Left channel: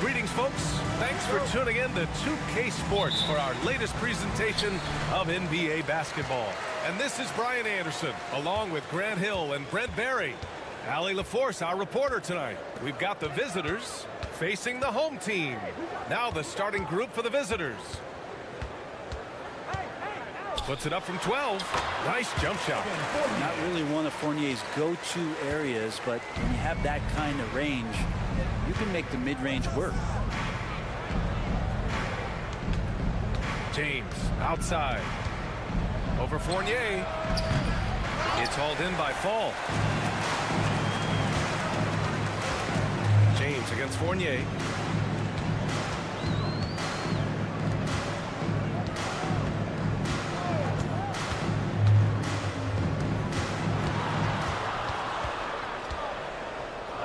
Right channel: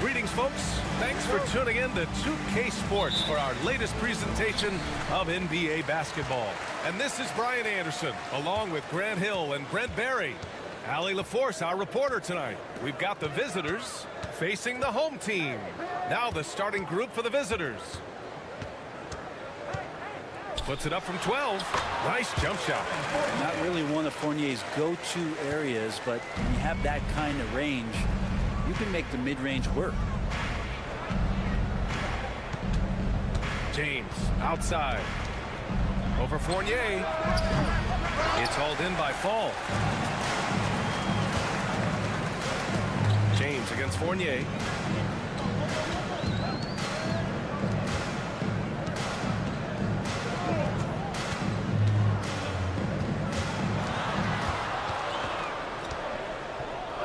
Greetings, folks. Thanks for tuning in to 2K Sports for our latest presentation of NBA basketball. And this is Brian Anderson, along with Grant Hill and Brent Barry. Allie LaForce, our reporter tonight. We've got the visitors facing the home team. Now the starting group for the visitors. Puts it up from 12. Nice jump shot. Not really one of Fournier's go-to areas, but when you have that kind of range, you can make the mid-range work. James outside. Over Fournier. It's hauled in by Fall. James against Fournier.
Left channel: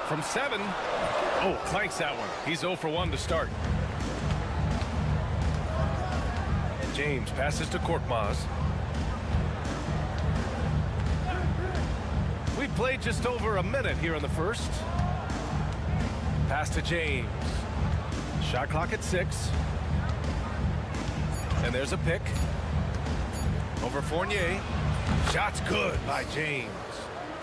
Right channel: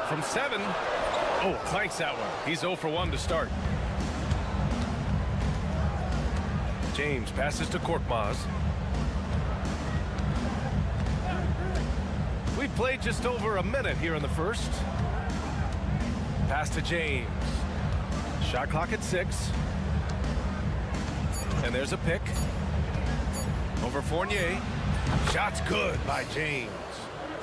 From 7. Oh, clanks that one. He's 0 for 1 to start. James passes to Korkmaz. We played just over a minute here in the first. Pass to James. Shot clock at 6. And there's a pick. Over Fournier. Shot's good by James.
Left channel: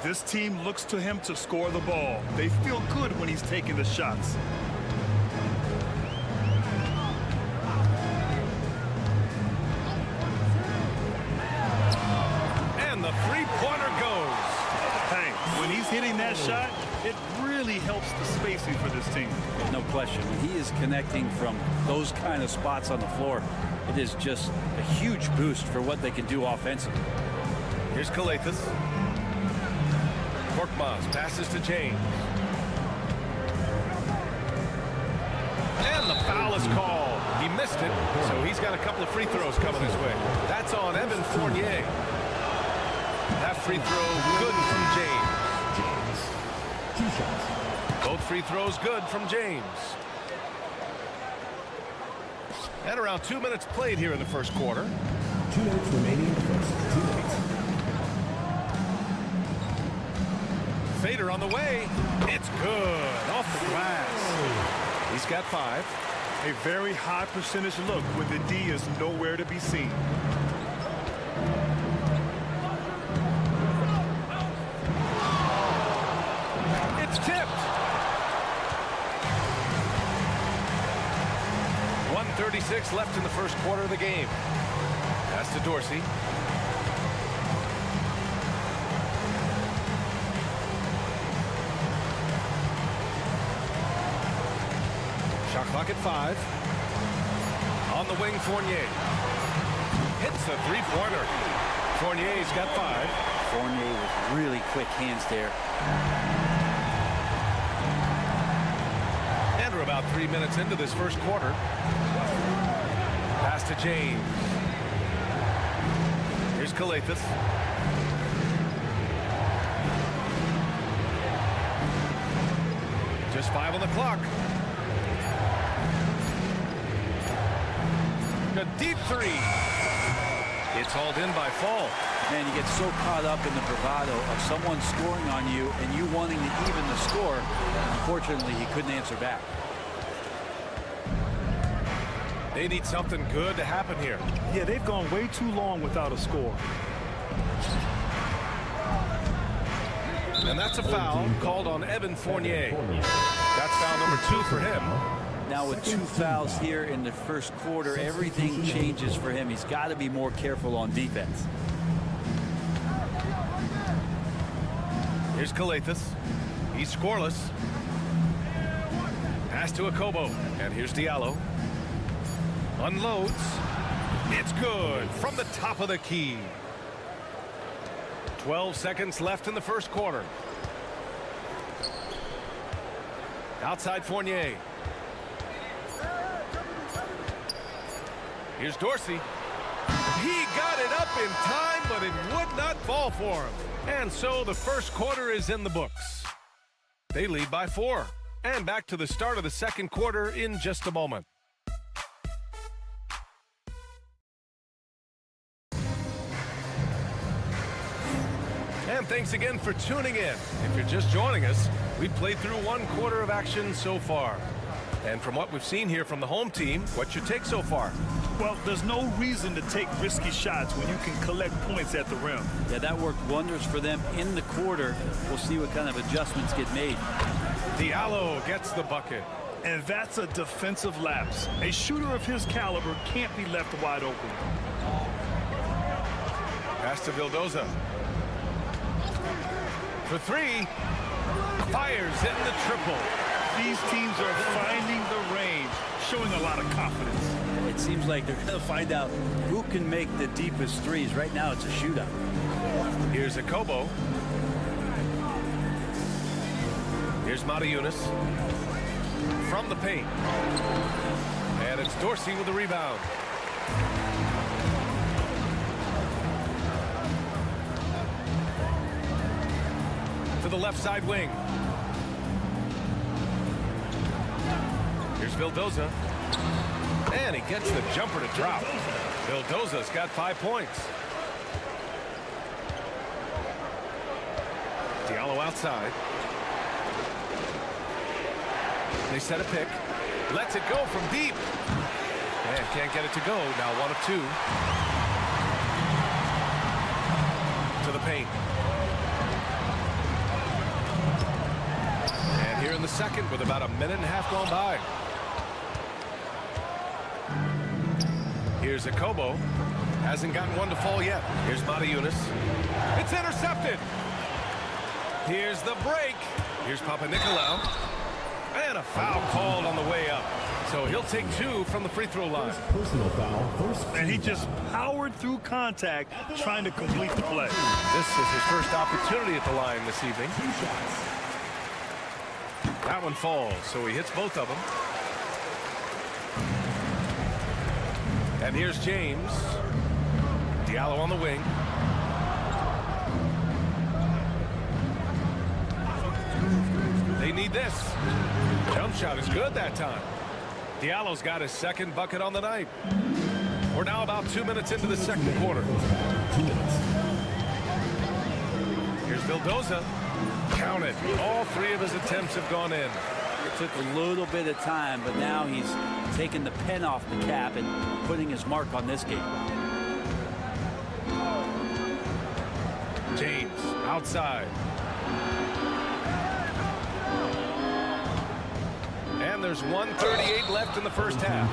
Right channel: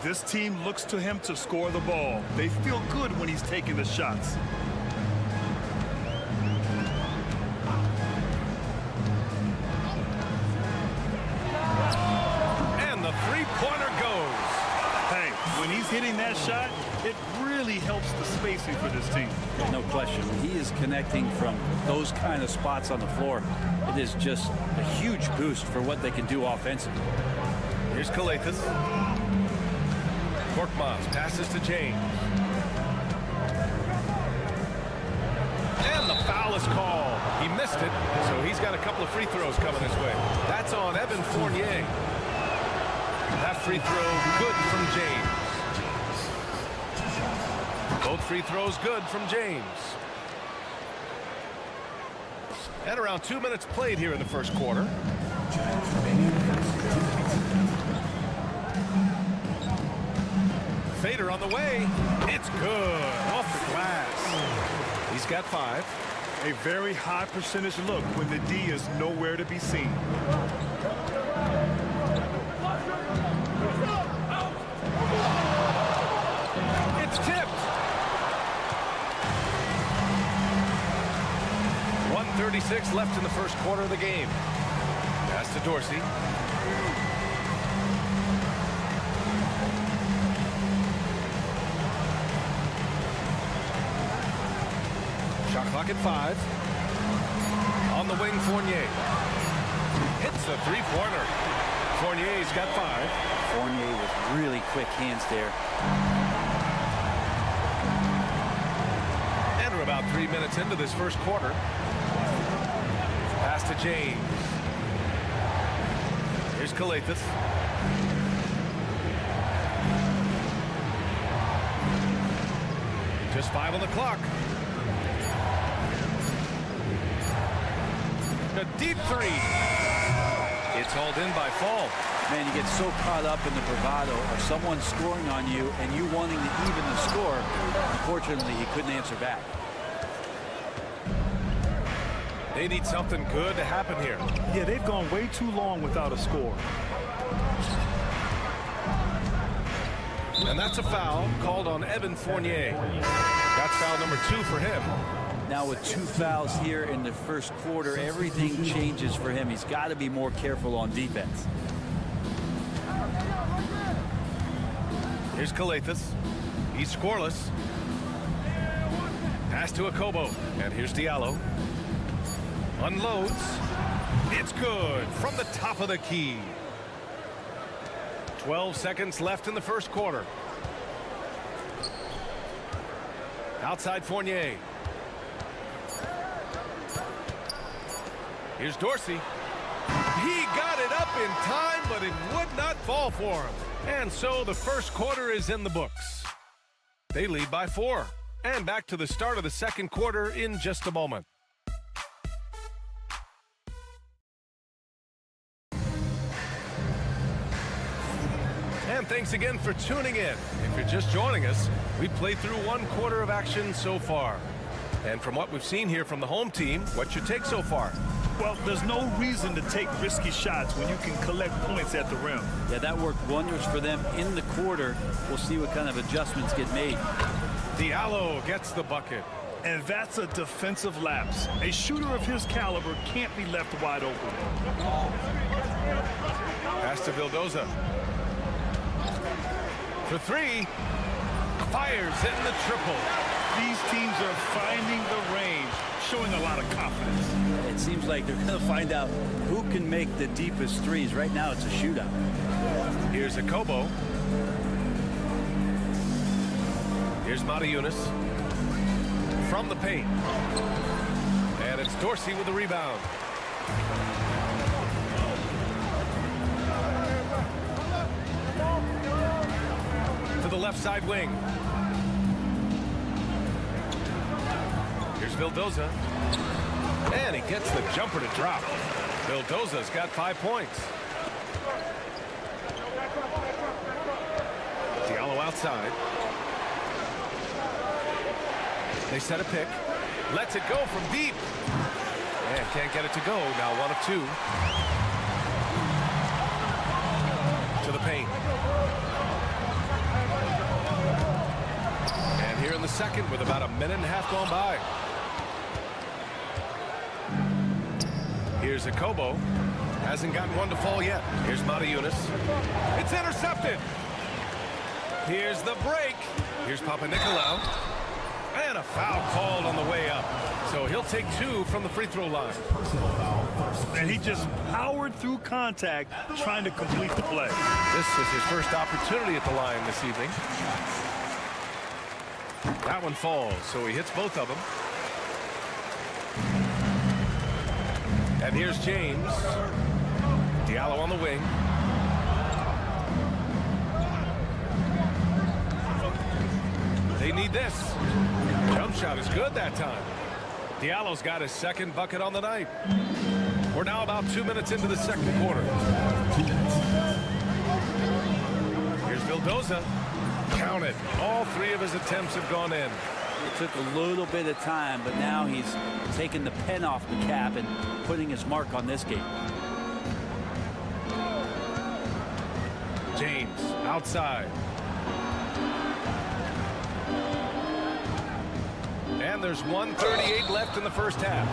This team looks to him to score the ball. They feel good when he's taking the shots. And the three-pointer goes. Hey, when he's hitting that shot, it really helps the spacing for this team. No question. When he is connecting from those kind of spots on the floor, it is just a huge boost for what they can do offensively. Here's Calathes. Korkmaz passes to James. And the foul is called. He missed it, so he's got a couple of free throws coming his way. That's on Evan Fournier. That free throw good from James. Both free throws good from James. And around 2 minutes played here in the first quarter. 2 minutes remaining. Fader on the way. It's good. Off the glass. He's got 5. A very high percentage look when the D is nowhere to be seen. It's tipped. 1:36 left in the first quarter of the game. Pass to Dorsey. Shot clock at 5. On the wing, Fournier. Hits a three-pointer. Fournier's got 5. Fournier with really quick hands there. And we're about 3 minutes into this first quarter. Pass to James. Here's Calathes. Just 5 on the clock. A deep 3. It's hauled in by Fall. Man, you get so caught up in the bravado of someone scoring on you and you wanting to even the score. Unfortunately, he couldn't answer back. They need something good to happen here. Yeah, they've gone way too long without a score. And that's a foul called on Evan Fournier. That's foul number 2 for him. Now with 2 fouls here in the first quarter, everything changes for him. He's got to be more careful on defense. Here's Calathes. He's scoreless. Pass to Akobo. And here's Diallo. Unloads. It's good from the top of the key. 12 seconds left in the first quarter. Outside Fournier. Here's Dorsey. He got it up in time, but it would not fall for him. And so the first quarter is in the books. They lead by 4. And back to the start of the second quarter in just a moment. And thanks again for tuning in. If you're just joining us, we've played through 1 quarter of action so far. And from what we've seen here from the home team, what's your take so far? Well, there's no reason to take risky shots when you can collect points at the rim. Yeah, that worked wonders for them in the quarter. We'll see what kind of adjustments get made. Diallo gets the bucket. And that's a defensive lapse. A shooter of his caliber can't be left wide open. Pass to Vildoza. For three. Fires in the triple. These teams are finding the range, showing a lot of confidence. It seems like they're going to find out who can make the deepest threes. Right now, it's a shootout. Here's Akobo. Here's Matajunas. From the paint. And it's Dorsey with the rebound. To the left side wing. Here's Vildoza. And he gets the jumper to drop. Vildoza's got 5 points. Diallo outside. They set a pick. Lets it go from deep. And can't get it to go. Now 1 of 2. To the paint. And here in the second with about a minute and a half gone by. Here's Akobo. Hasn't gotten one to fall yet. Here's Matajunas. It's intercepted. Here's the break. Here's Papanikolaou. And a foul called on the way up. So he'll take 2 from the free throw line. Personal foul. And he just powered through contact, trying to complete the play. This is his first opportunity at the line this evening. That one falls, so he hits both of them. And here's James. Diallo on the wing. They need this. Jump shot is good that time. Diallo's got his second bucket on the night. We're now about 2 minutes into the second quarter. 2 minutes. Here's Vildoza. Count it. All 3 of his attempts have gone in. It took a little bit of time, but now he's taking the pen off the cap and putting his mark on this game. James outside. And there's 1:38 left in the first half.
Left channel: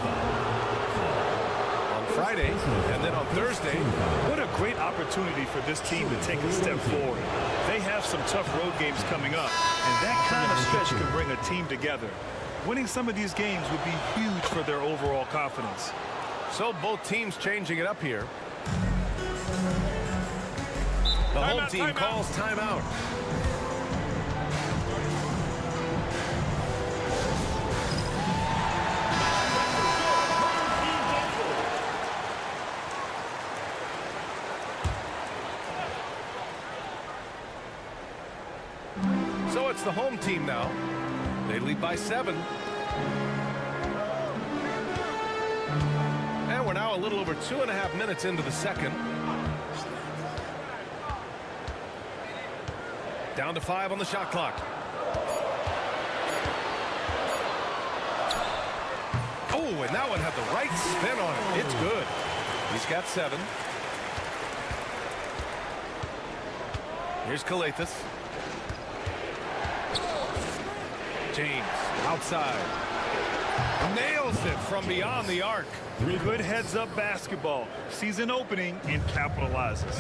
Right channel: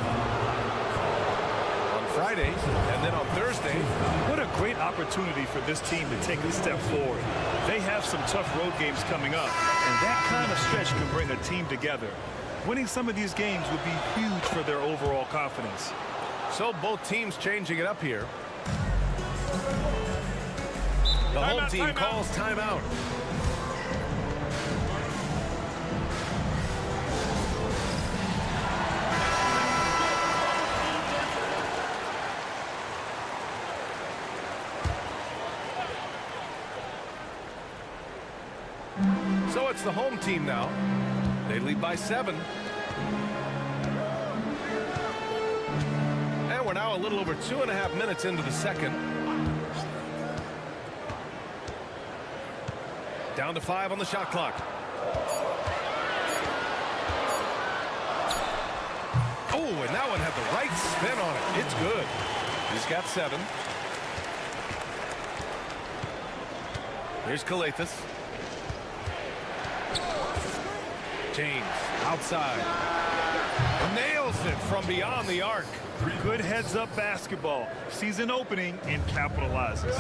On Friday and then on Thursday. What a great opportunity for this team to take a step forward. They have some tough road games coming up, and that kind of stretch can bring a team together. Winning some of these games would be huge for their overall confidence. So both teams changing it up here. The home team calls timeout. So it's the home team now. They lead by 7. And we're now a little over 2.5 minutes into the second. Down to 5 on the shot clock. Oh, and that one had the right spin on it. It's good. He's got 7. Here's Calathes. James outside. Nails it from beyond the arc. Good heads-up basketball. Sees an opening and capitalizes.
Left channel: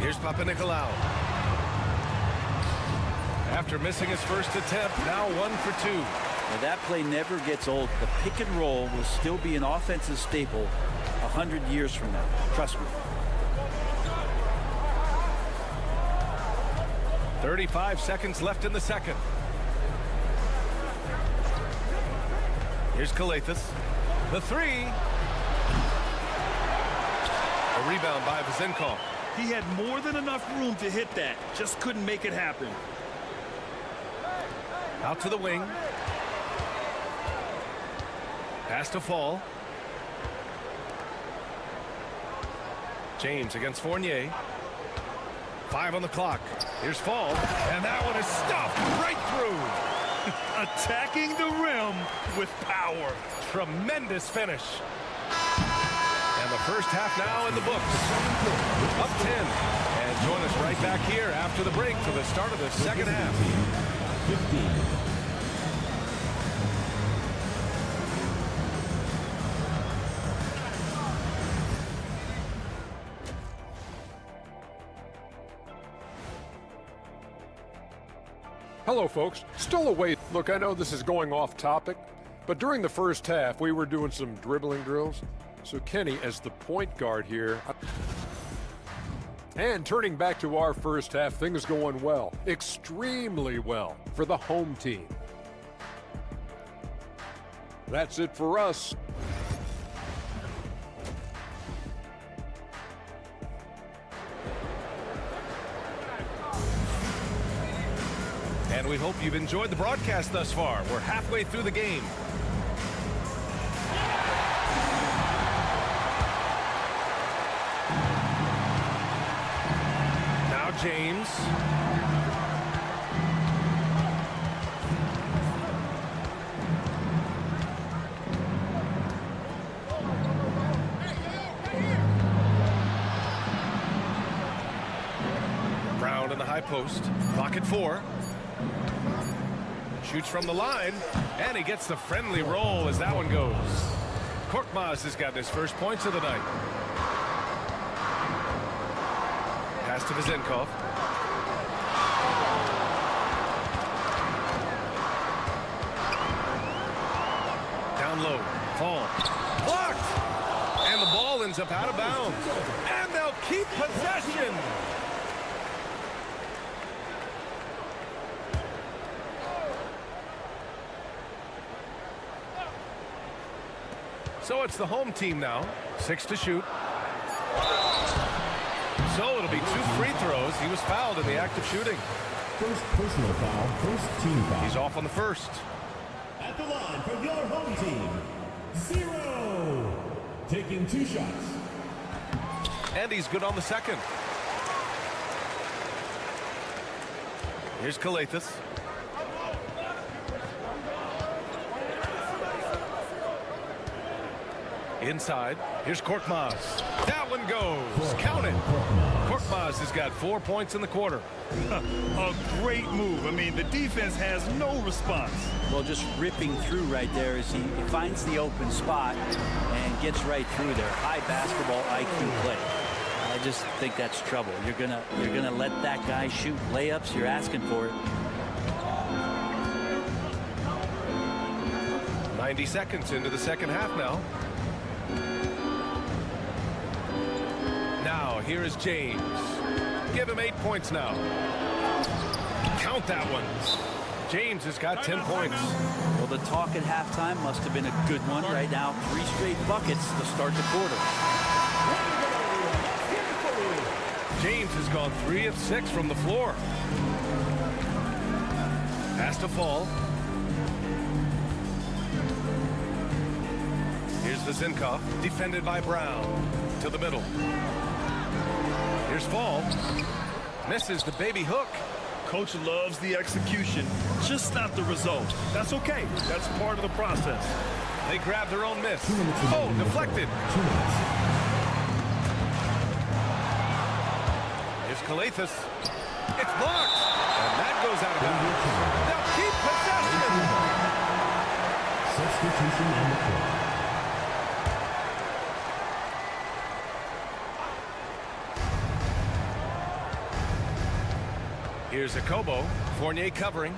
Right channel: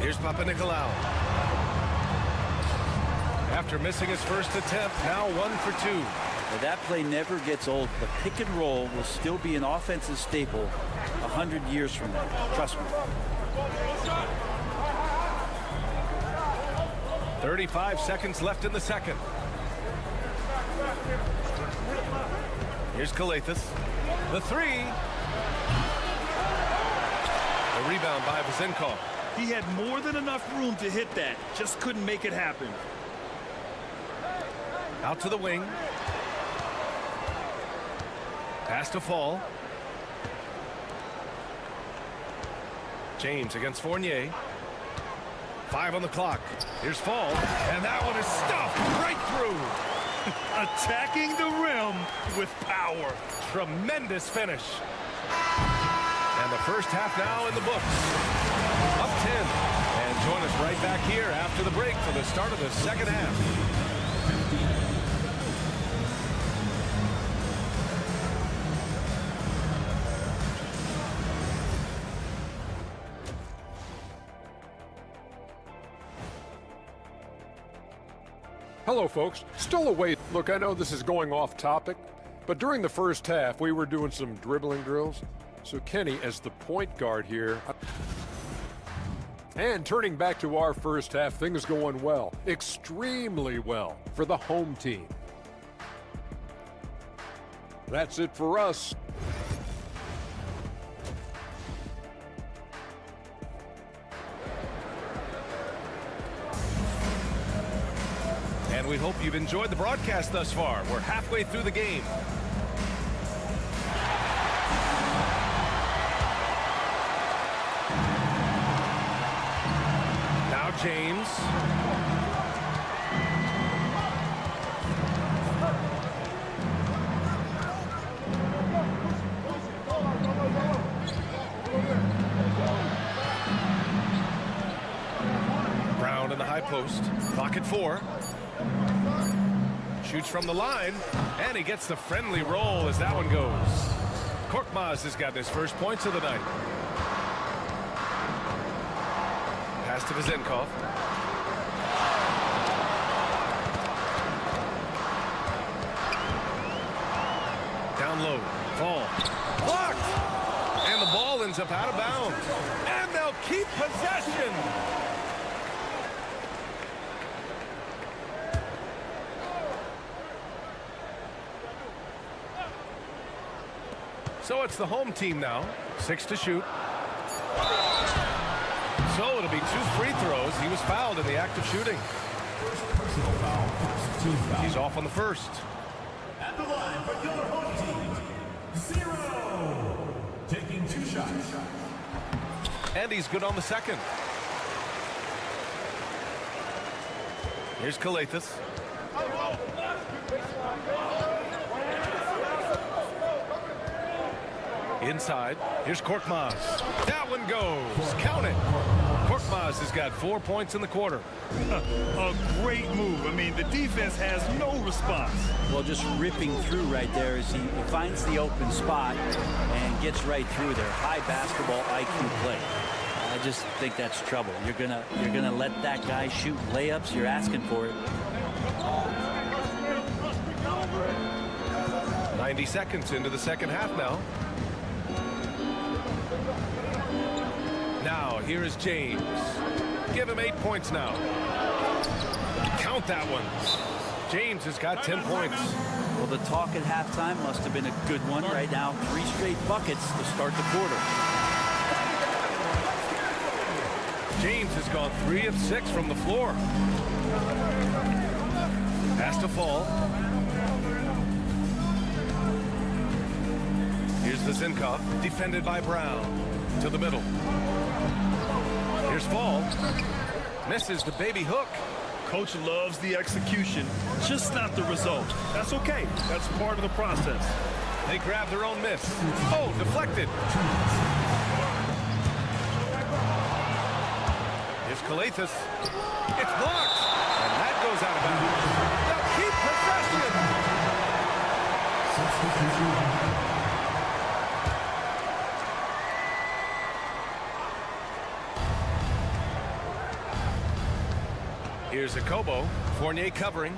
Here's Papanikolaou. After missing his first attempt, now 1 for 2. Now that play never gets old. The pick and roll will still be an offensive staple 100 years from now. Trust me. 35 seconds left in the second. Here's Calathes. The 3. A rebound by Vezenkov. He had more than enough room to hit that. Just couldn't make it happen. Out to the wing. Pass to Fall. James against Fournier. 5 on the clock. Here's Fall, and that one is stuffed right through. Attacking the rim with power. Tremendous finish. And the first half now in the books. Up 10. And join us right back here after the break for the start of the second half. 15. Hello, folks. Still awake. Look, I know this is going off topic, but during the first half, we were doing some dribbling drills. So Kenny, as the point guard here, and turning back to our first half, things going well, extremely well for the home team. That's it for us. And we hope you've enjoyed the broadcast thus far. We're halfway through the game. Now James. Brown in the high post. Clock at 4. Shoots from the line, and he gets the friendly roll as that one goes. Korkmaz has gotten his first points of the night. Pass to Vezenkov. Down low. Fall. Blocked! And the ball ends up out of bounds. And they'll keep possession. So it's the home team now. 6 to shoot. So it'll be 2 free throws. He was fouled in the act of shooting. First personal foul, first team foul. He's off on the first. At the line for your home team, 0. Taking 2 shots. And he's good on the second. Here's Kalathis. Inside. Here's Korkmaz. That one goes. Count it. Korkmaz has got 4 points in the quarter. A great move. I mean, the defense has no response. Well, just ripping through right there as he finds the open spot and gets right through there. High basketball IQ play. I just think that's trouble. You're gonna let that guy shoot layups. You're asking for it. 90 seconds into the second half now. Now, here is James. Give him 8 points now. Count that one. James has got 10 points. Well, the talk at halftime must have been a good one. Right now, 3 straight buckets to start the quarter. James has gone 3 of 6 from the floor. Pass to Fall. Here's Vezenkov, defended by Brown. To the middle. Here's Fall. Misses the baby hook. Coach loves the execution, just not the result. That's okay. That's part of the process. They grab their own miss. Oh, deflected. Here's Kalathis. It's blocked. And that goes out of bounds. They'll keep possession. Substitution on the court. Here's Akobo. Fournier covering.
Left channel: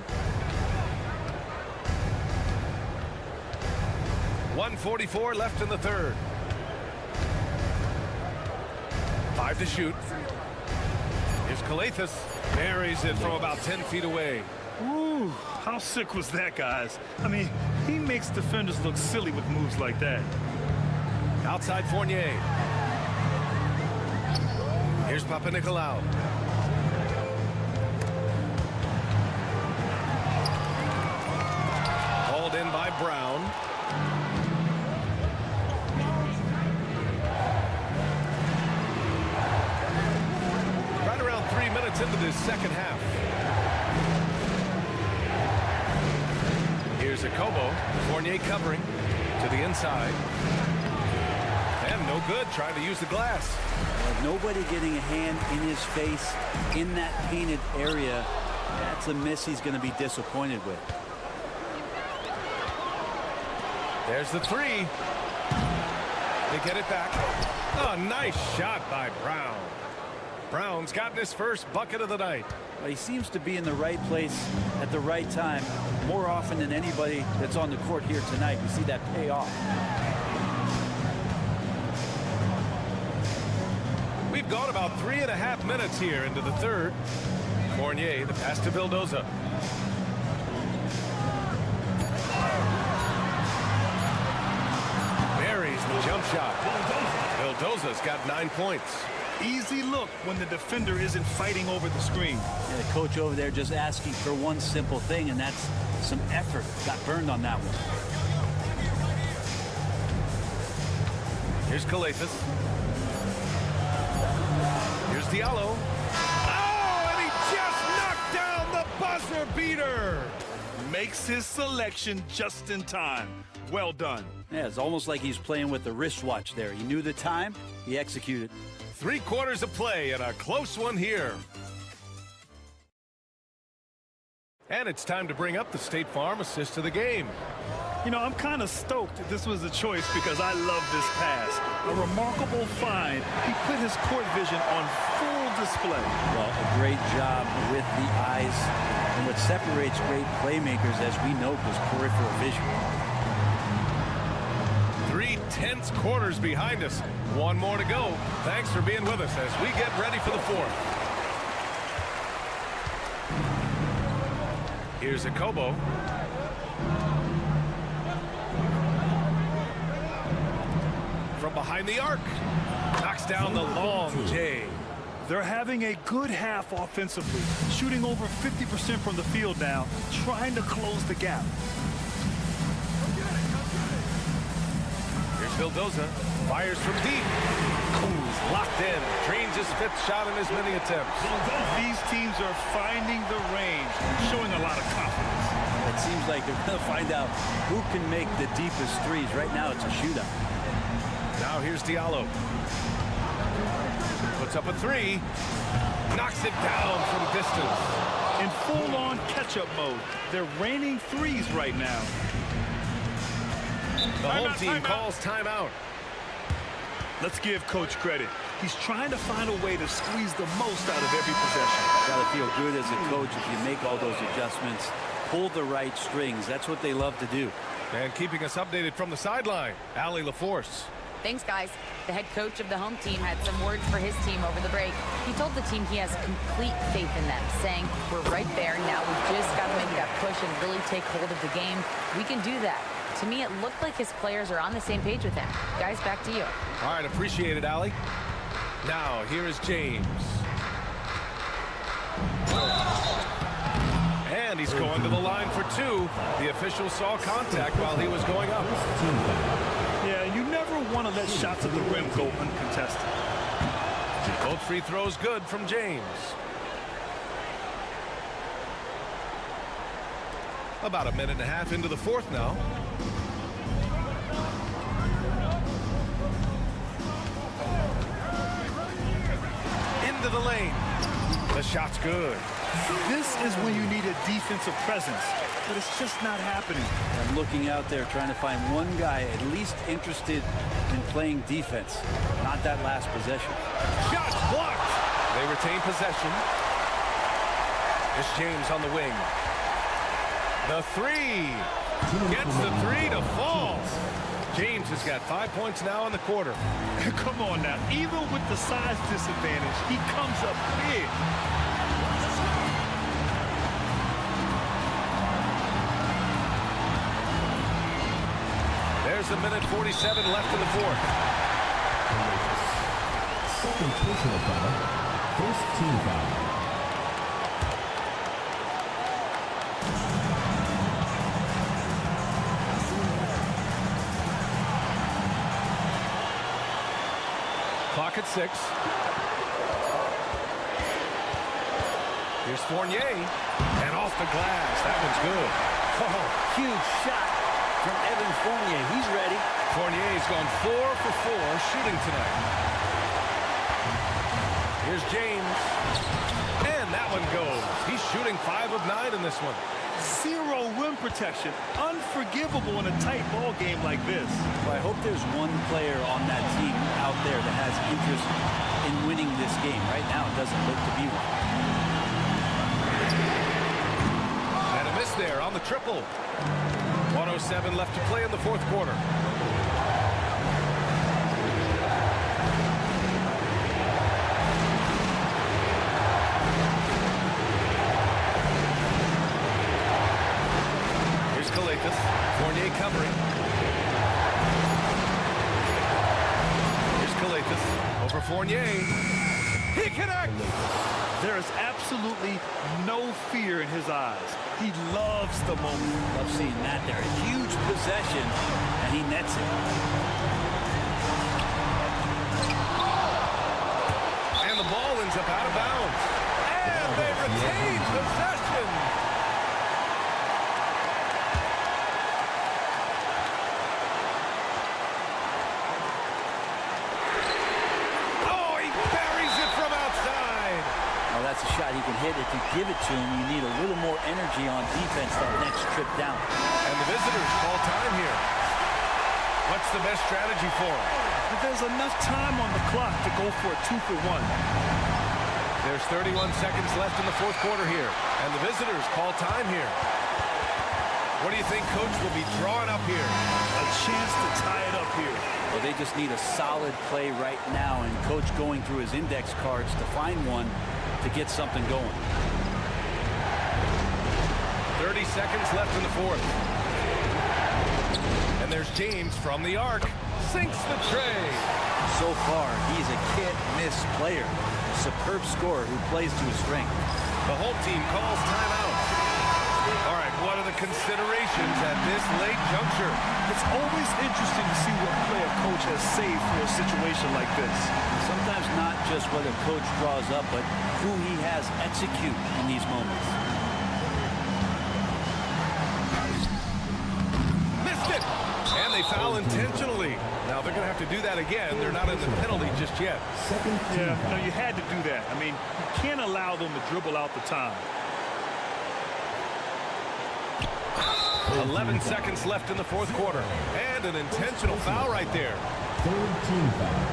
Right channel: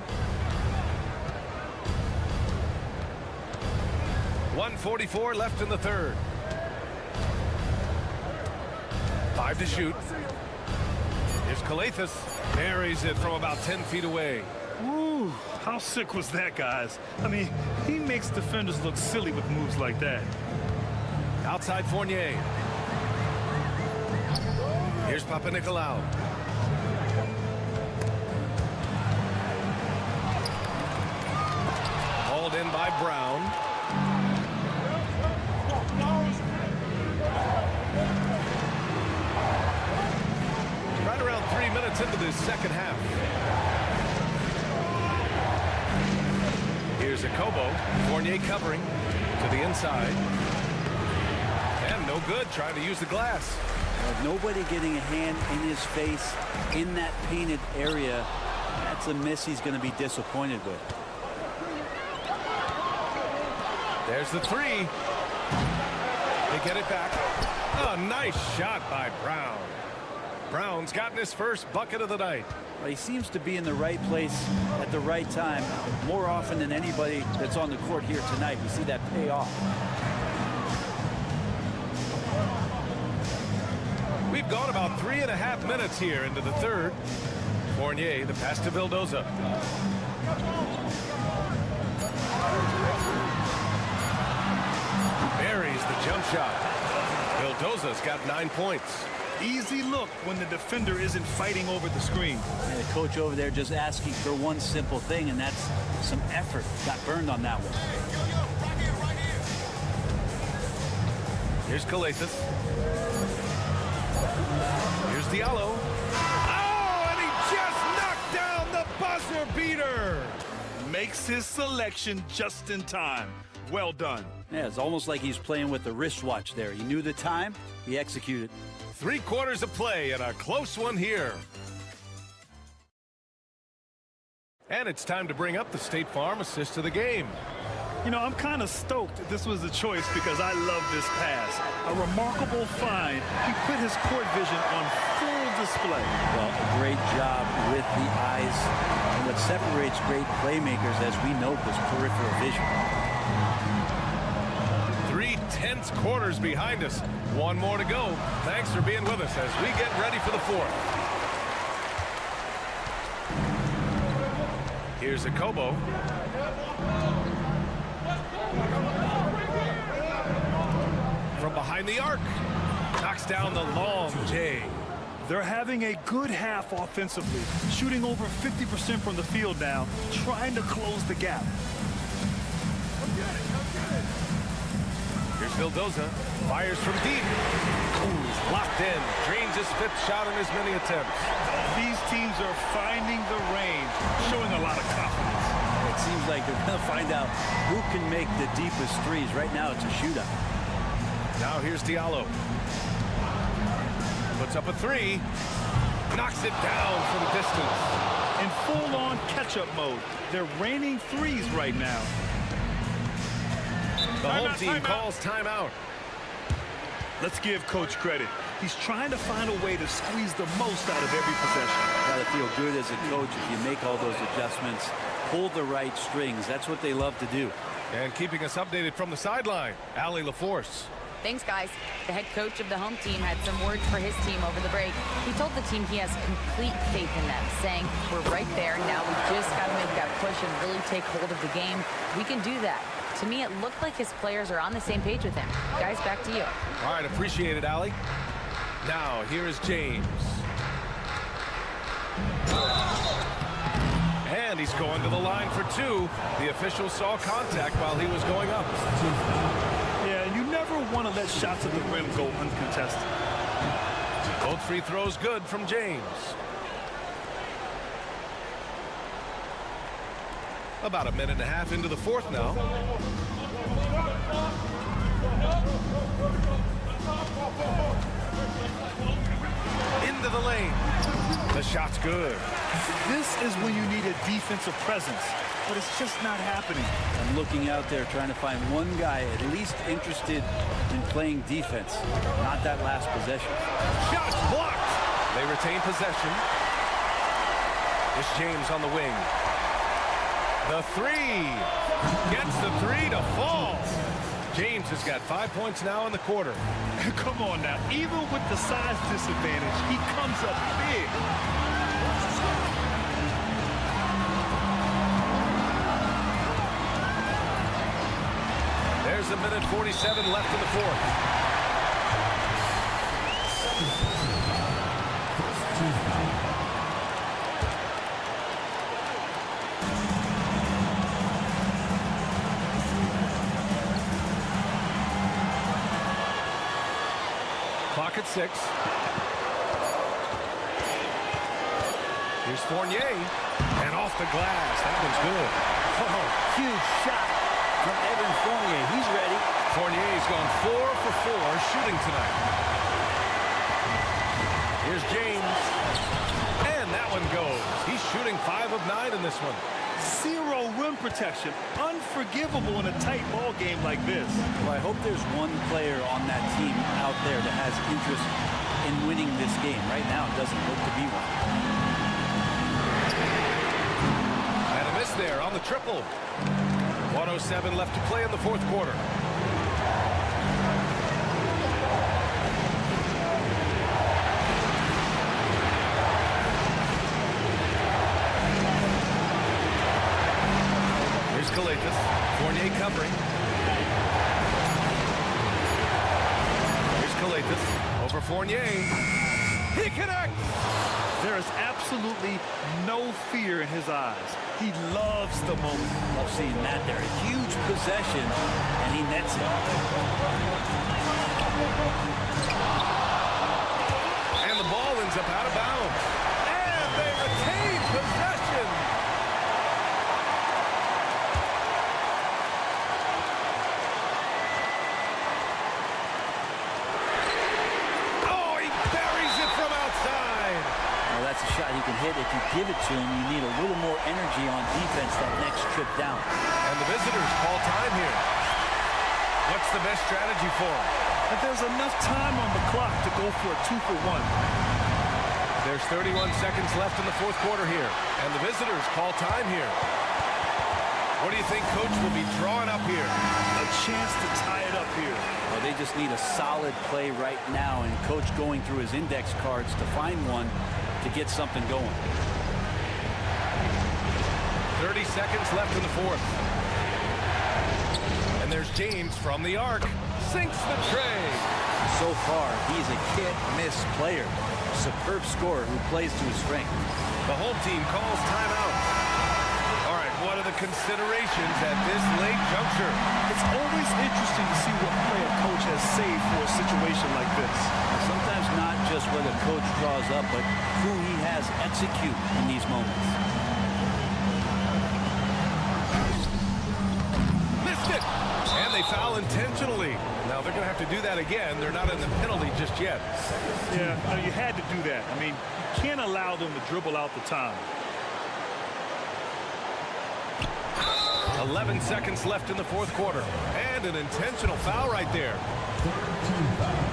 1:44 left in the third. 5 to shoot. Here's Kalathis. Buries it from about 10 feet away. Ooh, how sick was that, guys? I mean, he makes defenders look silly with moves like that. Outside Fournier. Here's Papanikolaou. Hauled in by Brown. Right around 3 minutes into this second half. Here's a Kobo. Fournier covering to the inside. And no good, trying to use the glass. Well, nobody getting a hand in his face in that painted area. That's a miss he's going to be disappointed with. There's the three. They get it back. Oh, nice shot by Brown. Brown's gotten his first bucket of the night. Well, he seems to be in the right place at the right time more often than anybody that's on the court here tonight. We see that pay off. We've gone about 3.5 minutes here into the third. Fournier, the pass to Vildoza. Buries the jump shot. Vildoza's got 9 points. Easy look when the defender isn't fighting over the screen. And the coach over there just asking for one simple thing, and that's some effort. Got burned on that one. Here's Calathis. Here's Diallo. Oh, and he just knocked down the buzzer beater. Makes his selection just in time. Well done. Yeah, it's almost like he's playing with the wristwatch there. He knew the time, he executed. 3 quarters of play and a close one here. And it's time to bring up the State Farm assist of the game. You know, I'm kind of stoked that this was a choice because I love this pass. A remarkable find. He put his court vision on full display. Well, a great job with the eyes. And what separates great playmakers, as we know, is peripheral vision. 3 tense quarters behind us. 1 more to go. Thanks for being with us as we get ready for the fourth. Here's a Kobo. From behind the arc. Knocks down the long J. They're having a good half offensively, shooting over 50% from the field now, trying to close the gap. Here's Vildoza. Fires from deep. Oh, he's locked in. Drains his 5th shot in as many attempts. These teams are finding the range, showing a lot of confidence. It seems like they're going to find out who can make the deepest threes. Right now, it's a shootout. Now here's Diallo. Puts up a 3. Knocks it down from distance. In full-on catch-up mode, they're raining threes right now. The home team calls timeout. Let's give Coach credit. He's trying to find a way to squeeze the most out of every possession. Got to feel good as a coach if you make all those adjustments, pull the right strings. That's what they love to do. And keeping us updated from the sideline, Allie LaForce. Thanks, guys. The head coach of the home team had some words for his team over the break. He told the team he has complete faith in them, saying, "We're right there. Now we just got to make that push and really take hold of the game. We can do that." To me, it looked like his players are on the same page with him. Guys, back to you. All right, appreciate it, Allie. Now, here is James. And he's going to the line for 2. The official saw contact while he was going up. Yeah, you never want to let shots at the rim go uncontested. Both free throws good from James. About 1.5 minutes into the fourth now. Into the lane. The shot's good. This is when you need a defensive presence, but it's just not happening. I'm looking out there trying to find one guy at least interested in playing defense, not that last possession. Shots blocked. They retain possession. It's James on the wing. The 3. Gets the 3 to fall. James has got 5 points now in the quarter. Come on now. Even with the size disadvantage, he comes up big. There's 1:47 left in the fourth. Second personal foul. First team foul. Clock at 6. Here's Fournier. And off the glass. That one's good. Oh, huge shot from Evan Fournier. He's ready. Fournier's gone 4 for 4 shooting tonight. Here's James. And that one goes. He's shooting 5 of 9 in this one. Zero rim protection. Unforgivable in a tight ball game like this. Well, I hope there's one player on that team out there that has interest in winning this game. Right now, it doesn't look to be one. And a miss there on the triple. 1:07 left to play in the fourth quarter. Here's Calathis. Fournier covering. Here's Calathis. Over Fournier. He connects! There is absolutely no fear in his eyes. He loves the moment. Love seeing that there. A huge possession, and he nets it. And the ball ends up out of bounds. And they retain possession. Oh, he buries it from outside. Well, that's a shot he can hit. If you give it to him, you need a little more energy on defense that next trip down. And the visitors call time here. What's the best strategy for them? But there's enough time on the clock to go for a 2-for-1. There's 31 seconds left in the fourth quarter here. And the visitors call time here. What do you think Coach will be drawing up here? A chance to tie it up here. Well, they just need a solid play right now, and Coach going through his index cards to find one to get something going. 30 seconds left in the fourth. And there's James from the arc. Sinks the tray. So far, he's a can't-miss player. A superb scorer who plays to his strength. The home team calls timeout. All right, what are the considerations at this late juncture? It's always interesting to see what play a coach has saved for a situation like this. And sometimes not just what a coach draws up, but who he has execute in these moments. Missed it! And they foul intentionally. Now they're going to have to do that again. They're not in the penalty just yet. Yeah, no, you had to do that. I mean, you can't allow them to dribble out the time. 11 seconds left in the fourth quarter. And an intentional foul right there. Third team foul.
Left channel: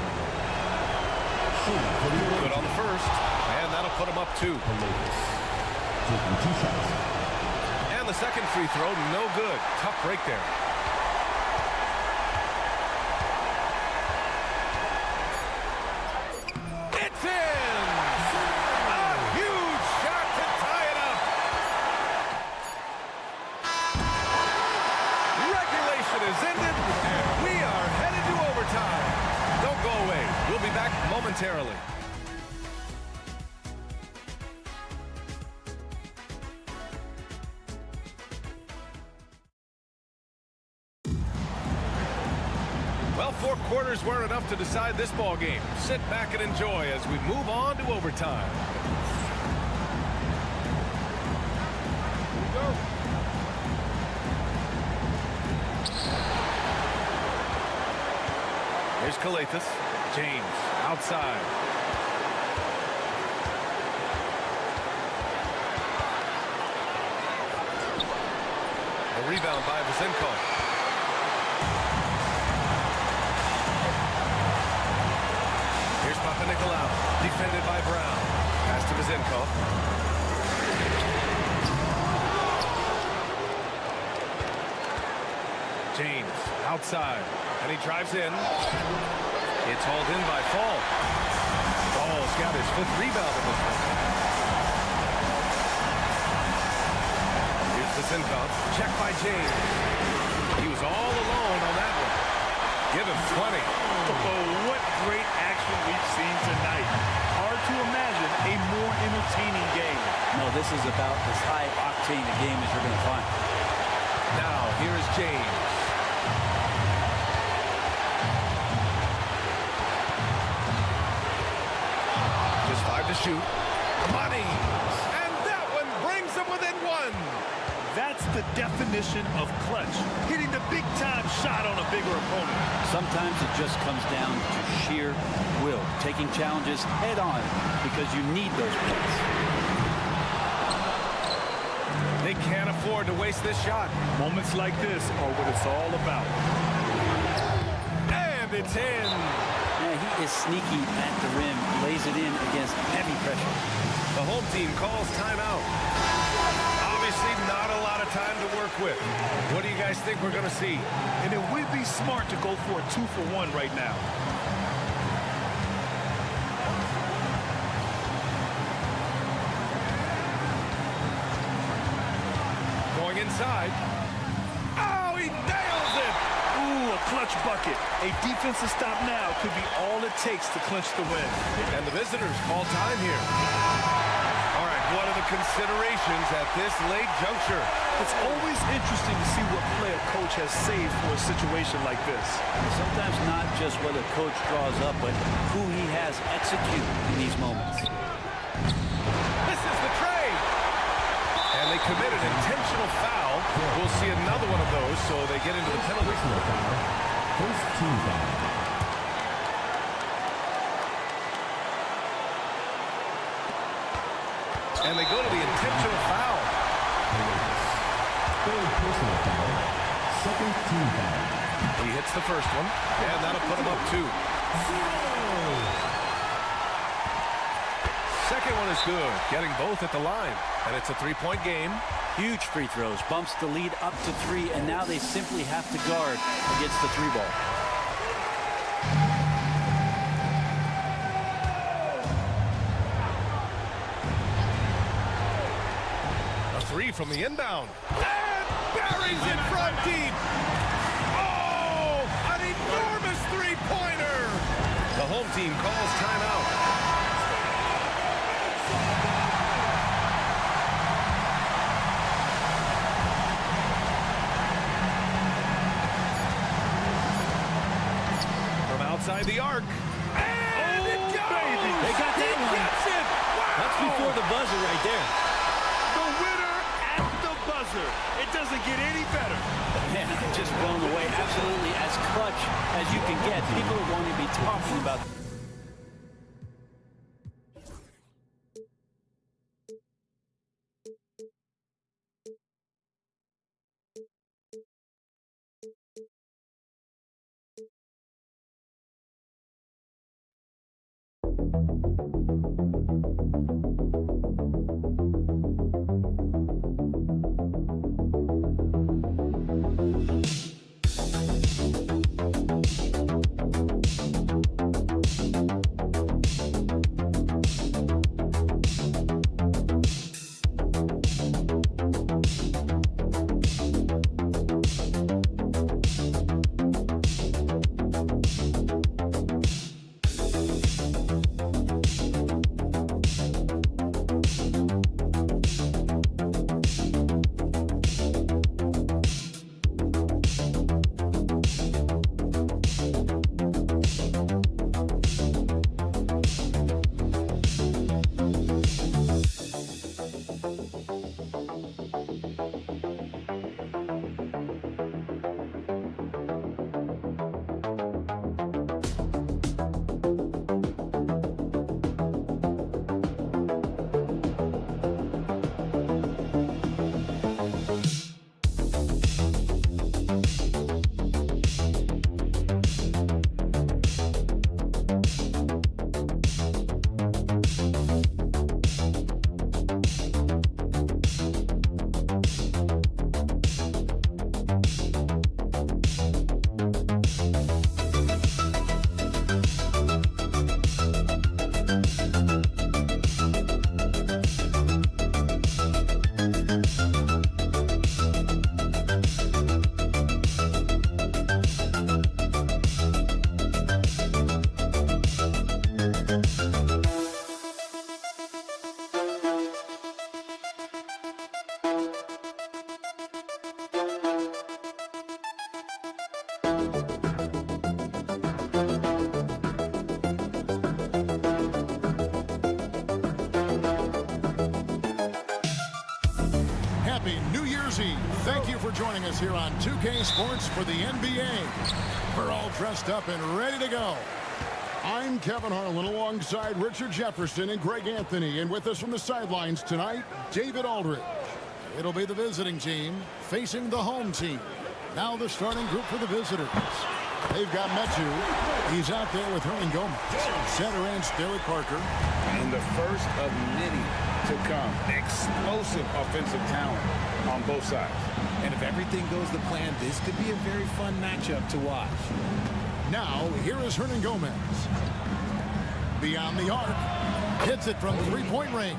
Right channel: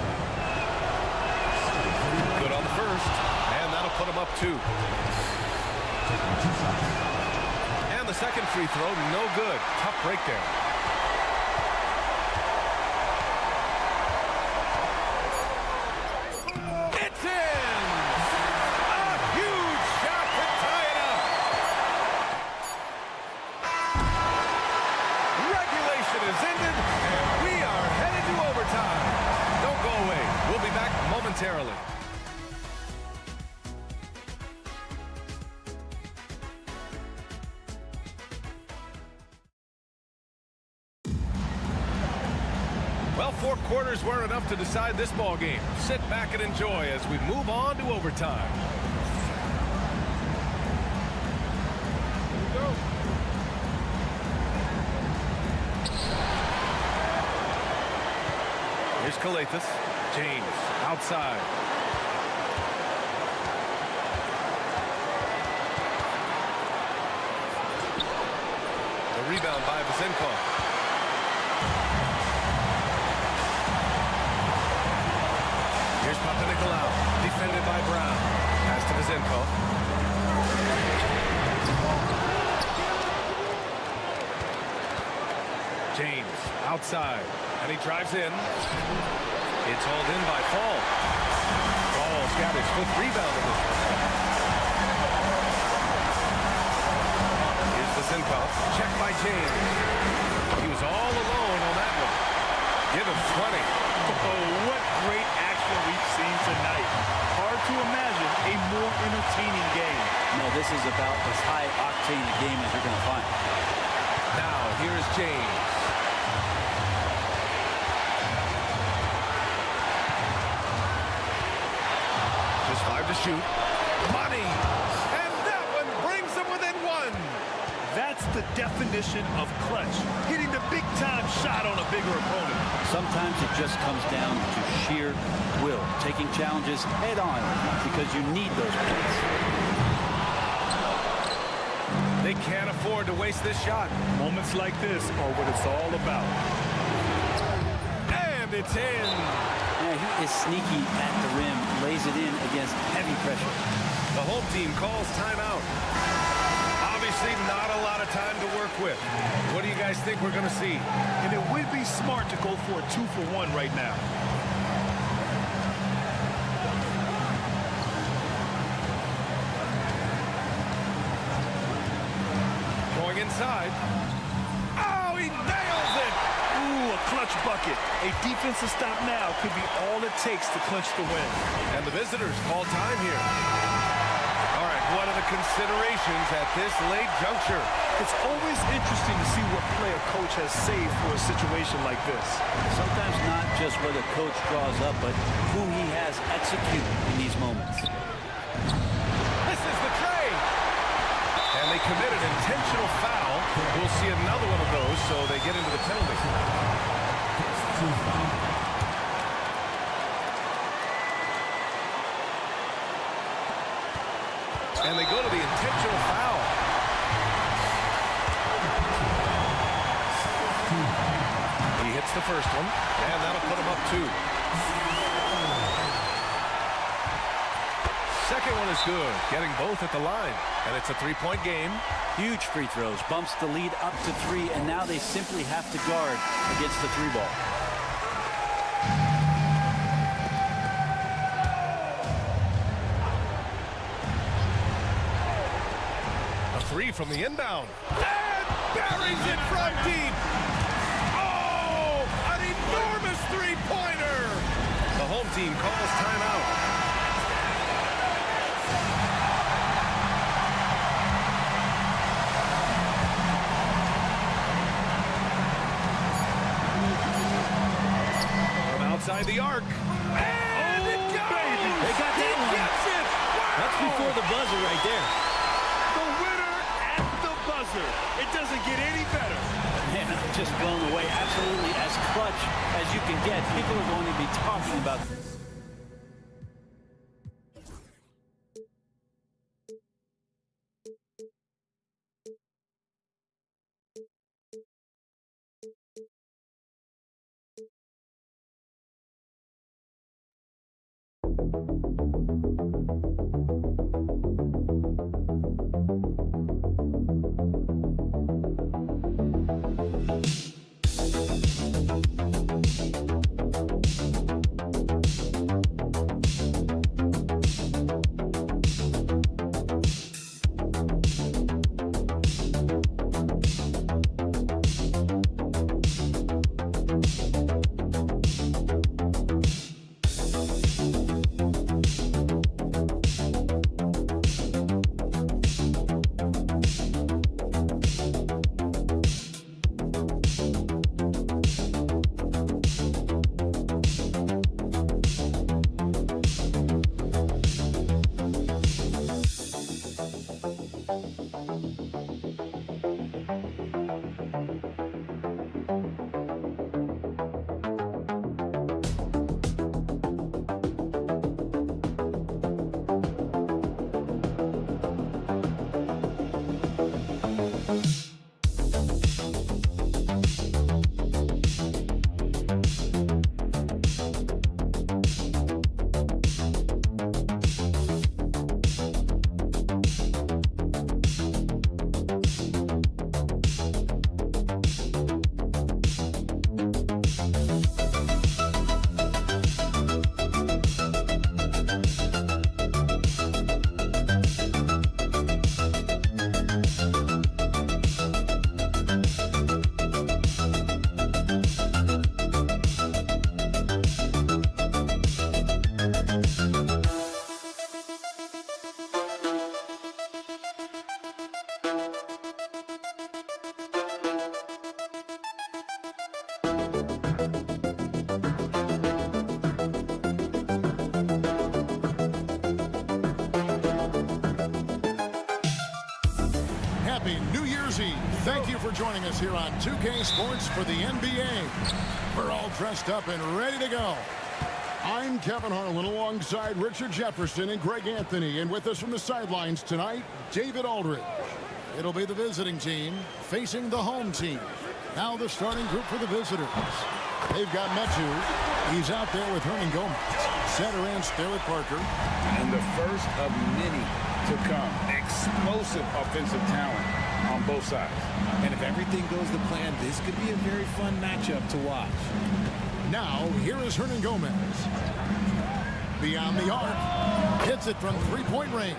Good on the first. And that'll put him up 2. Taking 2 shots. And the second free throw, no good. Tough break there. It's in! A huge shot to tie it up. Regulation is ended, and we are headed to overtime. Don't go away. We'll be back momentarily. Well, 4 quarters weren't enough to decide this ball game. Sit back and enjoy as we move on to overtime. Here we go. Here's Calathis. James outside. The rebound by Vasenkov. Here's Papanikolaou, defended by Brown. Pass to Vasenkov. James outside, and he drives in. It's hauled in by Fall. Fall's got his 5th rebound in this one. Here's Vasenkov, checked by James. He was all alone on that one. Give him 20. Oh, what great action we've seen tonight. Hard to imagine a more entertaining game. No, this is about as high-octane a game as you're going to find. Now, here is James. Just 5 to shoot. Money! And brings them within one. That's the definition of clutch. Hitting the big-time shot on a bigger opponent. Sometimes it just comes down to sheer will, taking challenges head on because you need those points. They can't afford to waste this shot. Moments like this are what it's all about. And it's in. Yeah, he is sneaky at the rim, lays it in against heavy pressure. The home team calls timeout. Obviously not a lot of time to work with. What do you guys think we're going to see? And it would be smart to go for a 2-for-1 right now. Going inside. Oh, he nails it! Ooh, a clutch bucket. A defensive stop now could be all it takes to clinch the win. And the visitors call time here. All right, what are the considerations at this late juncture? It's always interesting to see what play a coach has saved for a situation like this. Sometimes not just what a coach draws up, but who he has execute in these moments. This is the trade. And they commit an intentional foul. We'll see another one of those, so they get into the penalty. First team foul. And they go to the intentional foul. Third personal foul. Second team foul. He hits the first one, and that'll put him up 2. Second one is good, getting both at the line. And it's a 3-point game. Huge free throws, bumps the lead up to 3, and now they simply have to guard against the 3-ball. A 3 from the inbound. And buries it from deep. Oh, an enormous 3-pointer. The home team calls timeout. Outside the arc. And it goes! Baby. They got that one. Gets it! Wow! That's before the buzzer right there. The winner at the buzzer. It doesn't get any better. Man, I'm just blown away. Absolutely as clutch as you can get. People are going to be talking about Happy New Year's Eve. Thank you for joining us here on 2K Sports for the NBA. We're all dressed up and ready to go. I'm Kevin Harlan alongside Richard Jefferson and Greg Anthony. And with us from the sidelines tonight, David Aldridge. It'll be the visiting team facing the home team. Now the starting group for the visitors. They've got Metu. He's out there with Hernan Gomez. Satoranski there with Parker. And the first of many to come. Explosive offensive talent on both sides. And if everything goes to plan, this could be a very fun matchup to watch. Now, here is Hernan Gomez. Beyond the arc. Hits it from three-point range.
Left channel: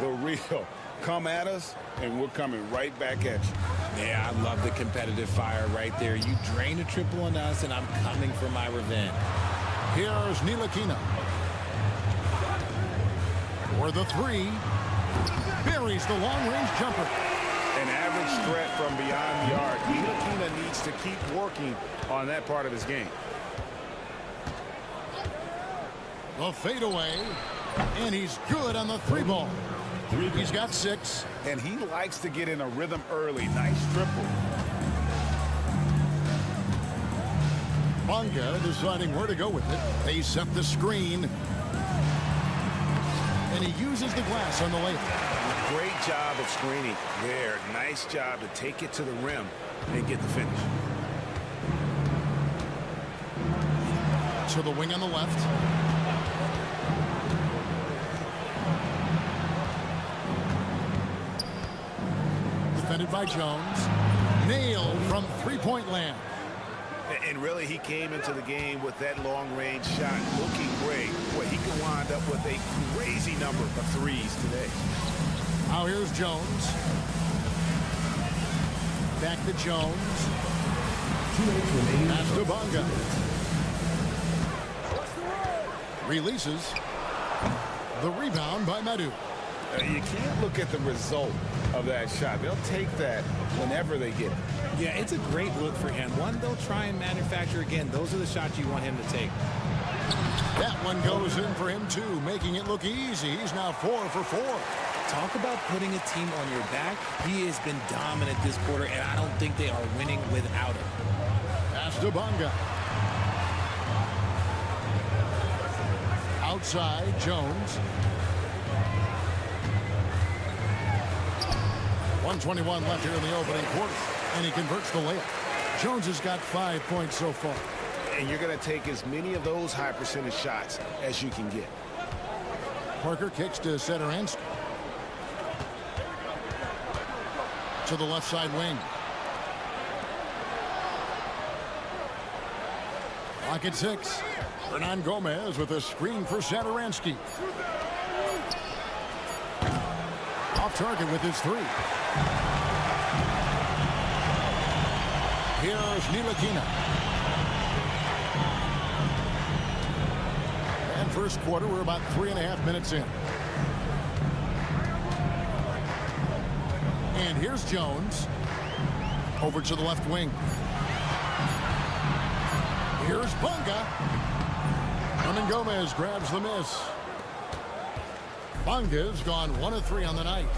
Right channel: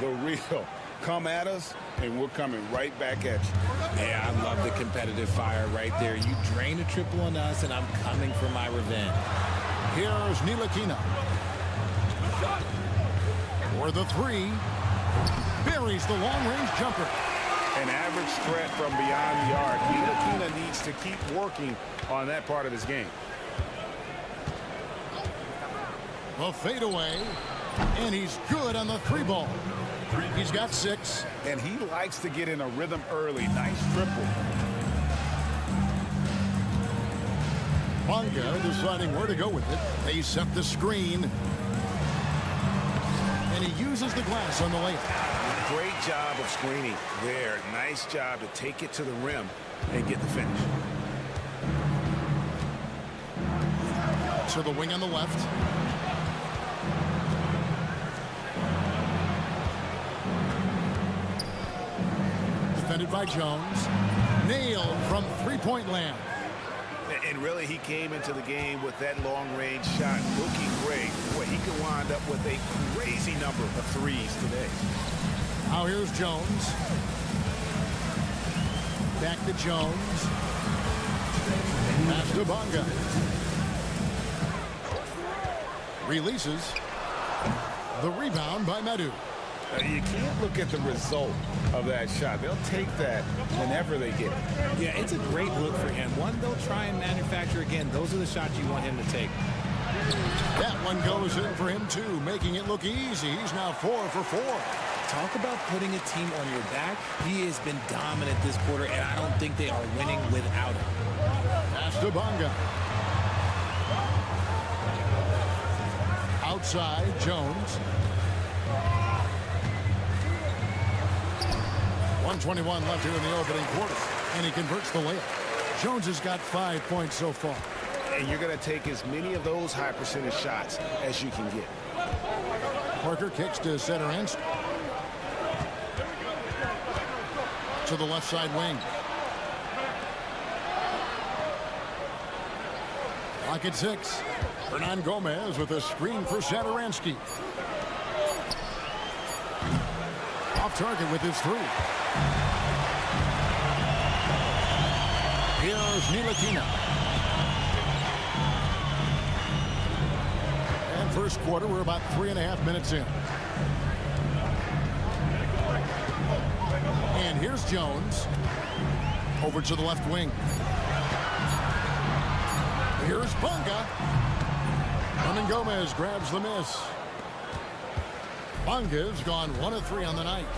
The real. Come at us, and we're coming right back at you. Yeah, I love the competitive fire right there. You drain a triple on us, and I'm coming for my revenge. Here's Ntilikina. For the three. Buries the long-range jumper. An average threat from beyond the arc. Ntilikina needs to keep working on that part of his game. The fadeaway. And he's good on the three ball. He's got 6. And he likes to get in a rhythm early. Nice triple. Bonga deciding where to go with it. They set the screen. And he uses the glass on the layup. Great job of screening there. Nice job to take it to the rim and get the finish. To the wing on the left. Defended by Jones. Nailed from three-point land. And really, he came into the game with that long-range shot looking great. Boy, he could wind up with a crazy number of threes today. Now here's Jones. Back to Jones. Pass to Bonga. Releases. The rebound by Metu. You can't look at the result of that shot. They'll take that whenever they get it. Yeah, it's a great look for him. One they'll try and manufacture again. Those are the shots you want him to take. That one goes in for him, too, making it look easy. He's now 4 for 4. Talk about putting a team on your back. He has been dominant this quarter, and I don't think they are winning without him. Pass to Bonga. Outside, Jones. 1:21 left here in the opening quarter, and he converts the layup. Jones has got 5 points so far. And you're going to take as many of those high percentage shots as you can get. Parker kicks to Satoranski. To the left side wing. Lock at 6. Hernan Gomez with a screen for Satoranski. Off target with his 3. Here's Ntilikina. And first quarter, we're about 3.5 minutes in. And here's Jones. Over to the left wing. Here's Bonga. Hernan Gomez grabs the miss. Bonga's gone 1 of 3 on the night.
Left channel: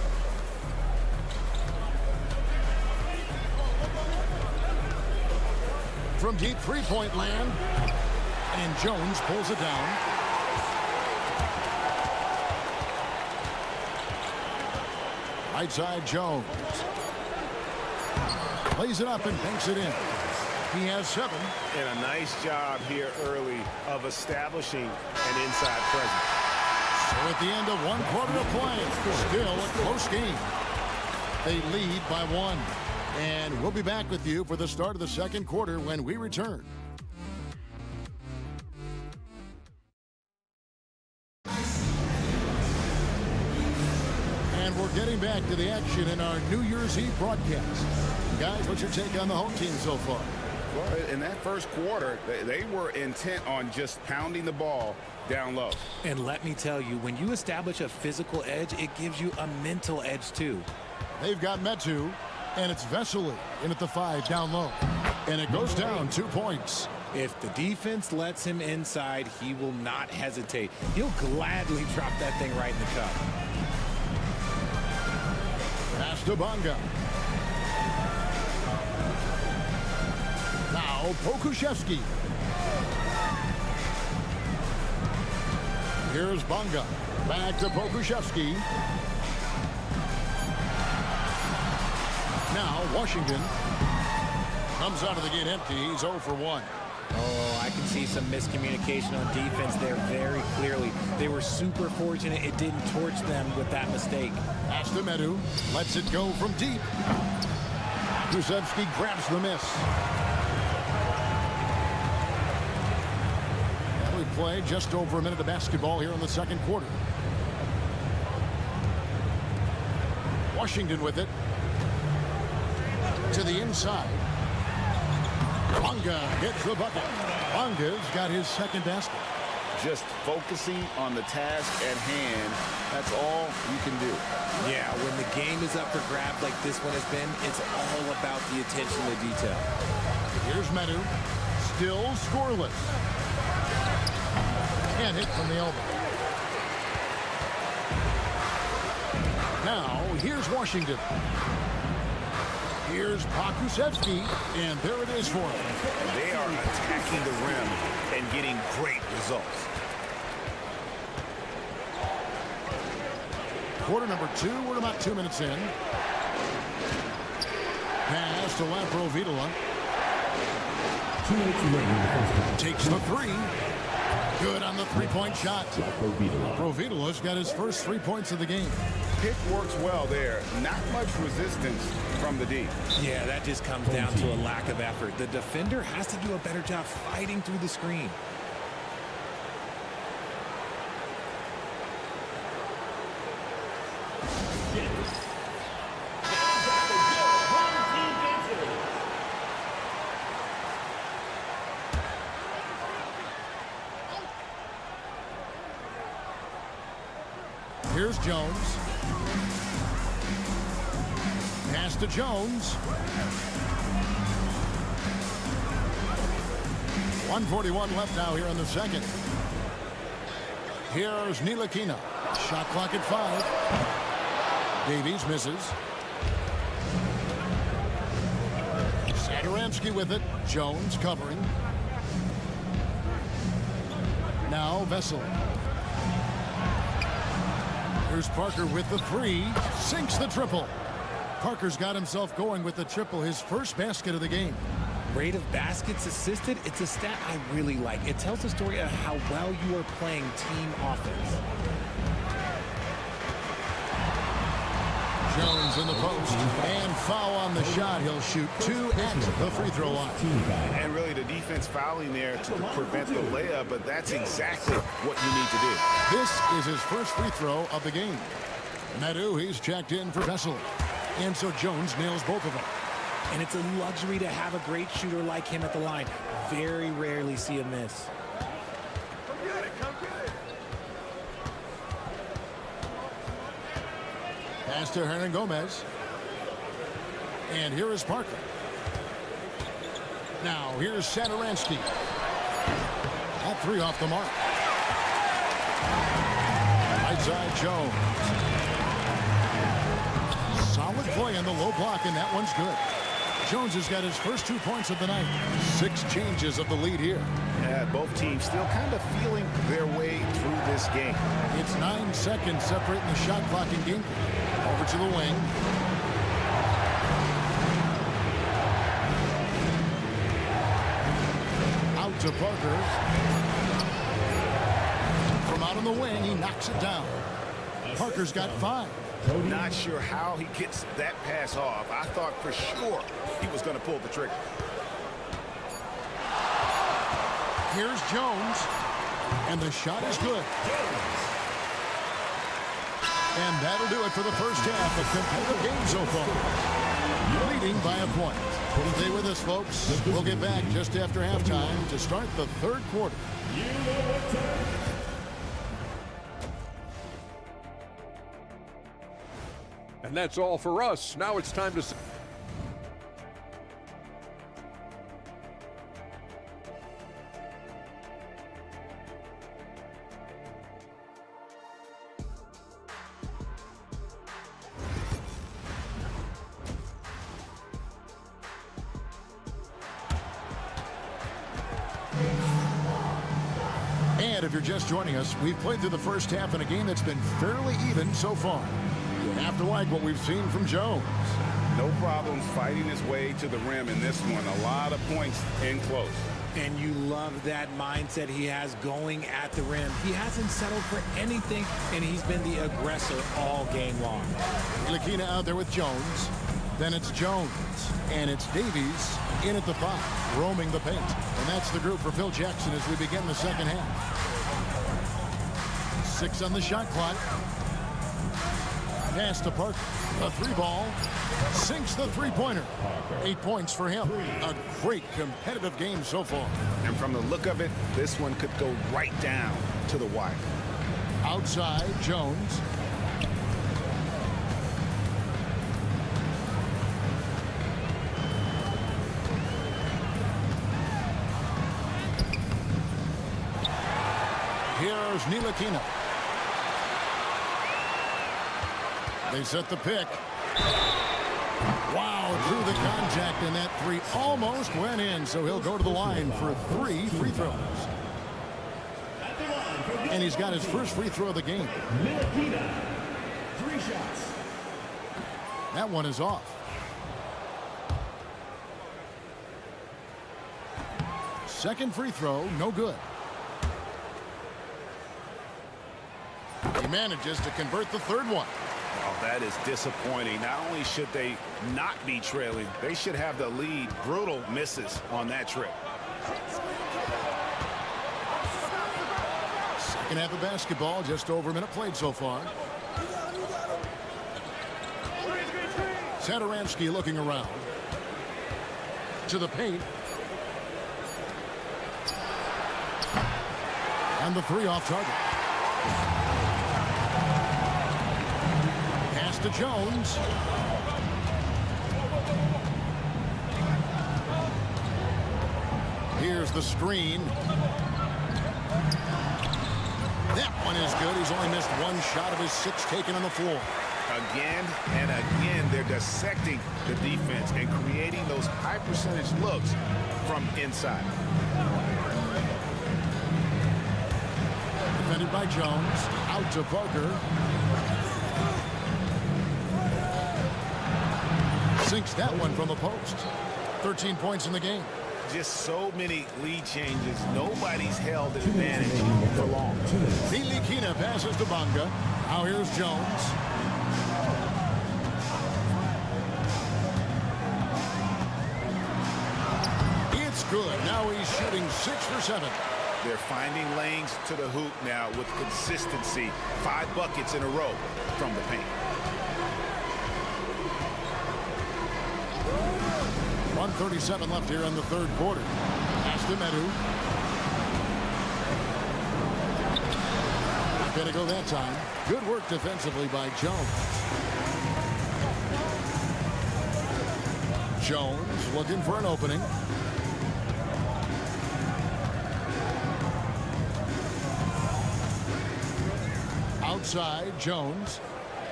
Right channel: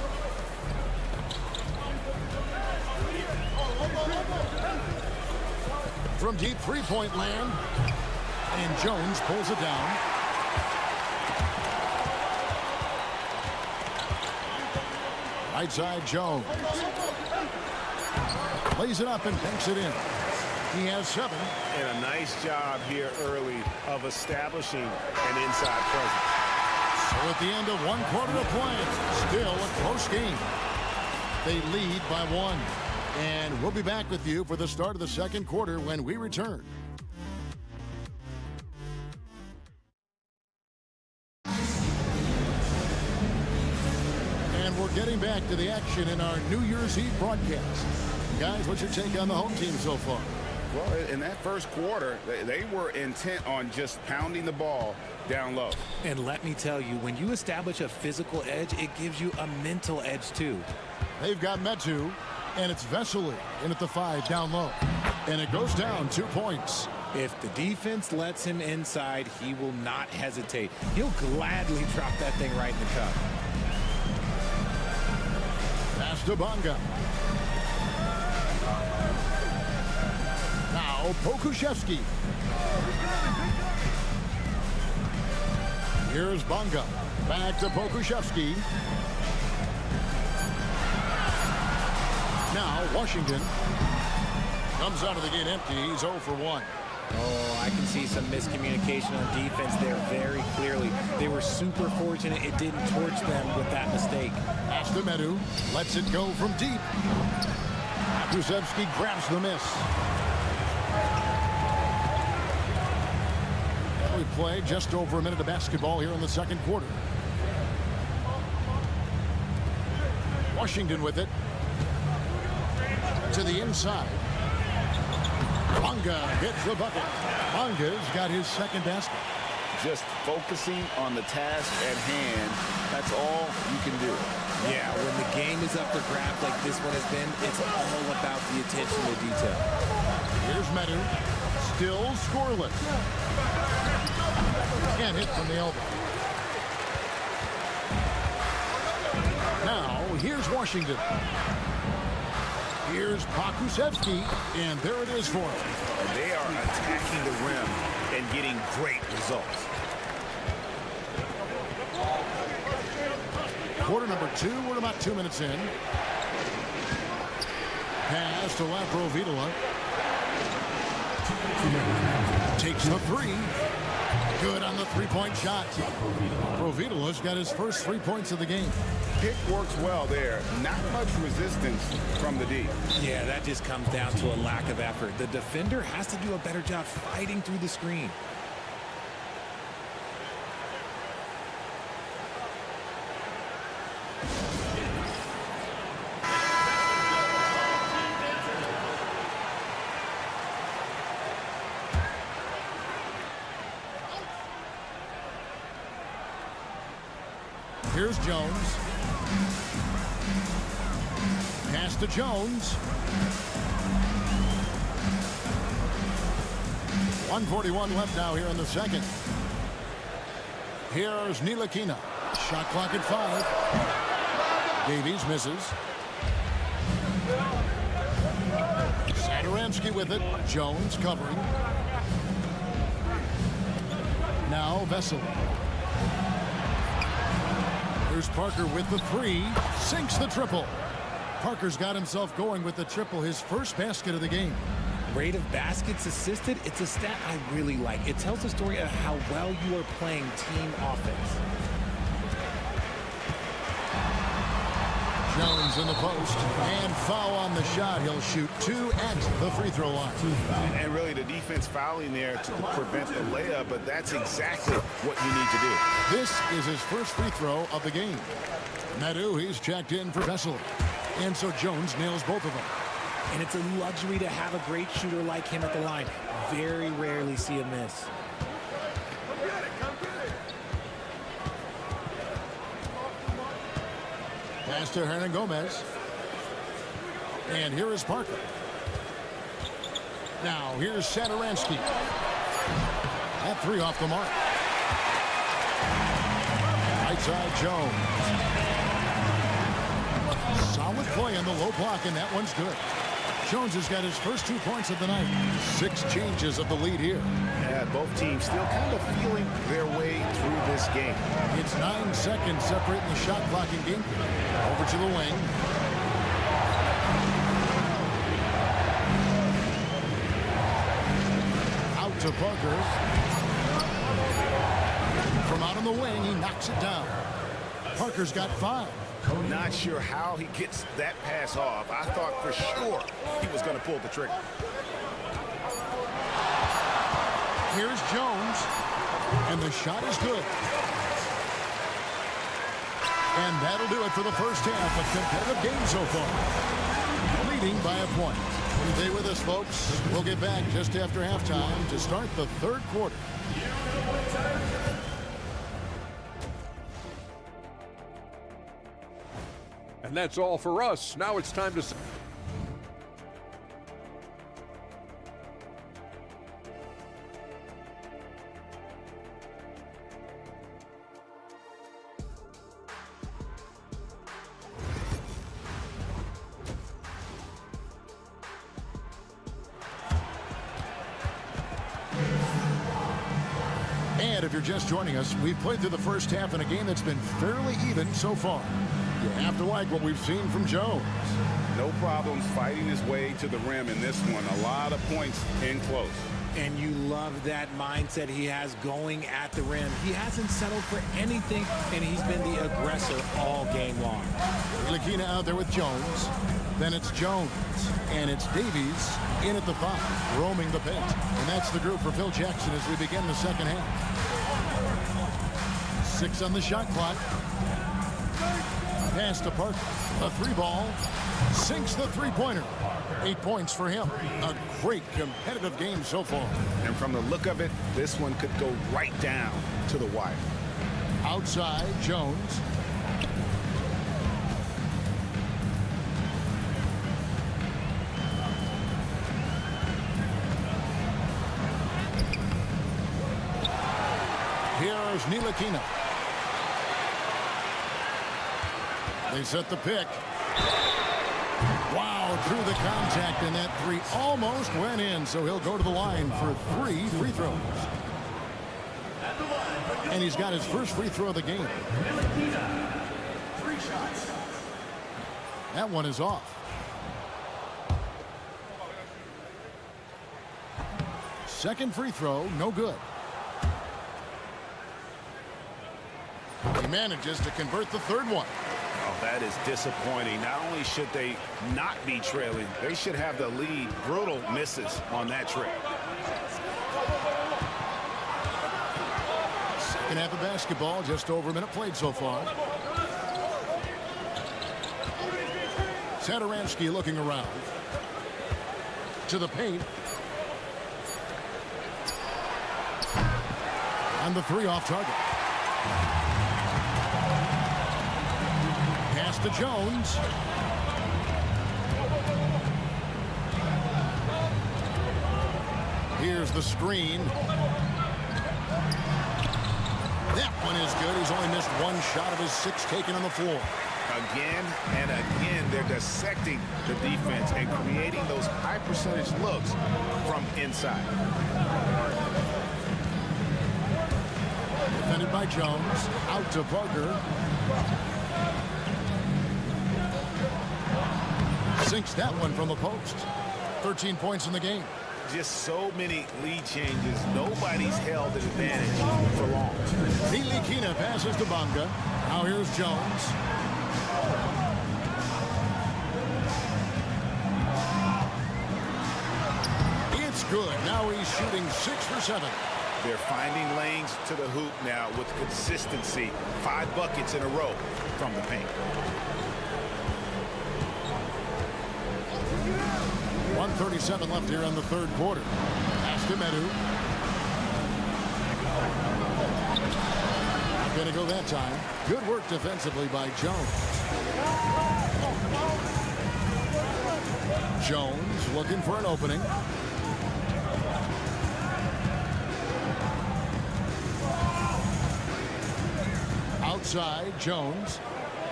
From deep three-point land. And Jones pulls it down. Right side, Jones. Lays it up and banks it in. He has 7. And a nice job here early of establishing an inside presence. So at the end of 1 quarter of play, still a close game. They lead by 1. And we'll be back with you for the start of the second quarter when we return. And we're getting back to the action in our New Year's Eve broadcast. Guys, what's your take on the home team so far? Well, in that first quarter, they were intent on just pounding the ball down low. And let me tell you, when you establish a physical edge, it gives you a mental edge, too. They've got Metu, and it's Vesely in at the 5 down low. And it goes down 2 points. If the defense lets him inside, he will not hesitate. He'll gladly drop that thing right in the cup. Pass to Bonga. Now Pokuševski. Here's Bonga. Back to Pokuševski. Now Washington comes out of the gate empty. He's 0 for 1. Oh, I can see some miscommunication on defense there very clearly. They were super fortunate it didn't torch them with that mistake. Pass to Medu. Lets it go from deep. Pokuševski grabs the miss. And we play just over a minute of basketball here in the second quarter. Washington with it. To the inside. Bonga gets the bucket. Bonga's got his second basket. Just focusing on the task at hand, that's all you can do. Yeah, when the game is up for grabs like this one has been, it's all about the attention to detail. Here's Medu. Still scoreless. Can't hit from the elbow. Now, here's Washington. Here's Pokuševski, and there it is for him. And they are attacking the rim and getting great results. Quarter number 2, we're about 2 minutes in. Pass to Laprovitola. Takes the 3. Good on the three-point shot. Laprovitola's got his first 3 points of the game. Pick works well there. Not much resistance from the D. Yeah, that just comes down to a lack of effort. The defender has to do a better job fighting through the screen. Here's Jones. Pass to Jones. 1:41 left now here in the second. Here's Ntilikina. Shot clock at 5. Davies misses. Satoransky with it. Jones covering. Now Vesely. Here's Parker with the 3. Sinks the triple. Parker's got himself going with the triple, his first basket of the game. Rate of baskets assisted, it's a stat I really like. It tells the story of how well you are playing team offense. Jones in the post, and foul on the shot. He'll shoot 2 at the free throw line. And really the defense fouling there to prevent the layup, but that's exactly what you need to do. This is his first free throw of the game. Medu, he's checked in for Vesely. And so Jones nails both of them. And it's a luxury to have a great shooter like him at the line. Very rarely see a miss. Pass to Hernan Gomez. And here is Parker. Now here's Satoransky. That 3 off the mark. Right side Jones. Solid play on the low block, and that one's good. Jones has got his first 2 points of the night. 6 changes of the lead here. Yeah, both teams still kind of feeling their way through this game. It's 9 seconds separating the shot clock and game. Over to the wing. Out to Parker. From out on the wing, he knocks it down. Parker's got 5. Not sure how he gets that pass off. I thought for sure he was going to pull the trigger. Here's Jones. And the shot is good. And that'll do it for the first half. A competitive game so far. Leading by a point. Stay with us, folks. We'll get back just after halftime to start the third quarter. And that's all for us. Now it's time to... if you're just joining us, we've played through the first half in a game that's been fairly even so far. You have to like what we've seen from Jones. No problems fighting his way to the rim in this one. A lot of points in close. And you love that mindset he has going at the rim. He hasn't settled for anything, and he's been the aggressor all game long. Lakina out there with Jones. Then it's Jones. And it's Davies in at the 5, roaming the paint. And that's the group for Phil Jackson as we begin the second half. 6 on the shot clock. Pass to Parker. A 3-ball. Sinks the 3-pointer. 8 points for him. A great competitive game so far. And from the look of it, this one could go right down to the wire. Outside, Jones. Here's Ntilikina. They set the pick. Wow, through the contact, and that 3 almost went in, so he'll go to the line for 3 free throws. And he's got his first free throw of the game. Ntilikina, 3 shots. That one is off. Second free throw, no good. He manages to convert the third one. Oh, that is disappointing. Not only should they not be trailing, they should have the lead. Brutal misses on that trip. Second half of basketball, just over a minute played so far. Satoransky looking around. To the paint. And the 3 off target. Pass to Jones. Here's the screen. That one is good. He's only missed 1 shot of his 6 taken on the floor. Again and again, they're dissecting the defense and creating those high percentage looks from inside. Defended by Jones. Out to Parker. Sinks that one from the post. 13 points in the game. Just so many lead changes. Nobody's held an advantage for long. Ntilikina passes to Bonga. Now here's Jones. It's good. Now he's shooting 6 for 7. They're finding lanes to the hoop now with consistency. 5 buckets in a row from the paint. 1:37 left here in the third quarter. Pass to Medu. Not going to go that time. Good work defensively by Jones. Jones looking for an opening. Outside, Jones.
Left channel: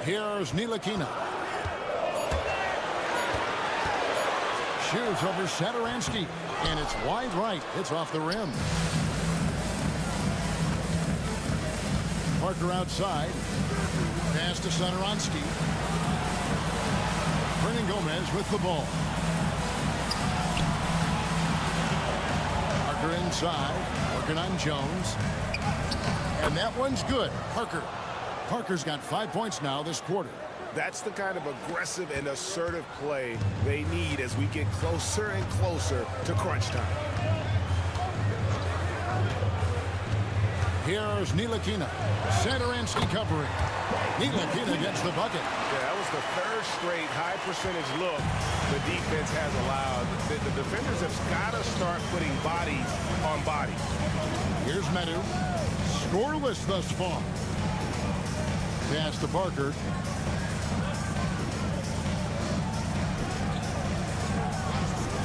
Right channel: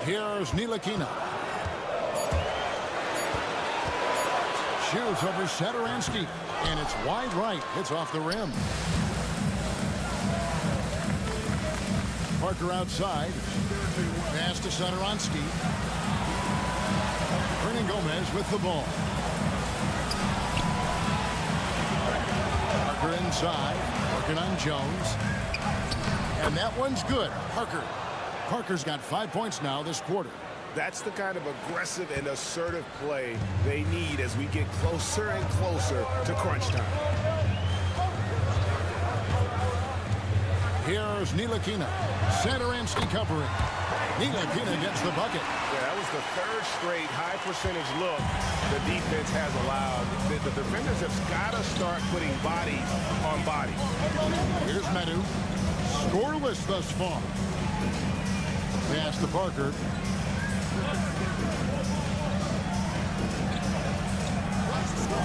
Here's Ntilikina. Shoots over Satoransky, and it's wide right. It's off the rim. Parker outside. Pass to Satoransky. Hernan Gomez with the ball. Parker inside, working on Jones. And that one's good. Parker's got 5 points now this quarter. That's the kind of aggressive and assertive play they need as we get closer and closer to crunch time. Here's Ntilikina. Satoransky covering. Ntilikina gets the bucket. Yeah, that was the 3rd straight high percentage look the defense has allowed. The defenders have got to start putting bodies on bodies. Here's Medu. Scoreless thus far. Pass to Parker.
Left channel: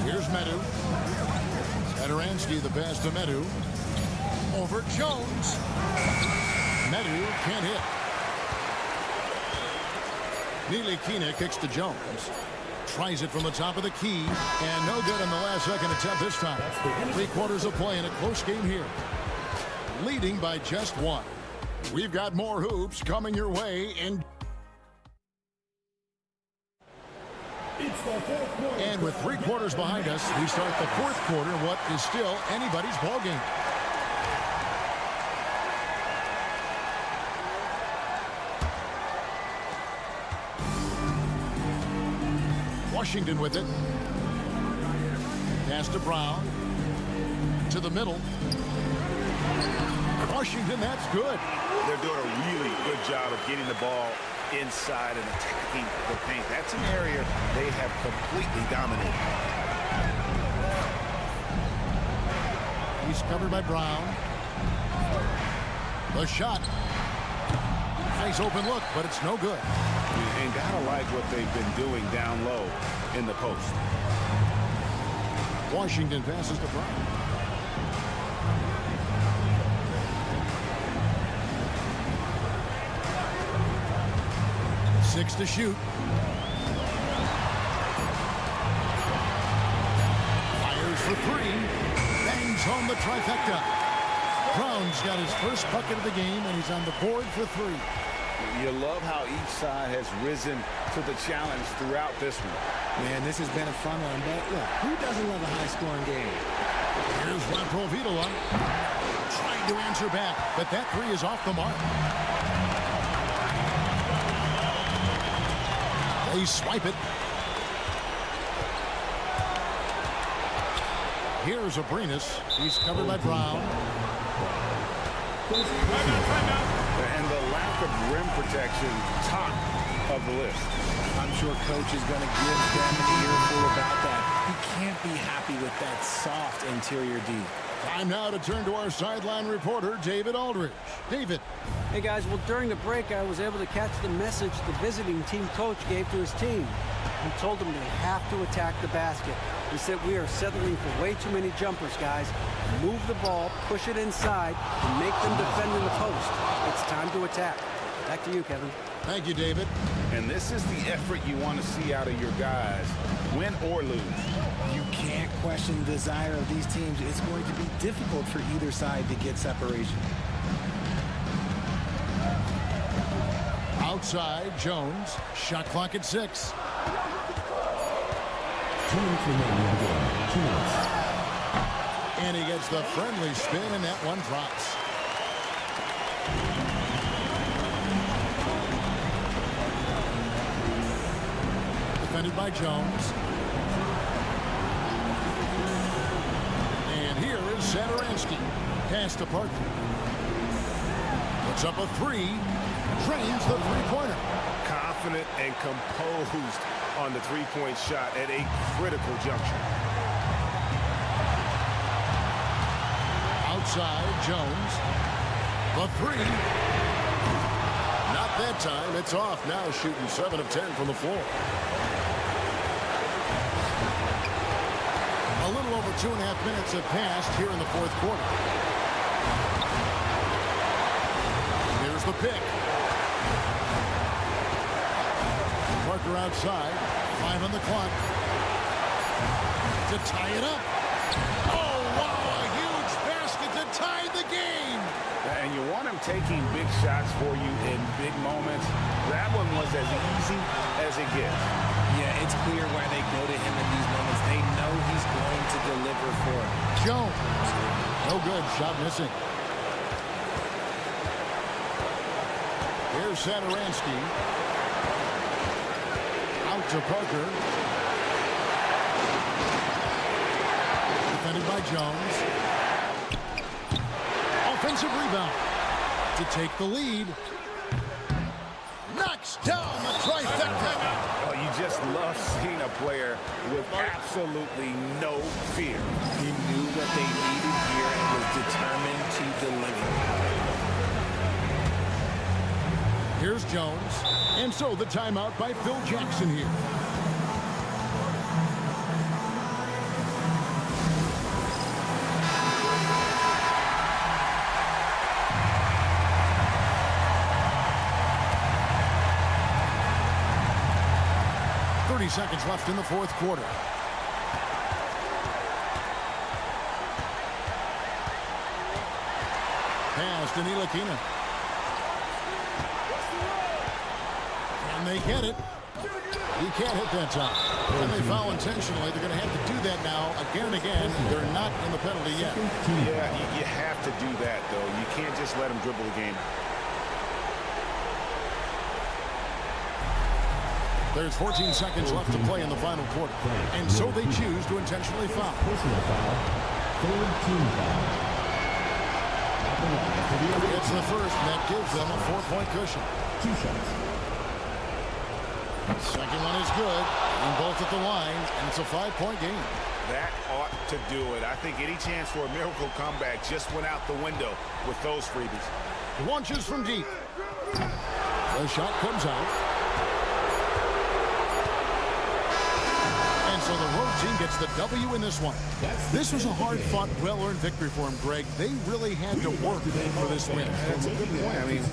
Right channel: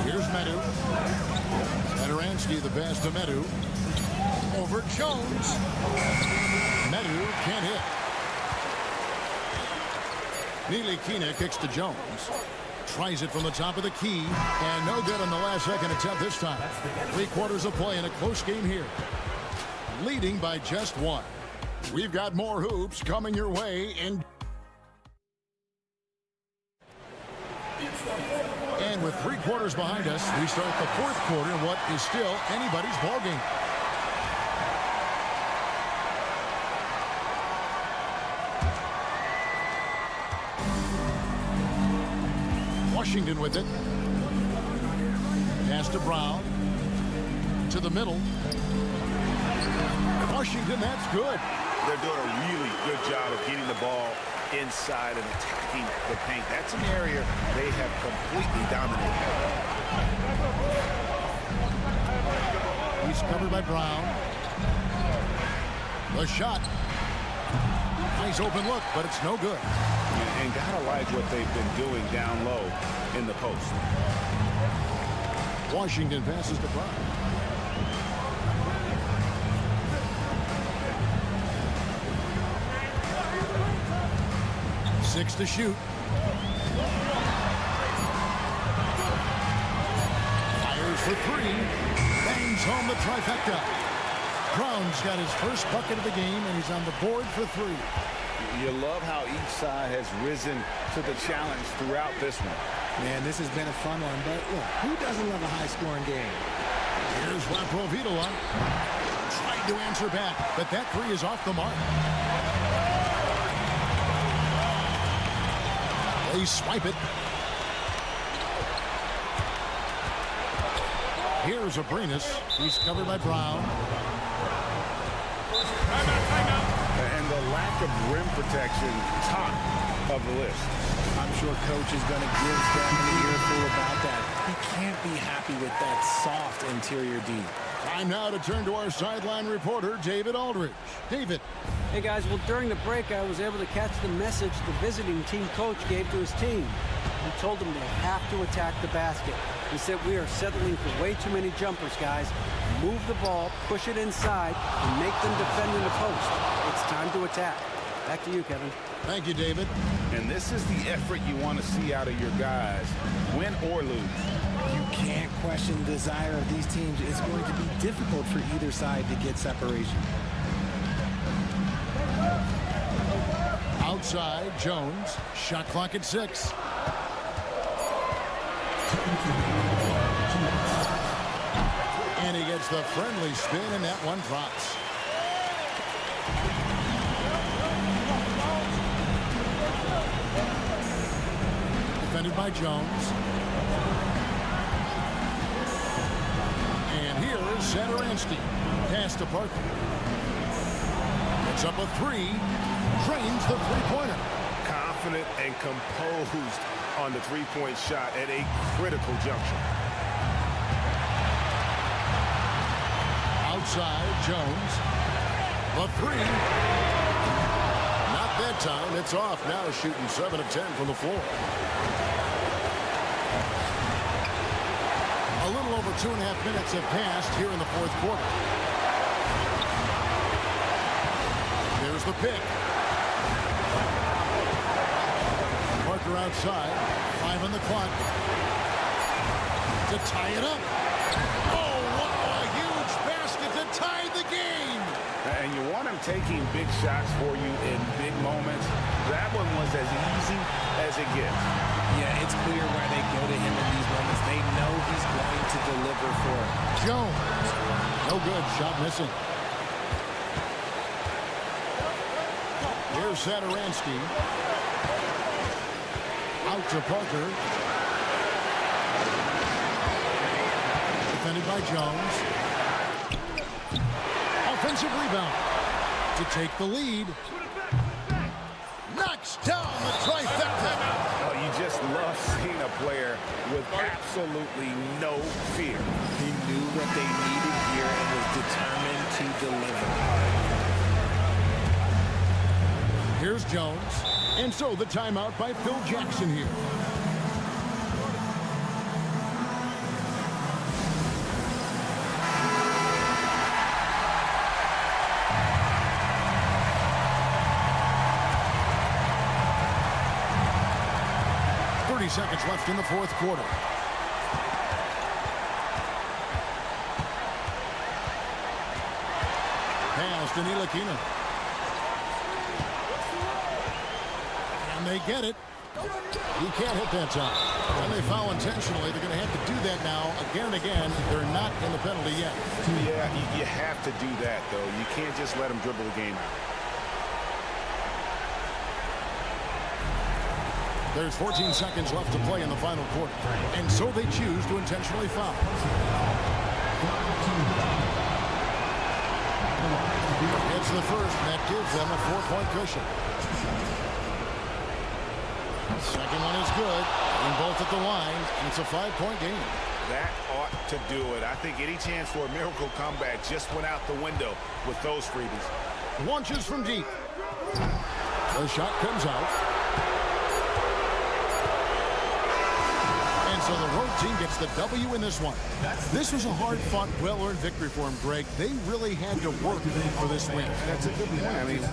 Here's Medu. Satoransky, the pass to Medu. Over Jones. Medu can't hit. Ntilikina kicks to Jones. Tries it from the top of the key. And no good on the last second attempt this time. 3 quarters of play in a close game here. leading by just one. We've got more hoops coming your way in. And with 3 quarters behind us, we start the 4th quarter, what is still anybody's ball game. Washington with it. Pass to Brown. To the middle. Washington, that's good. They're doing a really good job of getting the ball inside and attacking the paint. That's an area they have completely dominated. He's covered by Brown. The shot. Nice open look, but it's no good. And gotta like what they've been doing down low in the post. Washington passes to Brown. Six to shoot. Fires for 3. Bangs home the trifecta. Brown's got his first bucket of the game, and he's on the board for 3. You love how each side has risen to the challenge throughout this one. Man, this has been a fun one, but look, who doesn't love a high-scoring game? Here's Laprovitola. Trying to answer back, but that 3 is off the mark. They swipe it. Here's Abrinas. He's covered by Brown. Timeout. And the lack of rim protection, top of the list. I'm sure coach is going to give them an earful about that. He can't be happy with that soft interior D. Time now to turn to our sideline reporter, David Aldridge. David. Hey, guys, well, during the break, I was able to catch the message the visiting team coach gave to his team. He told them they have to attack the basket. He said, we are settling for way too many jumpers, guys. Move the ball, push it inside, and make them defend in the post. It's time to attack. Back to you, Kevin. Thank you, David. And this is the effort you want to see out of your guys, win or lose. You can't question the desire of these teams. It's going to be difficult for either side to get separation. Outside, Jones. Shot clock at 6. And he gets the friendly spin, and that one drops. Defended by Jones. And here is Satoransky. Pass to Parker. Puts up a 3. Drains the 3-pointer. Confident and composed on the 3-point shot at a critical juncture. Outside, Jones. The 3. Not that time. It's off. Now shooting 7 of 10 from the floor. A little over 2.5 minutes have passed here in the 4th quarter. Here's the pick. Parker outside. 5 on the clock. To tie it up. Oh, wow, a huge basket to tie the game. And you want him taking big shots for you in big moments. That one was as easy as it gets. Yeah, it's clear why they go to him in these moments. They know he's going to deliver for it. Jones. No good. Shot missing. Here's Satoransky. Out to Parker. Defended by Jones. Offensive rebound to take the lead. Knocks down the trifecta. Oh, you just love seeing a player with absolutely no fear. He knew what they needed here and was determined to deliver. Here's Jones. And so the timeout by Phil Jackson here. Seconds left in the 4th quarter. pass to Ntilikina. Can they get it? He can't hit that time. And they foul intentionally. They're going to have to do that now again and again. They're not in the penalty yet. Yeah, you have to do that, though. You can't just let them dribble the game out. There's 14 seconds left to play in the final quarter. And so they choose to intentionally foul. It's the first, and that gives them a 4-point cushion. Second one is good, and both at the line, and it's a 5-point game. That ought to do it. I think any chance for a miracle comeback just went out the window with those freebies. Launches from deep. The shot comes out. And so the road team gets the W in this one. This was a hard-fought, well-earned victory for him, Greg. They really had to work for this win. That's a good point. I mean,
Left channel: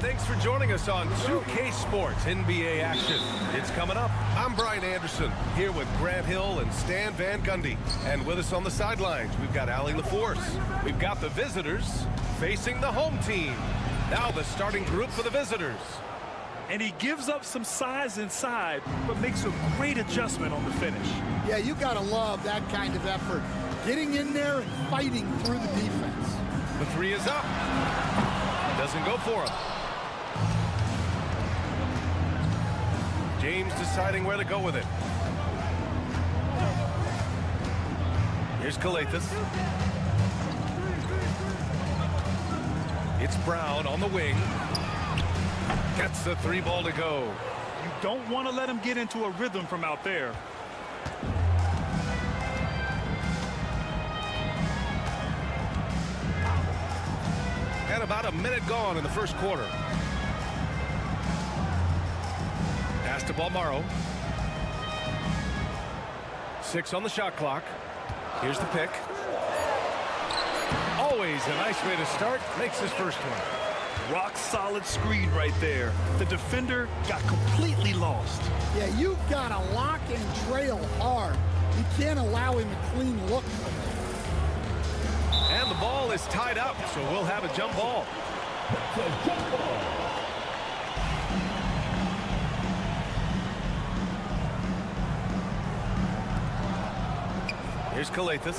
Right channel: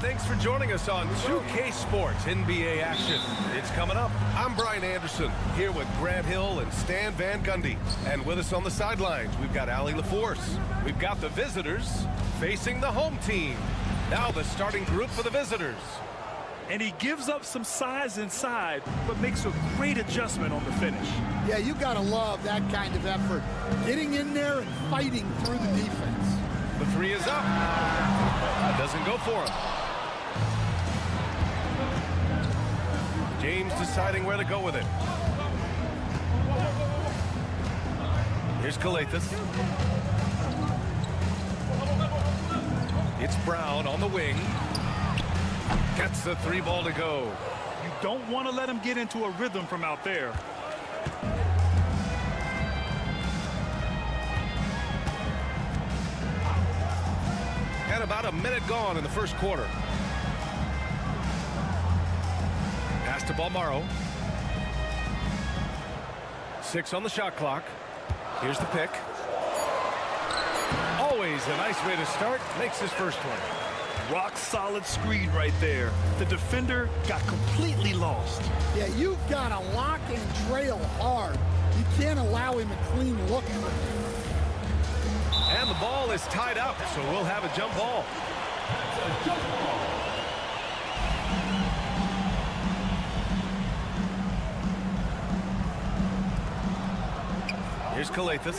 Thanks for joining us on 2K Sports NBA action. It's coming up. I'm Brian Anderson, here with Grant Hill and Stan Van Gundy. And with us on the sidelines, we've got Allie LaForce. We've got the visitors facing the home team. Now the starting group for the visitors. And he gives up some size inside, but makes a great adjustment on the finish. Yeah, you got to love that kind of effort. Getting in there and fighting through the defense. The three is up. It doesn't go for him. James deciding where to go with it. Here's Calathis. It's Brown on the wing. Gets the three ball to go. You don't want to let him get into a rhythm from out there. And about a minute gone in the first quarter. Pass to Balmaro. 6 on the shot clock. Here's the pick. Always a nice way to start. Makes his first one. Rock solid screen right there. The defender got completely lost. Yeah, you've got to lock and trail hard. You can't allow him a clean look from there. And the ball is tied up, so we'll have a jump ball. Here's Calathis.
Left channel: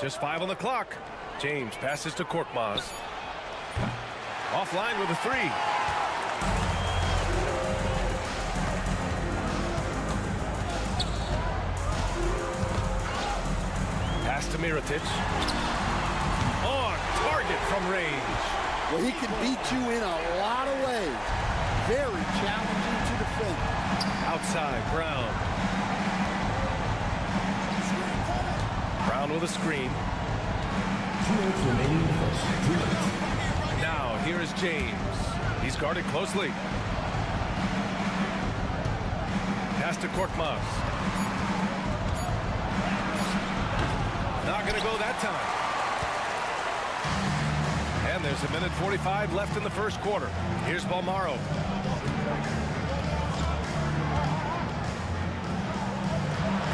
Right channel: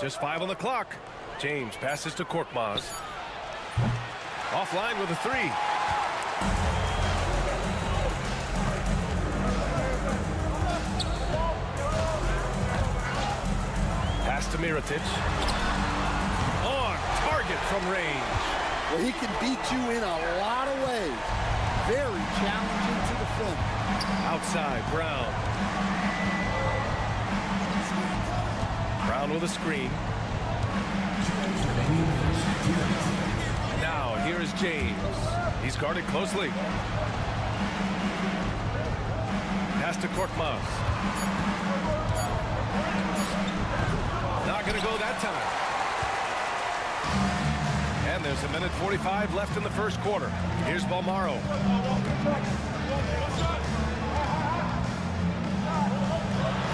Just 5 on the clock. James passes to Korkmaz. Offline with a 3. Pass to Mirotic. On target from range. Well, he can beat you in a lot of ways. Very challenging to defend. Outside, Brown. Brown with a screen. Now, here is James. He's guarded closely. Pass to Korkmaz. Not going to go that time. And there's 1:45 left in the first quarter. Here's Balmaro.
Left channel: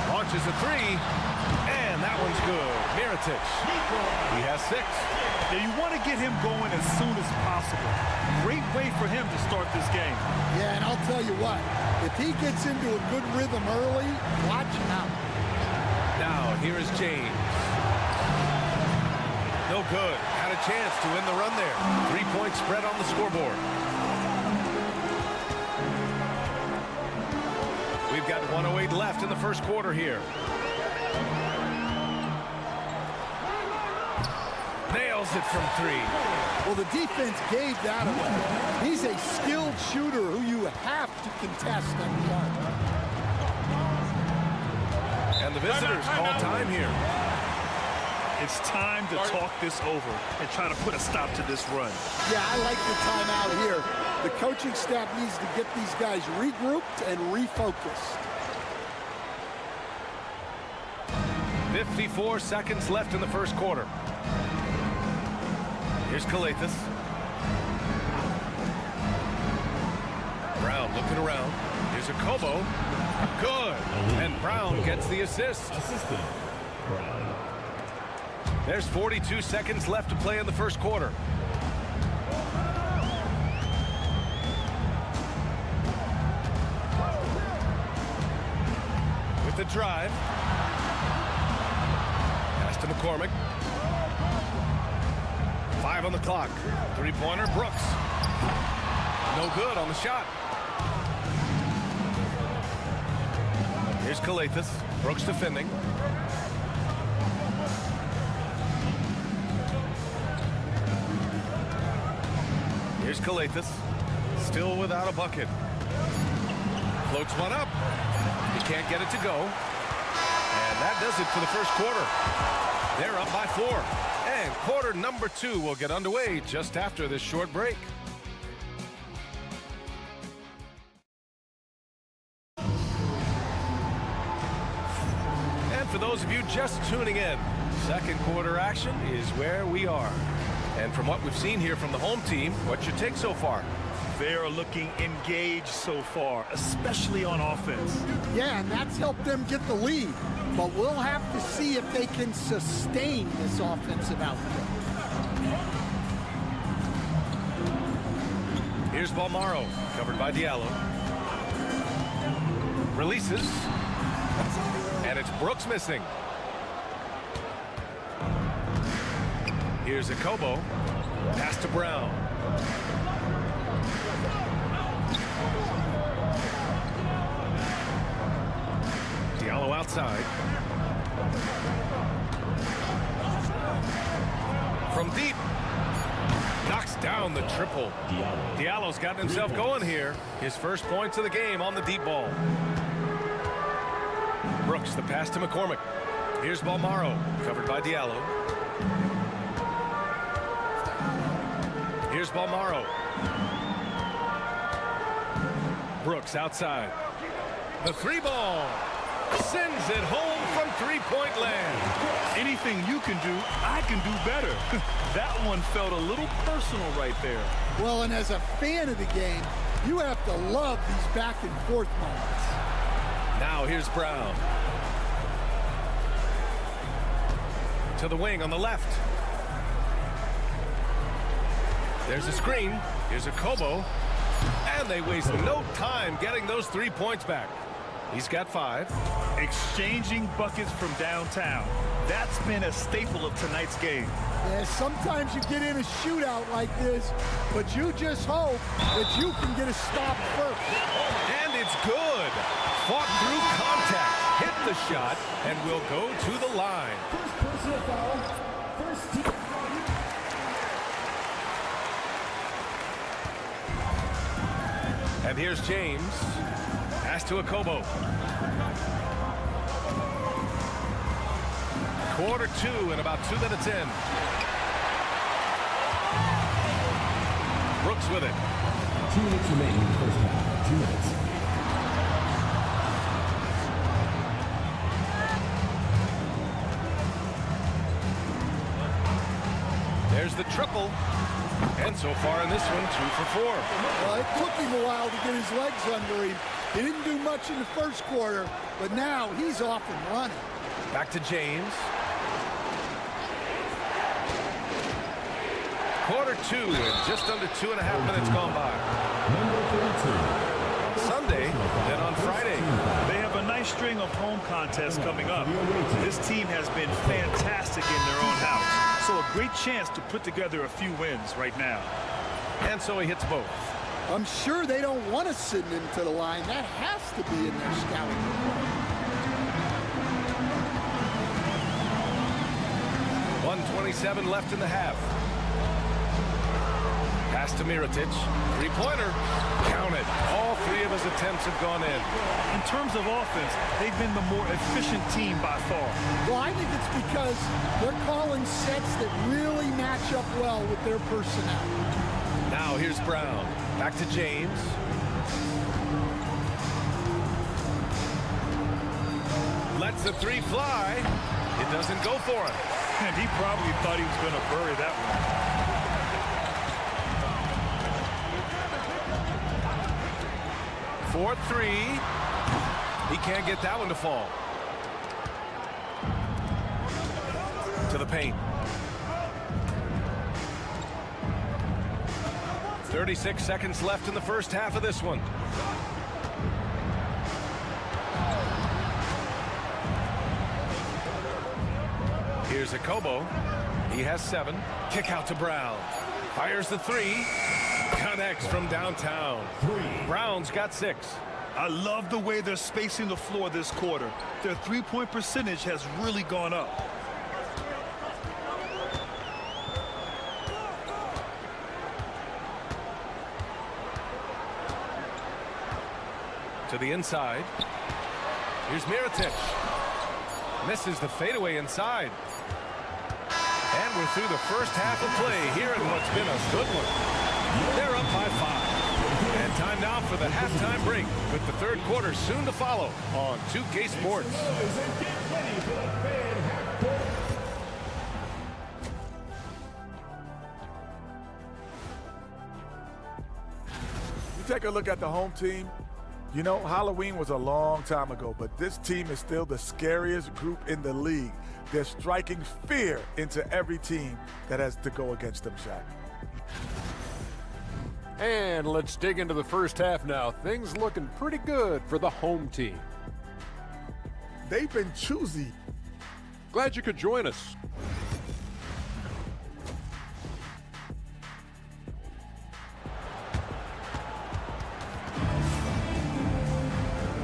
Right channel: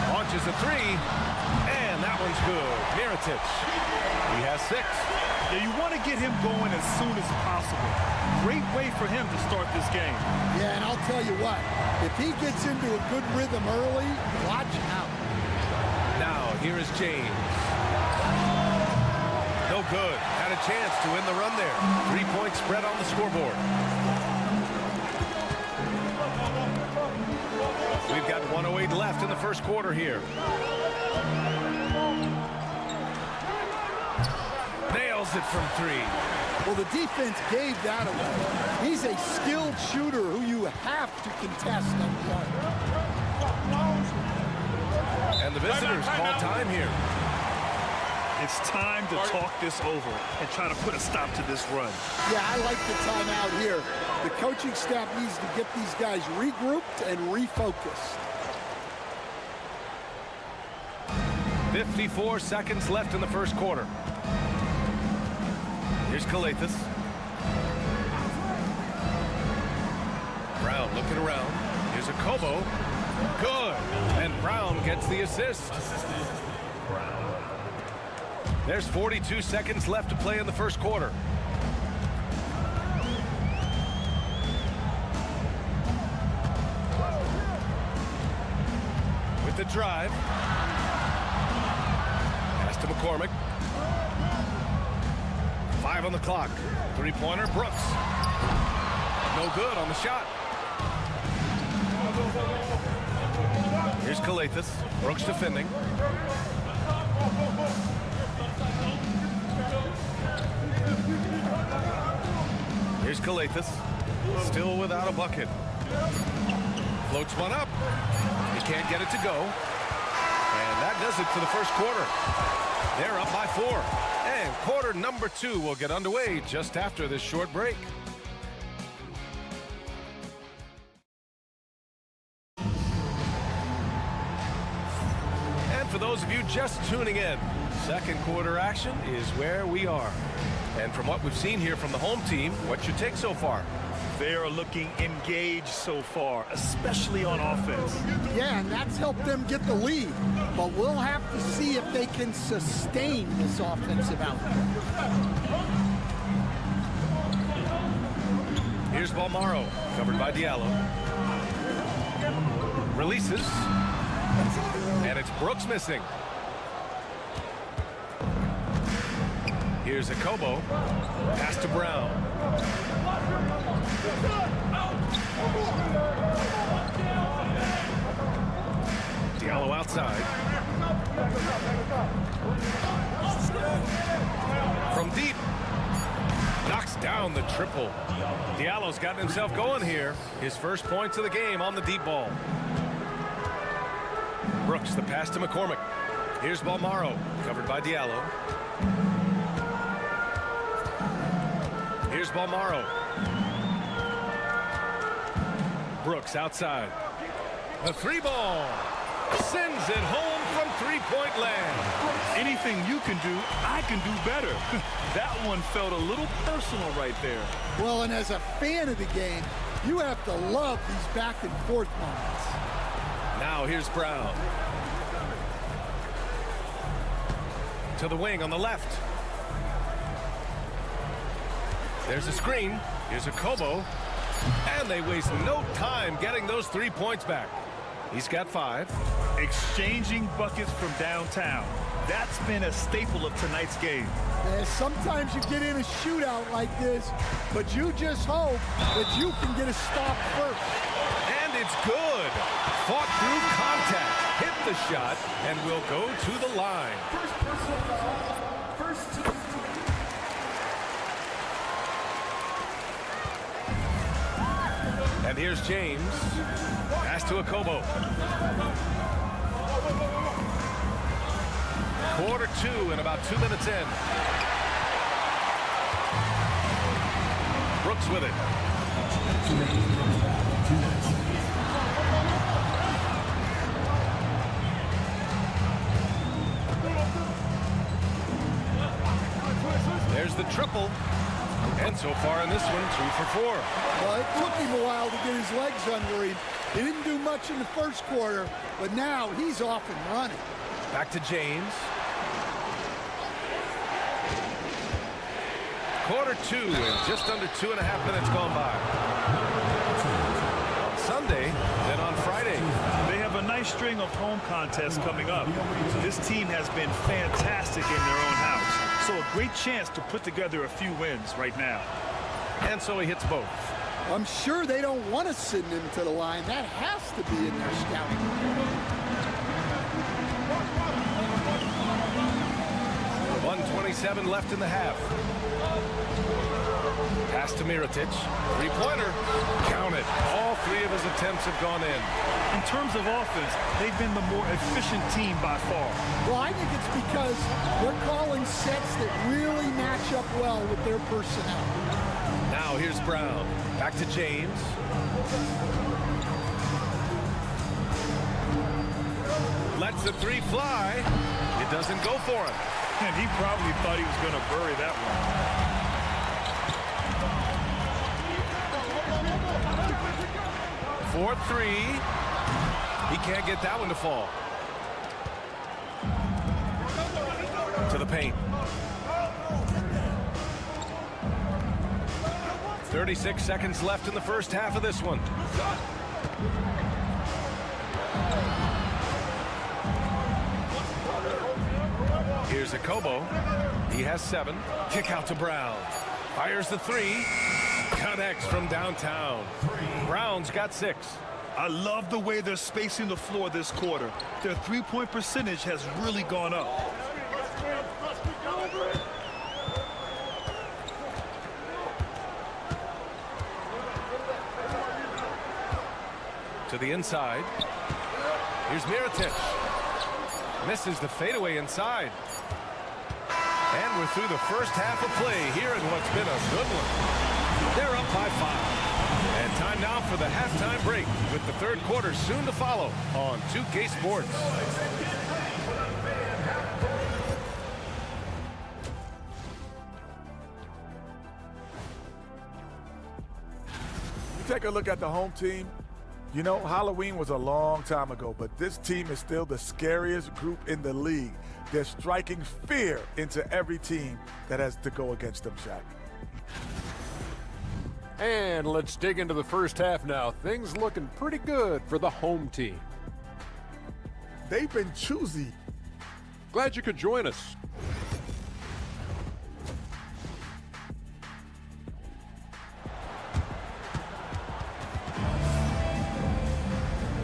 Launches a three. And that one's good. Mirotic. He has 6. Yeah, you want to get him going as soon as possible. Great way for him to start this game. Yeah, and I'll tell you what. If he gets into a good rhythm early, watch out. Now, here is James. No good. Had a chance to win the run there. 3-point spread on the scoreboard. We've got 1:08 left in the first quarter here. Nails it from 3. Well, the defense gave that away. He's a skilled shooter who you have to contest at the arc. And the visitors call time here. It's time to talk this over and try to put a stop to this run. Yeah, I like the timeout here. The coaching staff needs to get these guys regrouped and refocused. 54 seconds left in the first quarter. Here's Calathes. Brown looking around. Here's a Kobo. Good. And Brown gets the assist. There's 42 seconds left to play in the first quarter. With the drive. Pass to McCormick. 5 on the clock. 3-pointer, Brooks. No good on the shot. Here's Calathes. Brooks defending. Here's Calathes. Still without a bucket. Floats one up. He can't get it to go. And that does it for the first quarter. They're up by 4. And quarter number 2 will get underway just after this short break. And for those of you just tuning in, second quarter action is where we are. And from what we've seen here from the home team, what's your take so far? They are looking engaged so far, especially on offense. Yeah, and that's helped them get the lead. But we'll have to see if they can sustain this offensive output. Here's Balmaro, covered by Diallo. Releases. And it's Brooks missing. Here's a Kobo. Pass to Brown. Diallo outside. From deep. Knocks down the triple. Diallo's gotten himself going here. His first points of the game on the deep ball. Brooks, the pass to McCormick. Here's Balmaro, covered by Diallo. Here's Balmaro. Brooks outside. The 3-ball. Sends it home from 3-point land. Anything you can do, I can do better. That one felt a little personal right there. Well, and as a fan of the game, you have to love these back and forth moments. Now here's Brown. To the wing on the left. There's a screen. Here's a Kobo. And they waste no time getting those 3 points back. He's got 5. Exchanging buckets from downtown. That's been a staple of tonight's game. Yeah, sometimes you get in a shootout like this, but you just hope that you can get a stop first. And it's good. Fought through contact. Hit the shot and will go to the line. First personal foul. First team. And here's James. Pass to Akobo. Quarter 2 and about 2 minutes in. Brooks with it. 2 minutes remaining in the first half. 2 minutes. There's the triple. And so far in this one, 2 for 4. Well, it took him a while to get his legs under him. He didn't do much in the first quarter, but now he's off and running. Back to James. Quarter 2 and just under 2.5 minutes gone by. On Sunday, then on Friday. They have a nice string of home contests coming up. This team has been fantastic in their own house, so a great chance to put together a few wins right now. And so he hits both. I'm sure they don't want to send him to the line. That has to be in their scouting report. 1:27 left in the half. Pass to Mirotic. Three-pointer. Count it. All 3 of his attempts have gone in. In terms of offense, they've been the more efficient team by far. Well, I think it's because they're calling sets that really match up well with their personnel. Now here's Brown. Back to James. Lets the 3 fly. It doesn't go for him. And he probably thought he was going to bury that one. 4-3. He can't get that one to fall. To the paint. 36 seconds left in the first half of this one. Here's Akobo. He has 7. Kick out to Brown. Fires the 3. Connects from downtown. Brown's got 6. I love the way they're spacing the floor this quarter. Their three-point percentage has really gone up. To the inside. Here's Mirotic. Misses the fadeaway inside. And we're through the first half of play here in what's been a good one. They're up by 5. And time now for the halftime break with the third quarter soon to follow on 2K Sports. You take a look at the home team. You know, Halloween was a long time ago, but this team is still the scariest group in the league. They're striking fear into every team that has to go against them, Shaq. And let's dig into the first half now. Things looking pretty good for the home team. They've been choosy. Glad you could join us.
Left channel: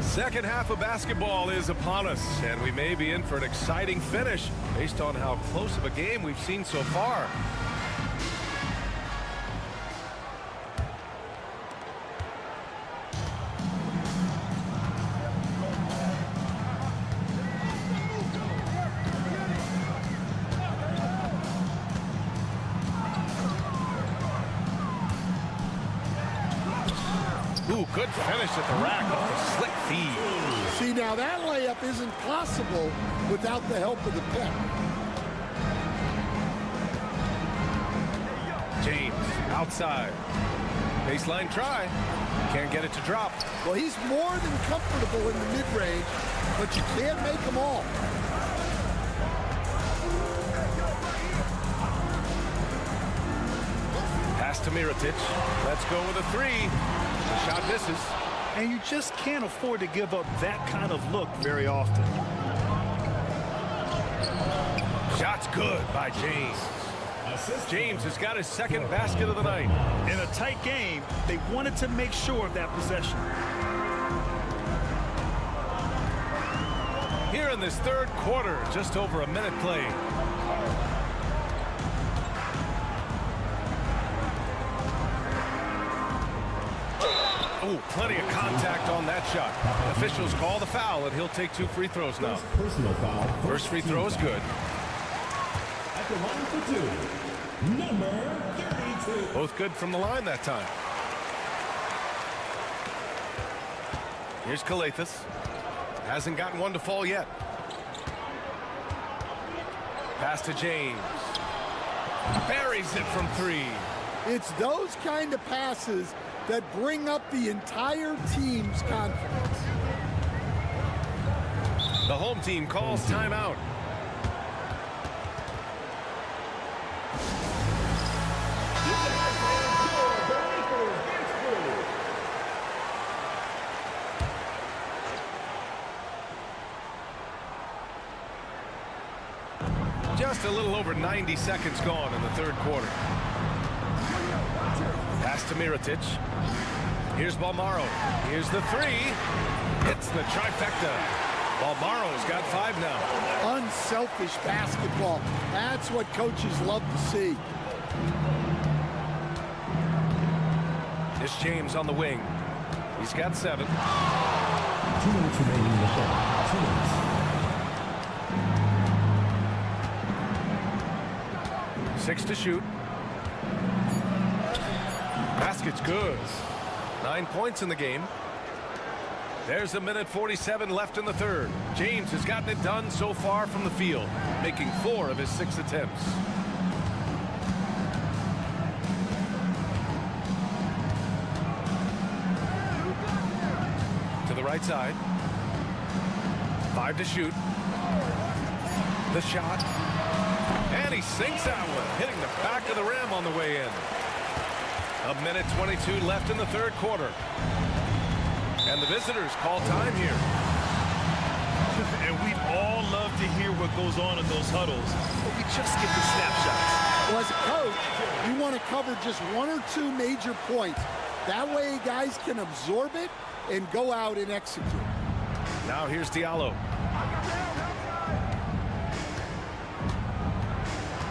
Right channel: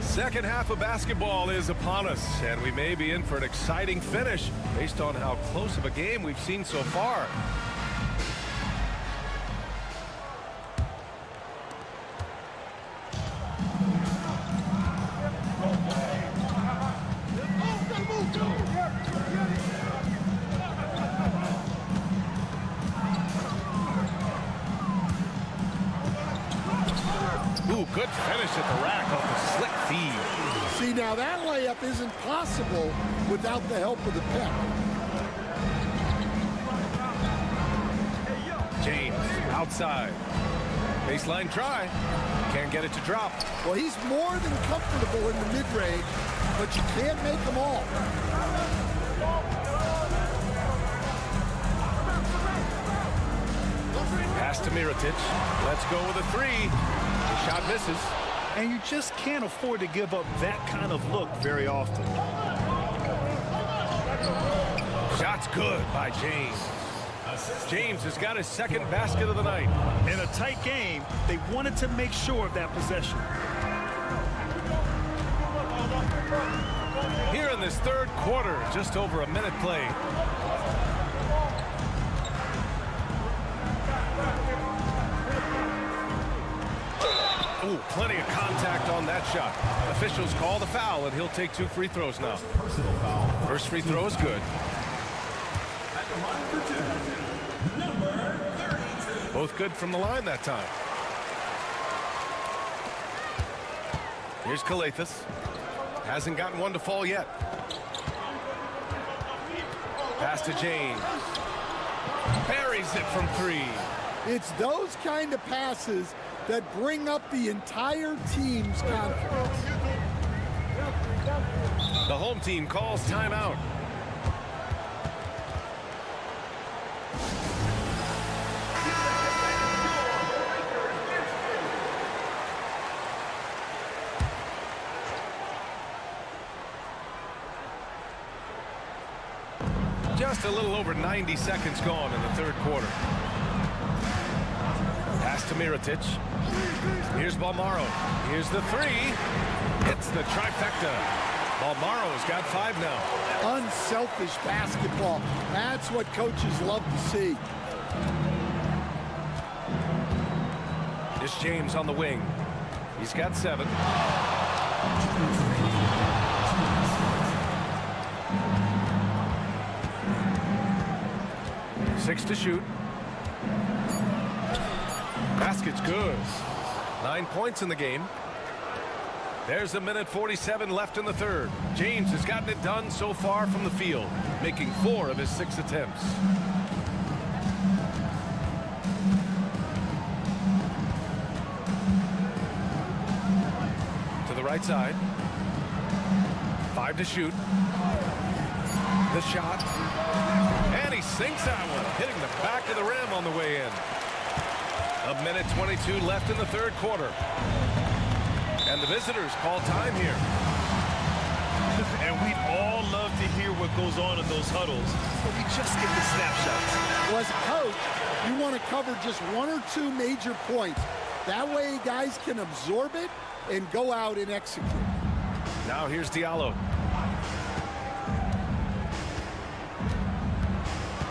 Second half of basketball is upon us, and we may be in for an exciting finish based on how close of a game we've seen so far. Ooh, good finish at the rack off the slick feed. See, now that layup isn't possible without the help of the pep. James outside. Baseline try. Can't get it to drop. Well, he's more than comfortable in the mid-range, but you can't make them all. Pass to Mirotic. Let's go with a 3. The shot misses. And you just can't afford to give up that kind of look very often. Shot's good by James. James has got his second basket of the night. In a tight game, they wanted to make sure of that possession. Here in this third quarter, just over a minute played. Ooh, plenty of contact on that shot. Officials call the foul, and he'll take 2 free throws now. Personal foul. First free throw is good. At the line for 2, number 32. Both good from the line that time. Here's Calathis. Hasn't gotten one to fall yet. Pass to James. Buries it from 3. It's those kind of passes that bring up the entire team's confidence. The home team calls timeout. Just a little over 90 seconds gone in the third quarter. Pass to Mirotic. Here's Balmaro. Here's the 3. It's the trifecta. Balmaro's got 5 now. Unselfish basketball. That's what coaches love to see. It's James on the wing. He's got 7. 2 minutes remaining in the clock. 2 minutes. 6 to shoot. Basket's good. 9 points in the game. There's 1:47 left in the third. James has gotten it done so far from the field, making 4 of his 6 attempts. To the right side. 5 to shoot. The shot. And he sinks that one, hitting the back of the rim on the way in. 1:22 left in the third quarter. And the visitors call time here. And we'd all love to hear what goes on in those huddles, but we just get the snapshots. Well, as a coach, you want to cover just 1 or 2 major points. That way guys can absorb it and go out and execute. Now here's Diallo.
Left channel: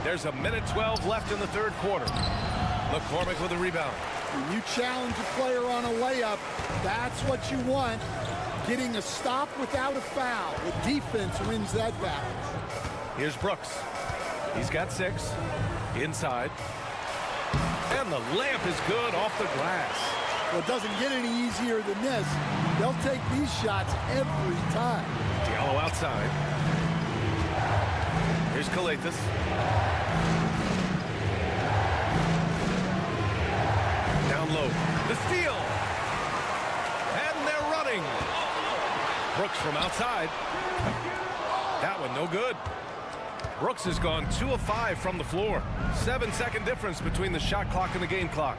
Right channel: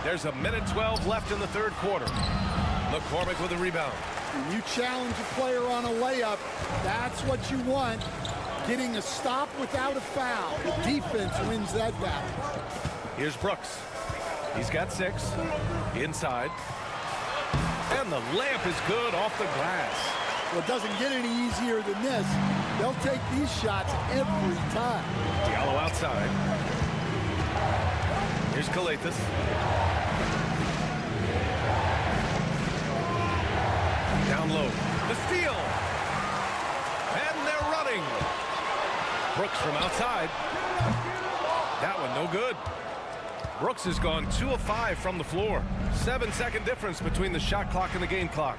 There's 1:12 left in the third quarter. McCormick with a rebound. When you challenge a player on a layup, that's what you want. Getting a stop without a foul. The defense wins that battle. Here's Brooks. He's got 6. Inside. And the layup is good off the glass. Well, it doesn't get any easier than this. They'll take these shots every time. Diallo outside. Here's Calathis. Down low. The steal. And they're running. Brooks from outside. That one no good. Brooks has gone 2 of 5 from the floor. 7-second difference between the shot clock and the game clock.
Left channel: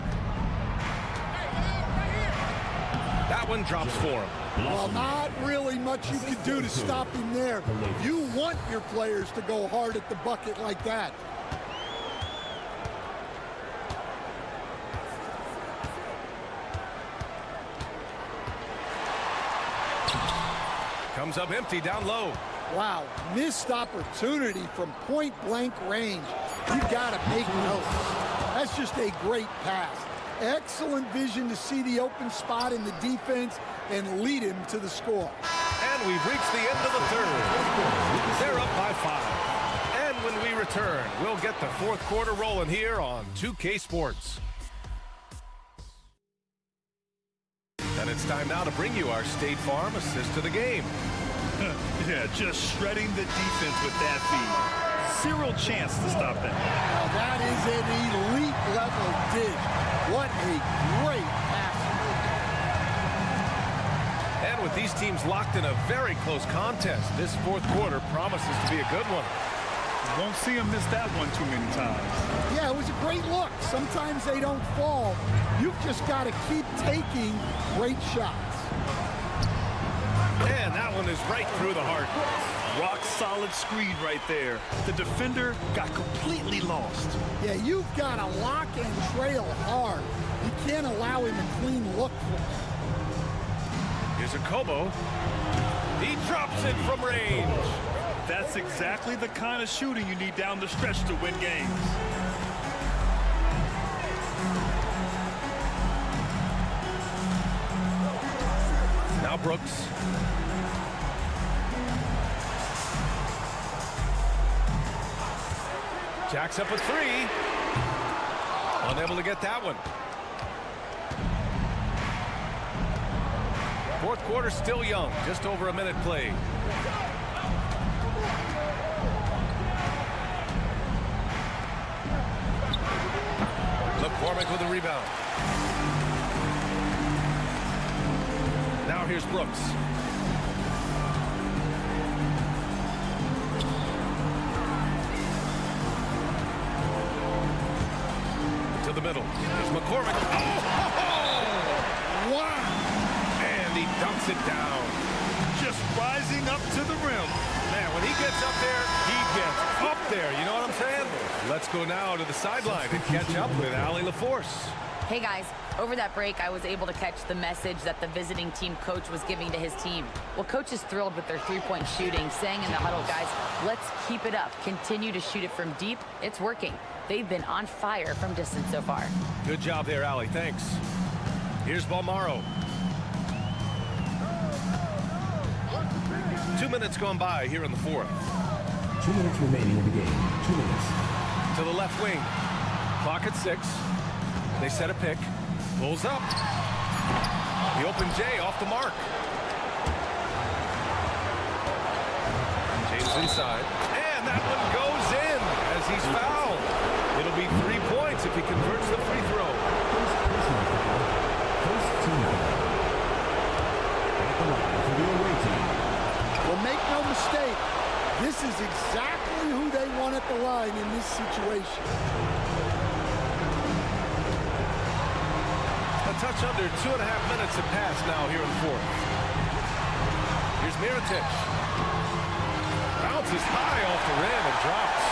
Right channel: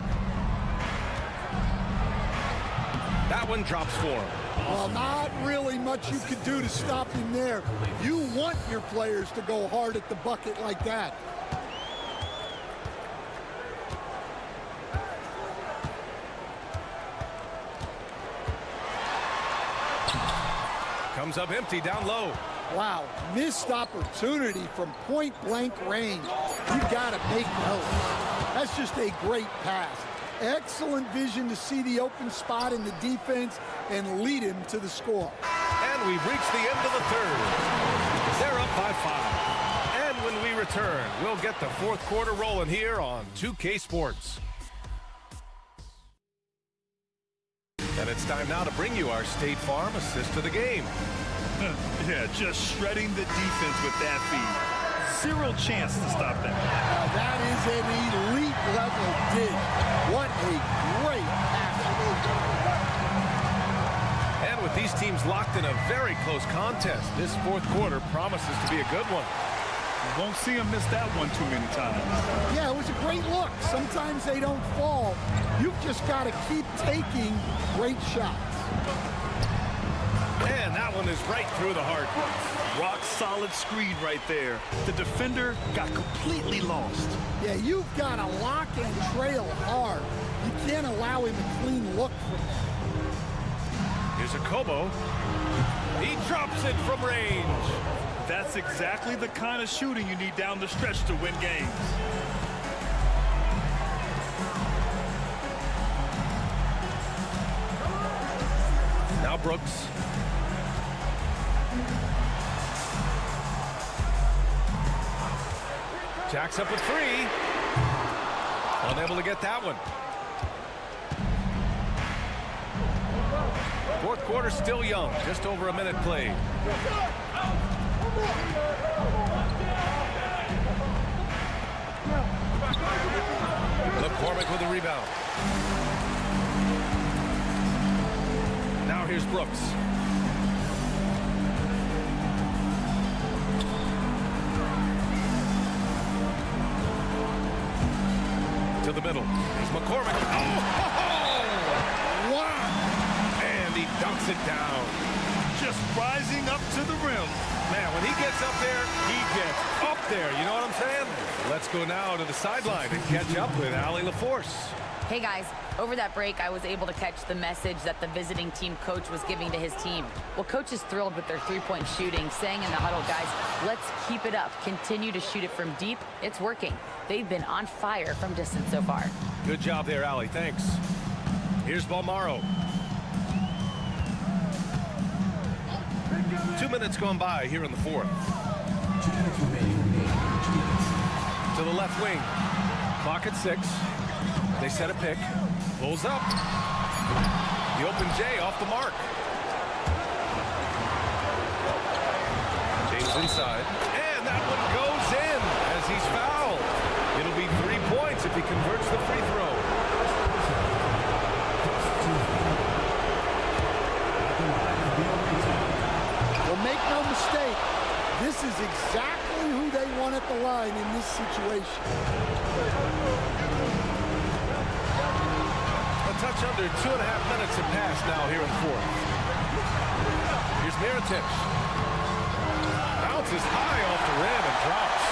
That one drops for him. Well, not really much you could do to stop him there. You want your players to go hard at the bucket like that. Comes up empty down low. Wow, missed opportunity from point-blank range. You've got to make notes. That's just a great pass. Excellent vision to see the open spot in the defense and lead him to the score. And we've reached the end of the third. They're up by 5. And when we return, we'll get the fourth quarter rolling here on 2K Sports. And it's time now to bring you our State Farm assist to the game. Yeah, just shredding the defense with that feed. 0 chance to stop that. Now that is an elite level dish. What a great pass. And with these teams locked in a very close contest, this fourth quarter promises to be a good one. You won't see him miss that one too many times. Yeah, it was a great look. Sometimes they don't fall. You've just got to keep taking great shots. And that one is right through the heart. Rock solid screen right there. The defender got completely lost. Yeah, you've got to lock and trail hard. You can't allow him a clean look from there. Here's a Kobo. He drops it from range. That's exactly the kind of shooting you need down the stretch to win games. Now Brooks. Jacks up with 3. Unable to get that one. Fourth quarter still young. Just over a minute played. McCormick with the rebound. Now here's Brooks. To the middle. Here's McCormick. Oh! Wow! And he dunks it down. Just rising up to the rim. Man, when he gets up there, he gets up there. You know what I'm saying? Let's go now to the sideline and catch up with Allie LaForce. Hey guys, over that break, I was able to catch the message that the visiting team coach was giving to his team. Well, coach is thrilled with their three-point shooting, saying in the huddle, guys, let's keep it up. Continue to shoot it from deep. It's working. They've been on fire from distance so far. Good job there, Allie. Thanks. Here's Balmaro. 2 minutes gone by here in the fourth. 2 minutes remaining in the game. 2 minutes. To the left wing. Clock at 6. They set a pick. Pulls up. The open J off the mark. James inside. And that one goes in as he's fouled. It'll be 3 points if he converts the free throw. First team foul. At the line for the away team. Well, make no mistake, this is exactly who they want at the line in this situation. A touch under 2.5 minutes have passed now here in the fourth. Here's Mirotic. Bounces high off the rim and drops.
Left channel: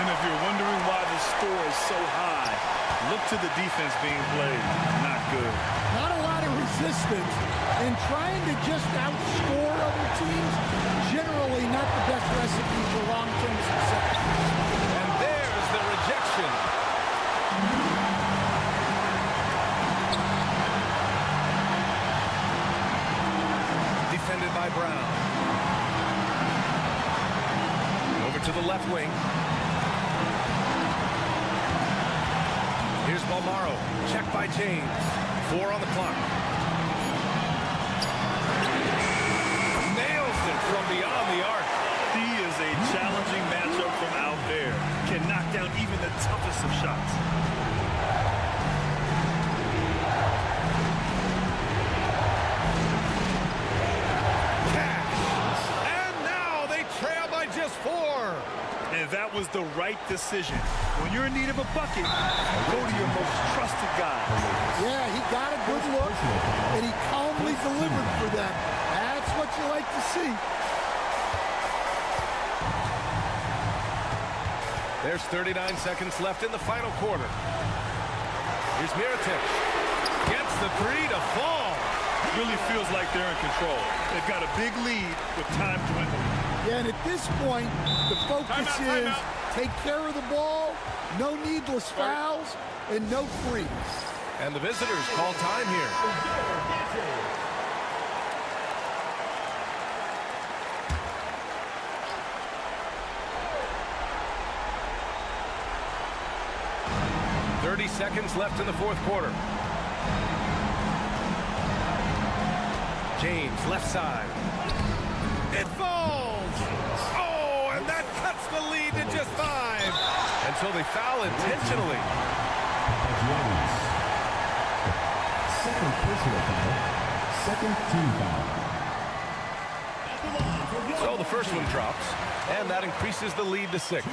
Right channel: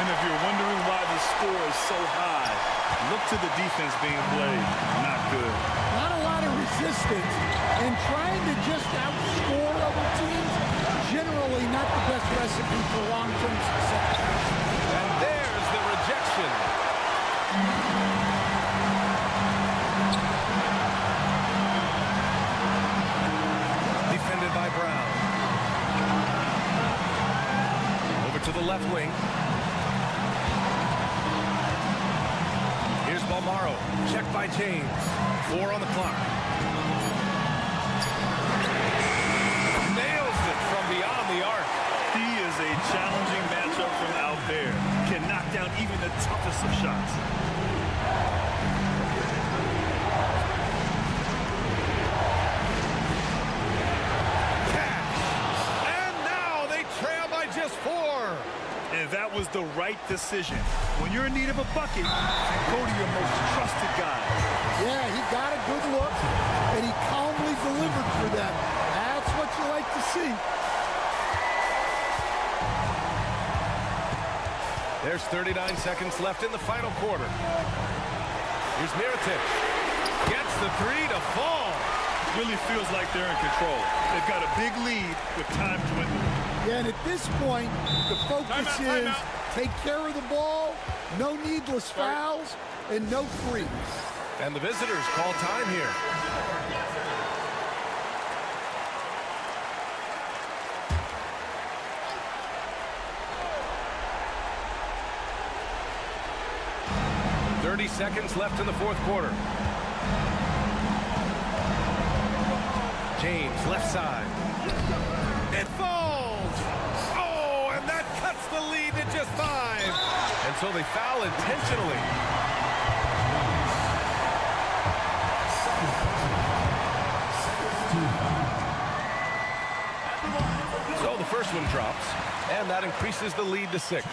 And if you're wondering why the score is so high, look to the defense being played. Not good. Not a lot of resistance, and trying to just outscore other teams, generally not the best recipe for long-term success. And there's the rejection. Defended by Brown. Over to the left wing. Here's Balmaro. Check by James. 4 on the clock. Nails it from beyond the arc. He is a challenging matchup from out there. Can knock down even the toughest of shots. Cash. And now they trail by just 4. And that was the right decision. When you're in need of a bucket, go to your most trusted guys. Yeah, he got a good look, and he calmly delivered for them. That's what you like to see. There's 39 seconds left in the final quarter. Here's Mirotic. Gets the 3 to fall. Really feels like they're in control. They've got a big lead with time dwindling. Yeah, and at this point, the focus is take care of the ball, no needless fouls, and no threes. And the visitors call time here. .30 seconds left in the fourth quarter. James, left side. It falls! Oh, and that cuts the lead to just 5. And so they foul intentionally. Second personal foul. Second team foul. So the first one drops, and that increases the lead to 6.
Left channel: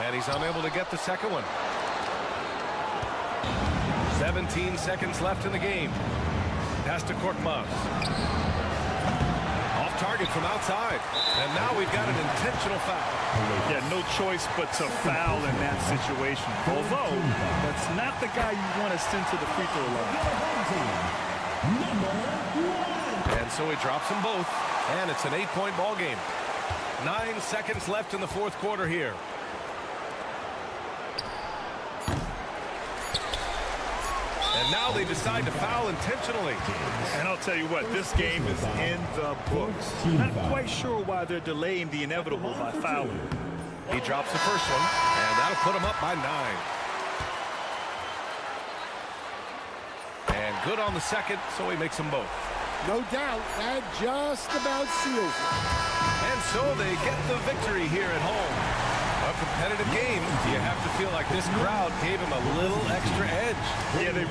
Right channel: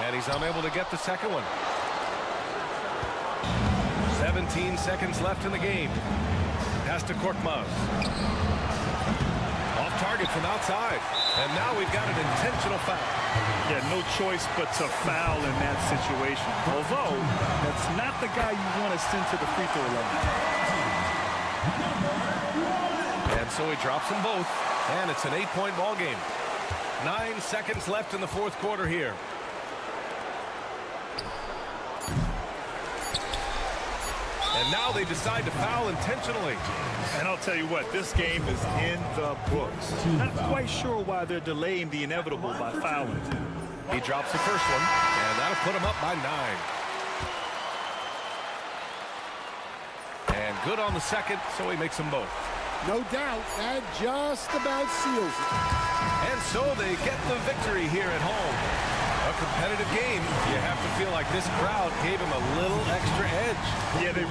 And he's unable to get the second one. 17 seconds left in the game. Pass to Korkmaz. Off target from outside. And now we've got an intentional foul. Yeah, no choice but to foul in that situation. Although, that's not the guy you want to send to the free throw line. And so he drops them both. And it's an 8-point ball game. 9 seconds left in the fourth quarter here. And now they decide to foul intentionally. And I'll tell you what, this game is in the books. Not quite sure why they're delaying the inevitable by fouling. He drops the first one, and that'll put him up by 9. And good on the second, so he makes them both. No doubt, that just about seals it. And so they get the victory here at home. A competitive game. You have to feel like this crowd gave him a little extra edge. Yeah, they...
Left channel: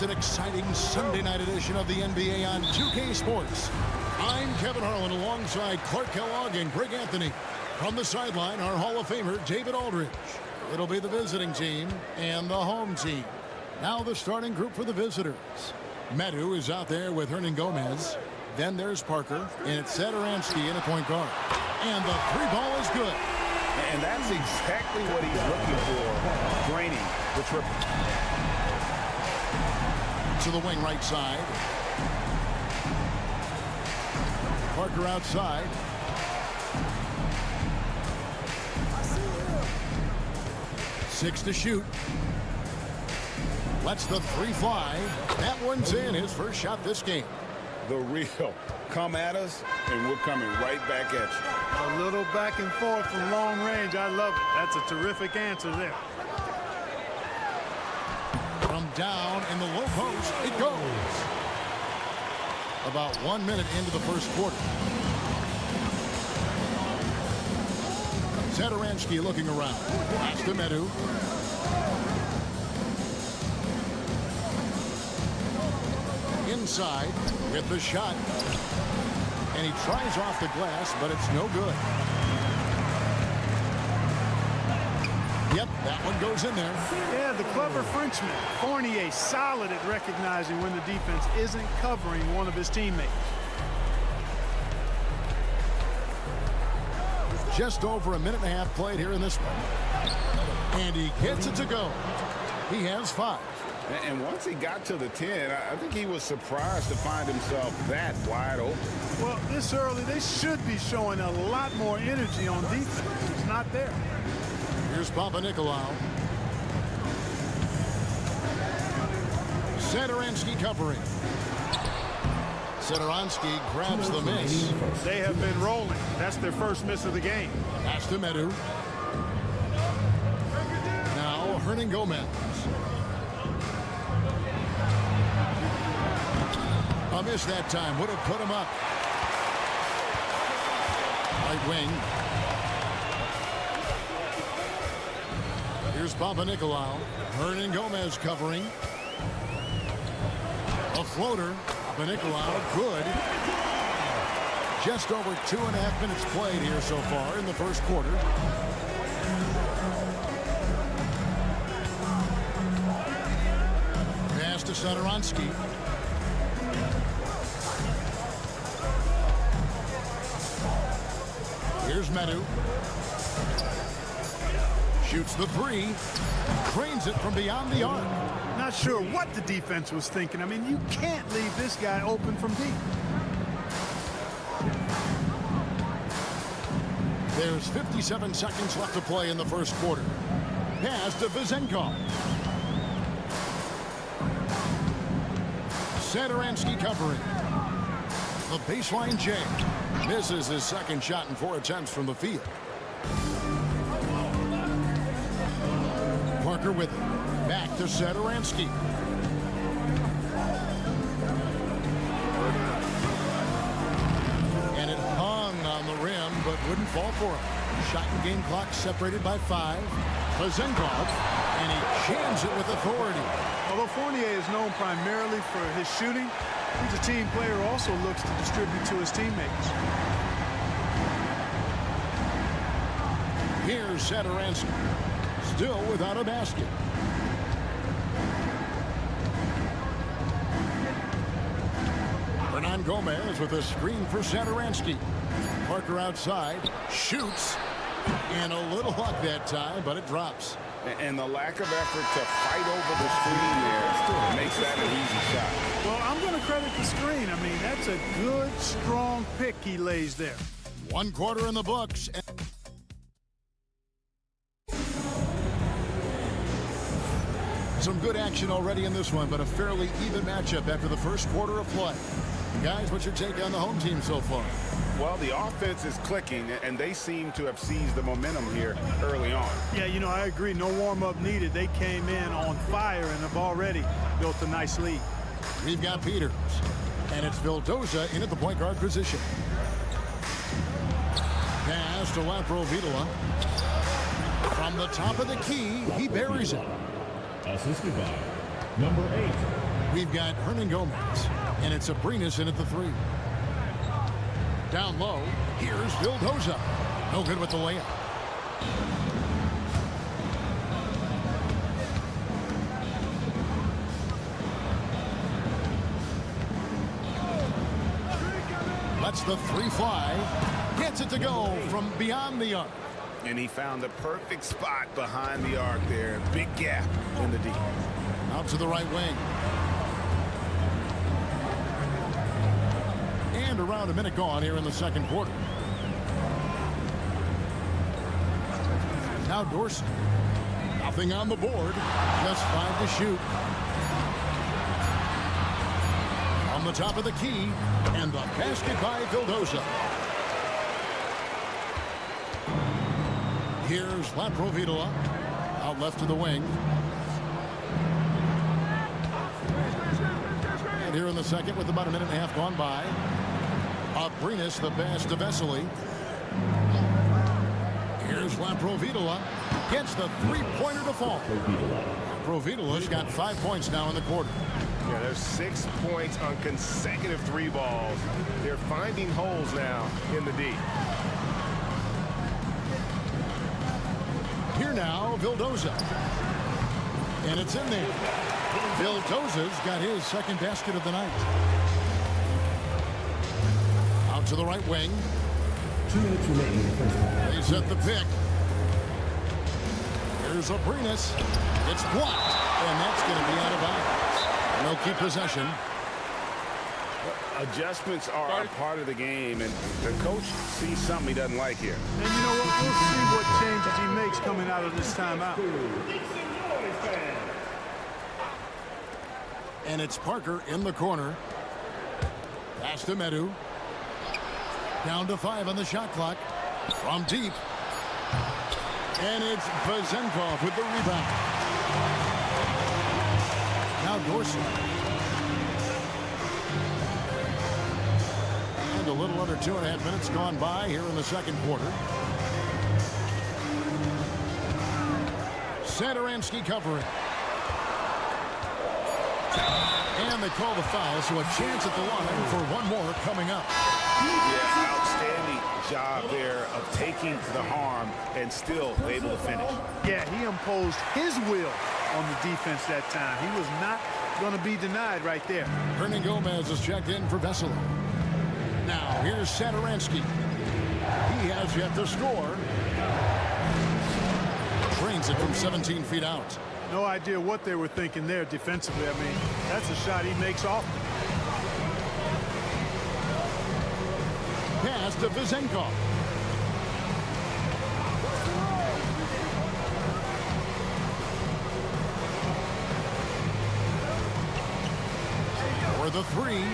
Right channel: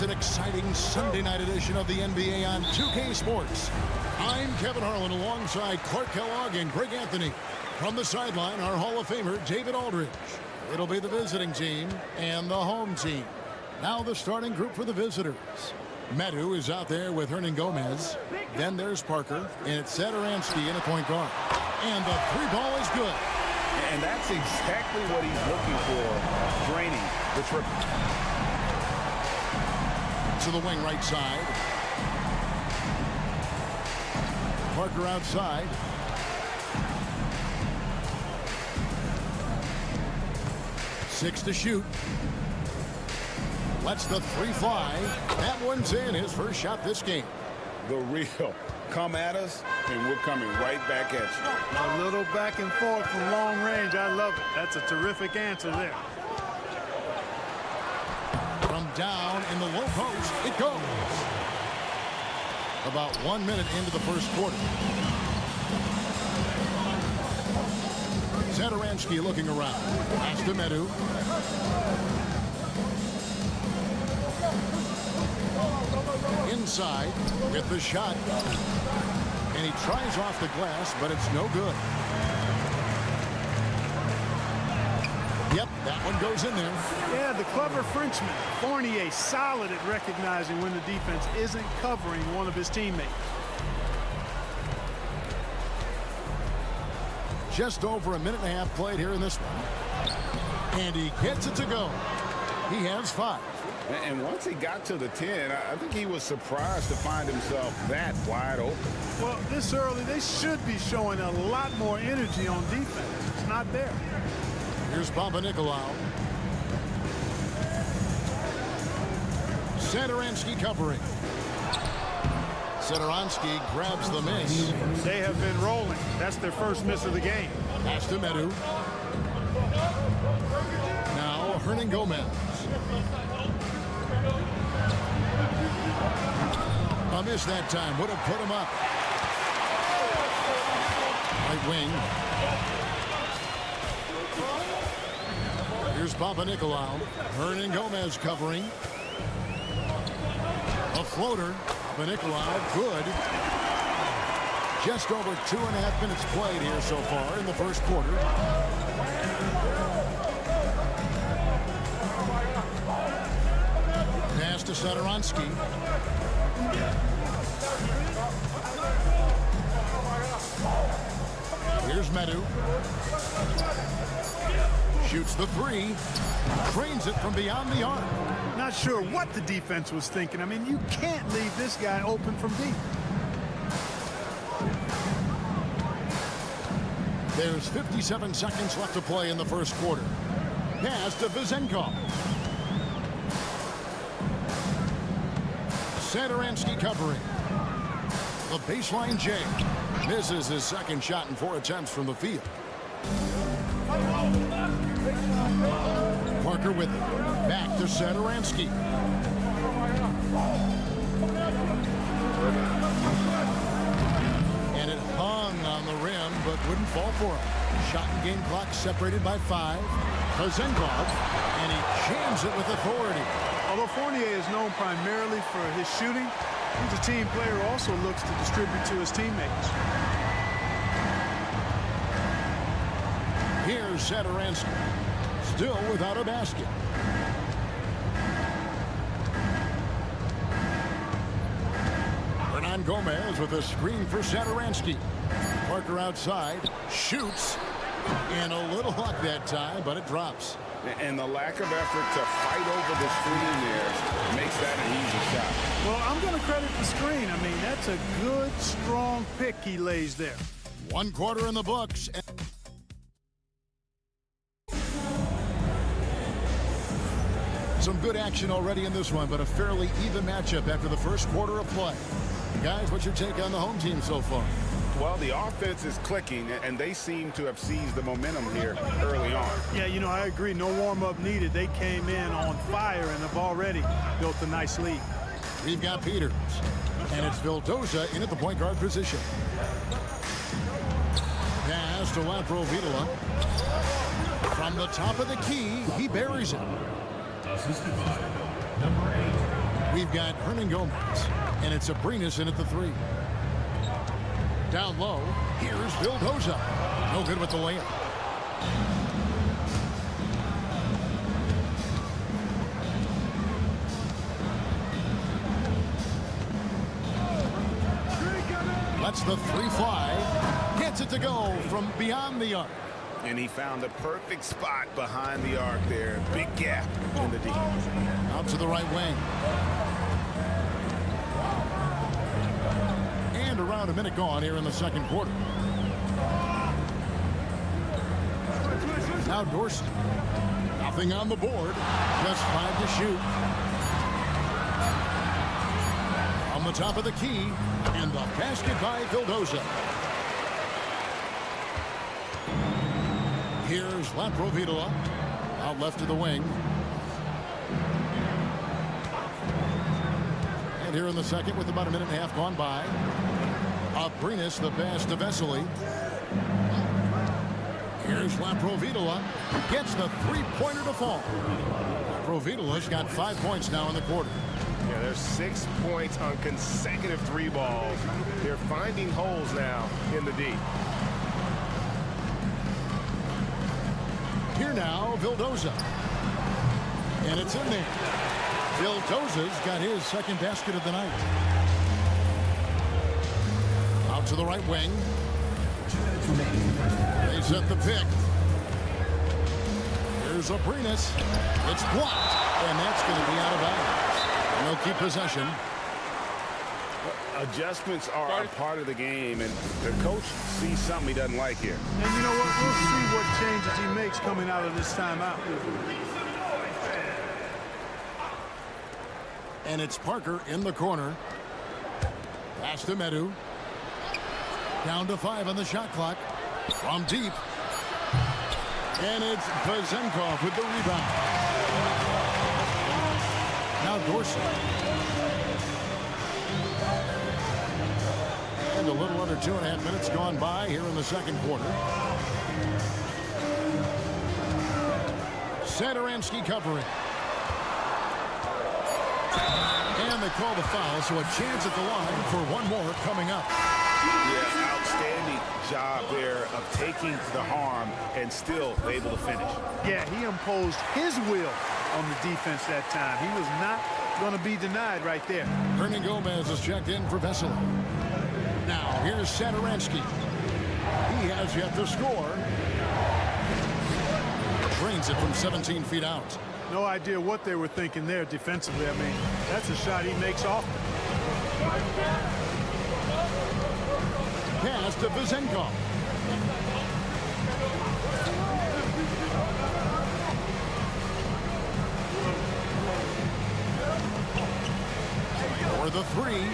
It's an exciting Sunday night edition of the NBA on 2K Sports. I'm Kevin Harlan alongside Clark Kellogg and Greg Anthony. From the sideline, our Hall of Famer, David Aldridge. It'll be the visiting team and the home team. Now the starting group for the visitors. Medu is out there with Hernan Gomez. Then there's Parker, and it's Satoransky in at point guard. And the three ball is good. And that's exactly what he's looking for, draining the triple. To the wing right side. Parker outside. Six to shoot. Lets the three fly. That one's in, his first shot this game. The real. Come at us, and we're coming right back at you. A little back and forth from long range. I love it. That's a terrific answer there. From down in the low post, it goes. About 1 minute into the first quarter. Satoransky looking around. Pass to Medu. Inside with the shot. And he tries off the glass, but it's no good. Yep, that one goes in there. Yeah, the clever Frenchman. Fournier solid at recognizing when the defense isn't covering one of his teammates. Just over a minute and a half played here in this one. And he gets it to go. He has 5. And once he got to the 10, I think he was surprised to find himself that wide open. Well, this early, they should be showing a lot more energy on defense. It's not there. Here's Papanikolaou. Satoransky covering. Satoransky grabs the miss. They have been rolling. That's their first miss of the game. Pass to Medu. Now Hernan Gomez. A miss that time. Would have put him up. Right wing. Here's Papanikolaou. Hernan Gomez covering. A floater. Papanikolaou, good. Just over 2.5 minutes played here so far in the first quarter. Pass to Satoransky. Here's Medu. Shoots the three. Trains it from beyond the arc. Not sure what the defense was thinking. I mean, you can't leave this guy open from deep. There's 57 seconds left to play in the first quarter. Pass to Vizenkov. Satoransky covering. The baseline J. Misses his second shot in 4 attempts from the field. Parker with it. Back to Satoransky. And it hung on the rim, but wouldn't fall for him. Shot and game clock separated by 5. Pazenkov, and he jams it with authority. Although Fournier is known primarily for his shooting, he's a team player who also looks to distribute to his teammates. Here's Satoransky, still without a basket. Hernan Gomez with a screen for Satoransky. Parker outside, shoots, and a little luck that time, but it drops. And the lack of effort to fight over the screen there makes that an easy shot. Well, I'm going to credit the screen. I mean, that's a good, strong pick he lays there. 1 quarter in the books. Some good action already in this one, but a fairly even matchup after the first quarter of play. Guys, what's your take on the home team so far? Well, the offense is clicking, and they seem to have seized the momentum here early on. Yeah, you know, I agree. No warm-up needed. They came in on fire and have already built a nice lead. We've got Peters, and it's Vildoza in at the point guard position. Pass to Laprovitola. From the top of the key, he buries it. Assisted by number 8. We've got Hernan Gomez, and it's Abrinas in at the 3. Down low, here's Vildoza. No good with the layup. Lets the 3 fly. Gets it to go from beyond the arc. And he found the perfect spot behind the arc there. Big gap in the D. Out to the right wing. And around a minute gone here in the second quarter. Now Dorsey. Nothing on the board. Just 5 to shoot. On the top of the key. And the basket by Vildoza. Here's Laprovitola. Out left to the wing. And here in the second with about a minute and a half gone by. Abrinas the pass to Vesely. Here's Laprovitola. Gets the 3-pointer to fall. Laprovitola's got 5 points now in the quarter. Yeah, there's 6 points on consecutive 3 balls. They're finding holes now in the D. Here now, Vildoza. And it's in there. Vildoza's got his second basket of the night. Out to the right wing. 2 minutes remaining in the first half. They set the pick. Here's Abrinas. It's blocked. And that's going to be out of bounds. And they'll keep possession. Adjustments are a part of the game, and the coach sees something he doesn't like here. And you know what? We'll see what changes he makes coming out of this timeout. And it's Parker in the corner. Pass to Medu. Down to 5 on the shot clock. From deep. And it's Pazenkov with the rebound. Now Dorsey. And a little under 2.5 minutes gone by here in the second quarter. Satoransky covering. And they call the foul, so a chance at the line for one more coming up. Yeah, outstanding job there of taking the harm and still able to finish. Yeah, he imposed his will on the defense that time. He was not going to be denied right there. Hernan Gomez is checked in for Vesely. Now, here's Satoransky. He has yet to score. Drains it from 17 feet out. No idea what they were thinking there defensively. I mean, that's a shot he makes often. Pass to Pazenkov. For the 3.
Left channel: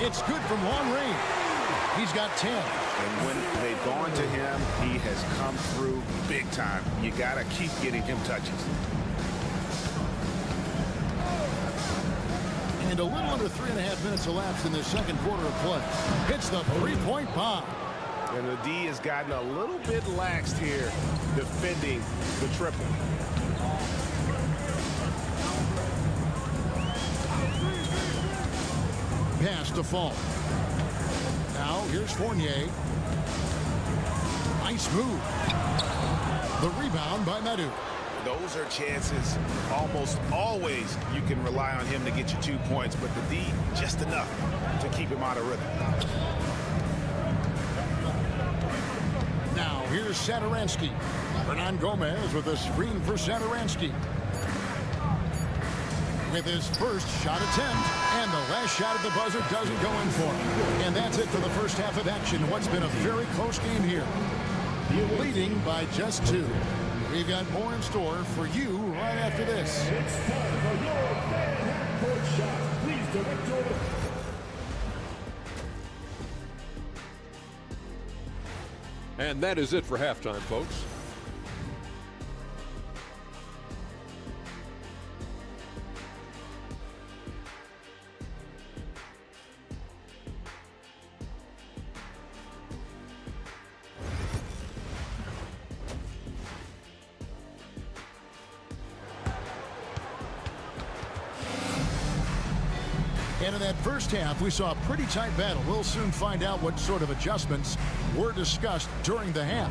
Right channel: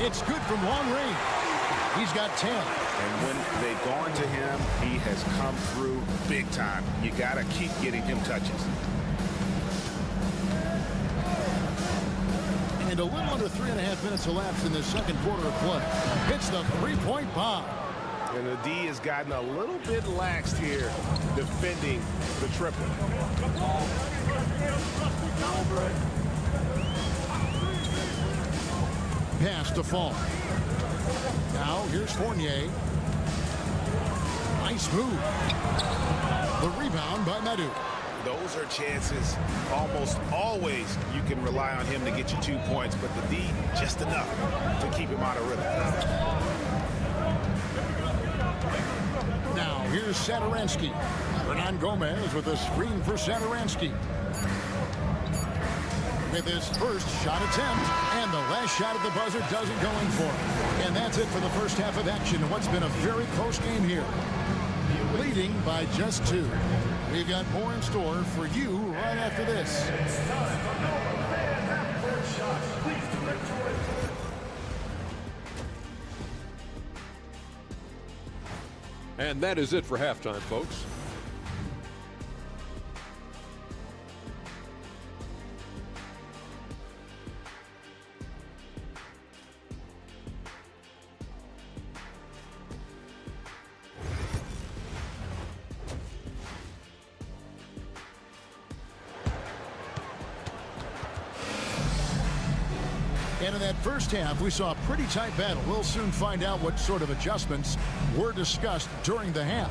It's good from long range. He's got 10. And when they've gone to him, he has come through big time. You got to keep getting him touches. And a little under 3.5 minutes elapsed in the second quarter of play. Hits the three-point bomb. And the D has gotten a little bit laxed here defending the triple. Pass to Fall. Now here's Fournier. Nice move. The rebound by Madrid. Those are chances almost always you can rely on him to get you 2 points, but the D just enough to keep him out of rhythm. Now here's Satoransky. Hernan Gomez with a screen for Satoransky. With his first shot attempt, and the last shot at the buzzer doesn't go in for him. And that's it for the first half of action. What's been a very close game here. Leading by just 2. We've got more in store for you right after this. And that is it for halftime, folks. And in that first half, we saw a pretty tight battle. We'll soon find out what sort of adjustments were discussed during the half.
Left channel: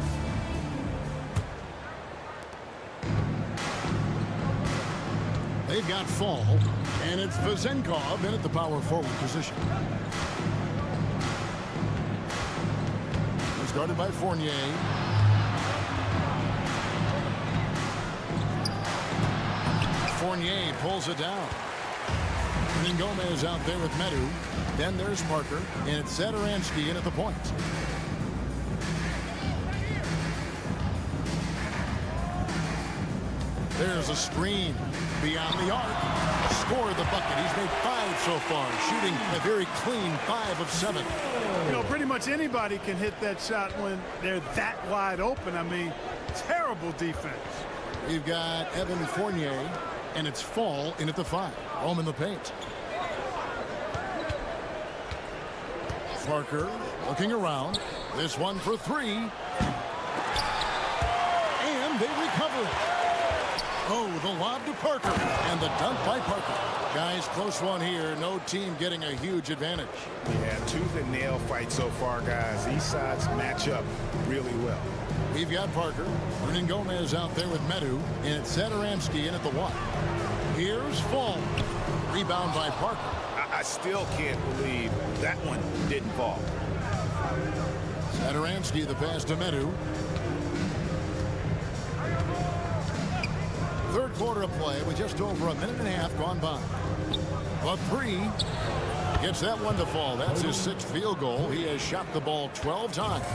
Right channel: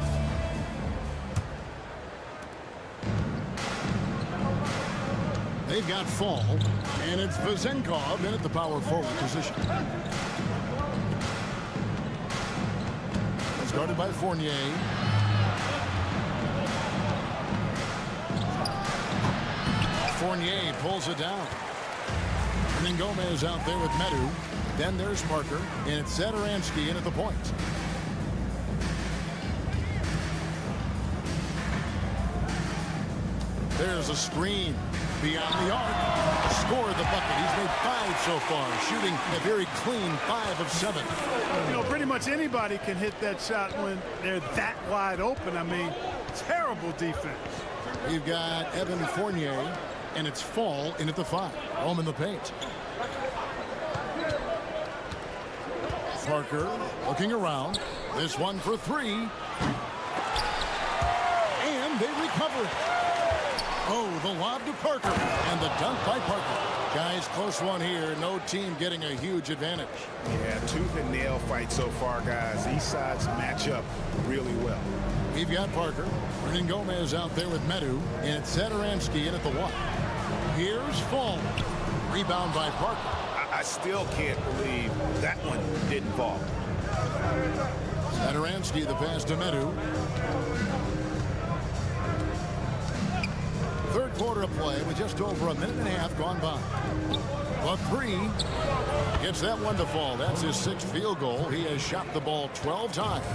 They've got Fall, and it's Vezenkov in at the power forward position. It's guarded by Fournier. Fournier pulls it down. And then Gomez out there with Medu. Then there's Parker, and it's Satoransky in at the point. There's a screen beyond the arc. Scored the bucket. He's made 5 so far, shooting a very clean 5 of 7. You know, pretty much anybody can hit that shot when they're that wide open. I mean, terrible defense. We've got Evan Fournier, and it's Fall in at the 5. Home in the paint. Parker looking around. This one for 3. And they recover it. Oh, the lob to Parker. And the dunk by Parker. Guys, close one here. No team getting a huge advantage. Yeah, tooth and nail fight so far, guys. These sides match up really well. We've got Parker. Hernan Gomez out there with Medu. And it's Satoransky in at the 1. Here's Fall. Rebound by Parker. I still can't believe that one didn't fall. Satoransky, the pass to Medu. Third quarter of play with just over a minute and a half gone by. A 3. Gets that one to fall. That's his 6th field goal. He has shot the ball 12 times.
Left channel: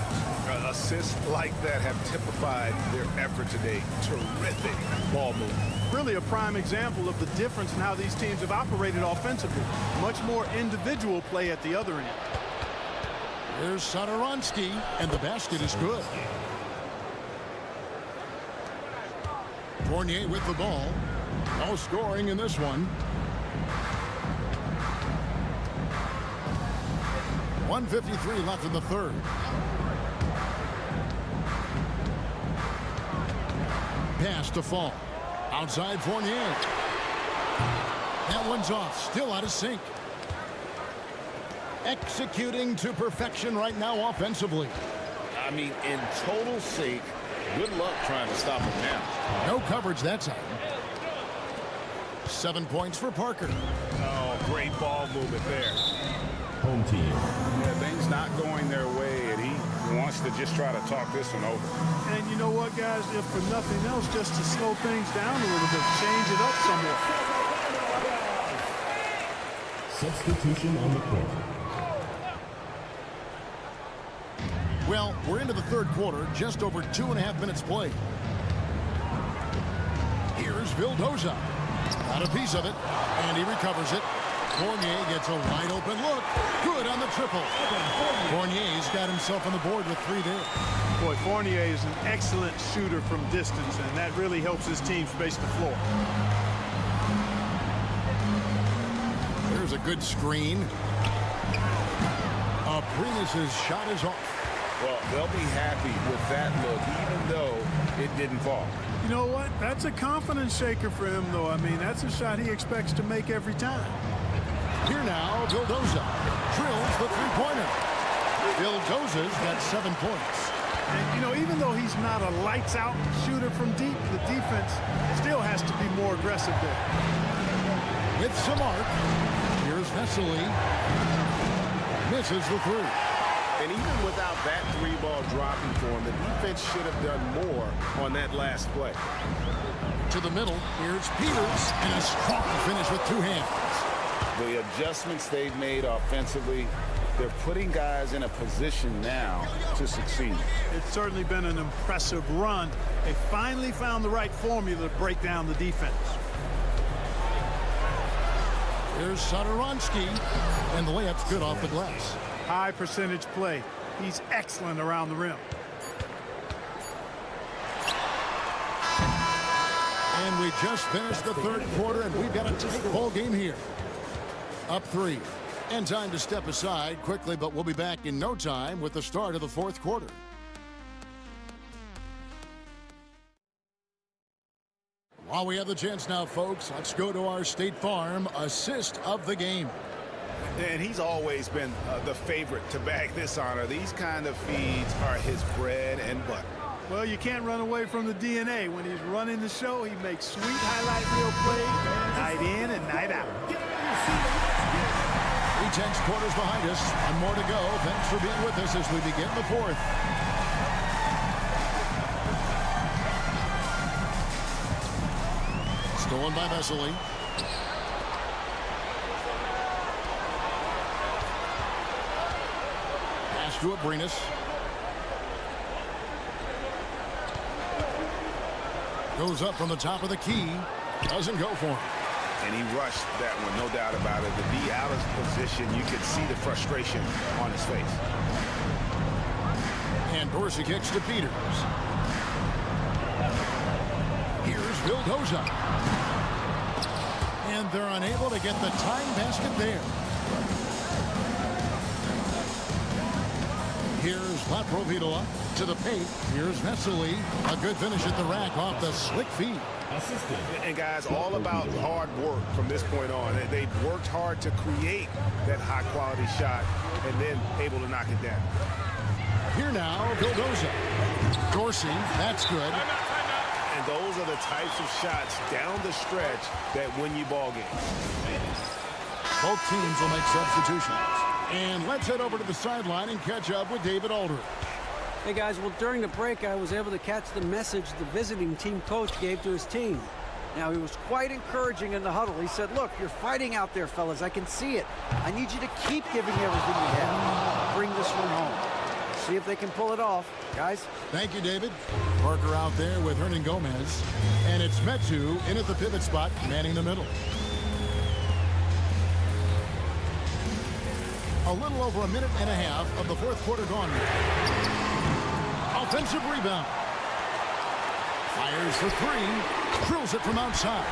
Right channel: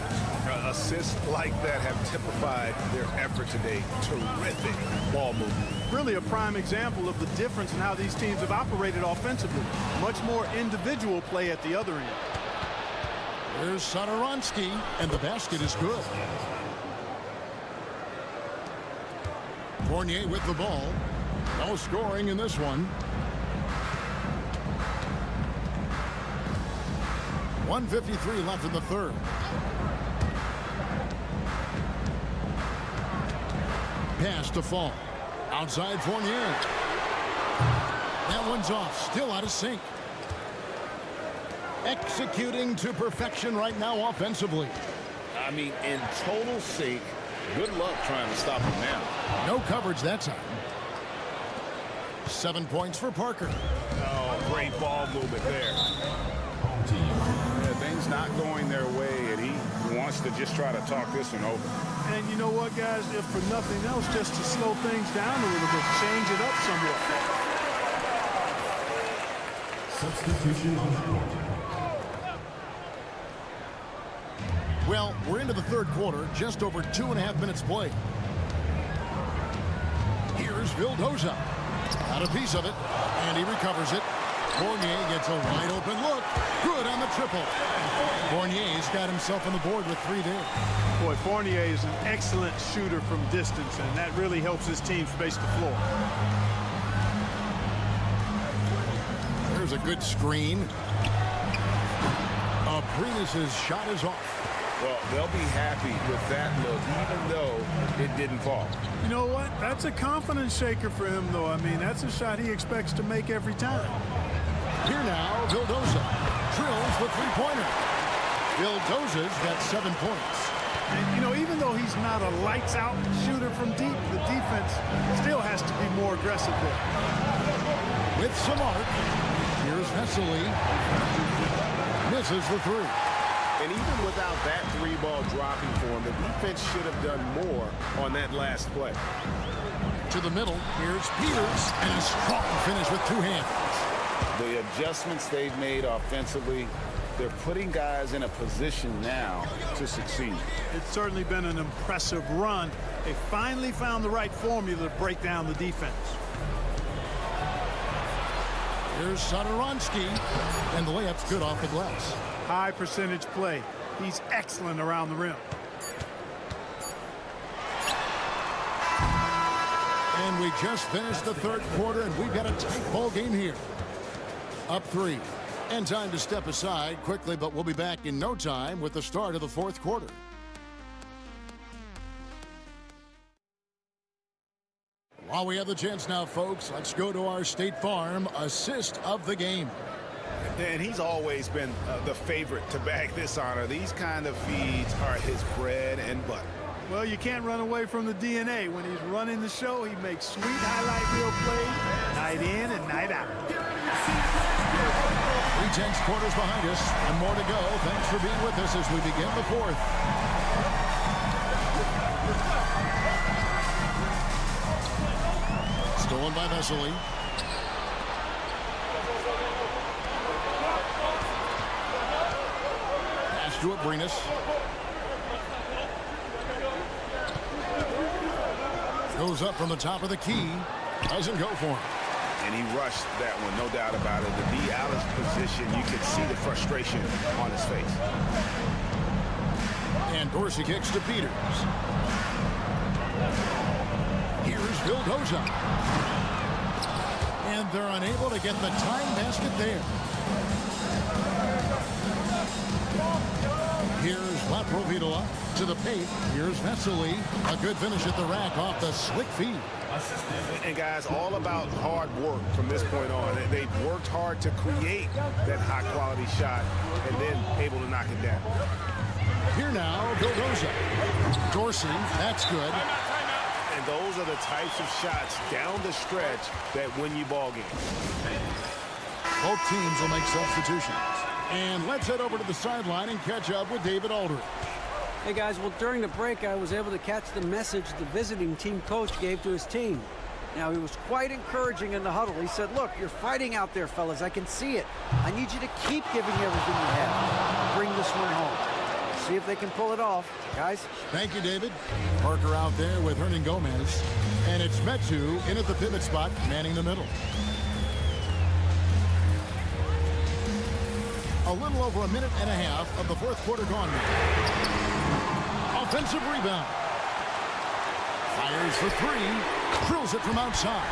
Assists like that have typified their effort today. Terrific ball movement. Really a prime example of the difference in how these teams have operated offensively. Much more individual play at the other end. Here's Satoransky, and the basket is good. Fournier with the ball. No scoring in this one. 1:53 left in the third. Pass to Fall. Outside Fournier. That one's off. Still out of sync. Executing to perfection right now offensively. I mean, in total sync. Good luck trying to stop him now. No coverage that time. 7 points for Parker. Oh, great ball movement there. Home team. Yeah, things not going their way, and he wants to just try to talk this one over. And you know what, guys? If for nothing else, just to slow things down a little bit, change it up somewhat. Substitution on the court. Well, we're into the third quarter, just over 2.5 minutes played. Here's Vildoza. Got a piece of it, and he recovers it. Fournier gets a wide open look. Good on the triple. Fournier's got himself on the board with 3 there. Boy, Fournier is an excellent shooter from distance, and that really helps his team space the floor. Here's a good screen. Abrinas' shot is off. Well, they'll be happy with that look, even though it didn't fall. You know what? That's a confidence shaker for him, though. I mean, that's a shot he expects to make every time. Here now, Vildoza drills the three-pointer. Vildoza's got 7 points. And, you know, even though he's not a lights-out shooter from deep, the defense still has to be more aggressive there. With some arc, here's Vesely. Misses the three. And even without that three ball dropping for him, the defense should have done more on that last play. To the middle, here's Peters, and a strong finish with 2 hands. The adjustments they've made offensively, they're putting guys in a position now to succeed. It's certainly been an impressive run. They finally found the right formula to break down the defense. Here's Satoransky, and the layup's good off the glass. High percentage play. He's excellent around the rim. And we just finished the third quarter, and we've got a tight ball game here. Up 3. And time to step aside quickly, but we'll be back in no time with the start of the fourth quarter. While we have the chance now, folks, let's go to our State Farm assist of the game. And he's always been the favorite to bag this honor. These kind of feeds are his bread and butter. Well, you can't run away from the DNA. When he's running the show, he makes sweet highlight reel plays night in and night out. 3/10 quarters behind us. One more to go. Thanks for being with us as we begin the fourth. Stolen by Vesely. Pass to Abrinas. Goes up from the top of the key. Doesn't go for him. And he rushed that one, no doubt about it. The D out of position, you could see the frustration on his face. And Dorsey kicks to Peters. Here's Vildoza. And they're unable to get the tying basket there. Here's Laprovidola to the paint. Here's Vesely. A good finish at the rack off the slick feed. And guys, all about hard work from this point on. They've worked hard to create that high-quality shot and then able to knock it down. Here now, Vildoza. Dorsey, that's good. And those are the types of shots down the stretch that win you ball games. Both teams will make substitutions. And let's head over to the sideline and catch up with David Aldridge. Hey guys, well during the break I was able to catch the message the visiting team coach gave to his team. Now he was quite encouraging in the huddle. He said, look, you're fighting out there, fellas. I can see it. I need you to keep giving everything you have. Bring this one home. See if they can pull it off, guys. Thank you, David. Parker out there with Hernan Gomez. And it's Metu in at the pivot spot, manning the middle. A little over a minute and a half of the fourth quarter gone now. Offensive rebound. Fires for 3. Drills it from outside.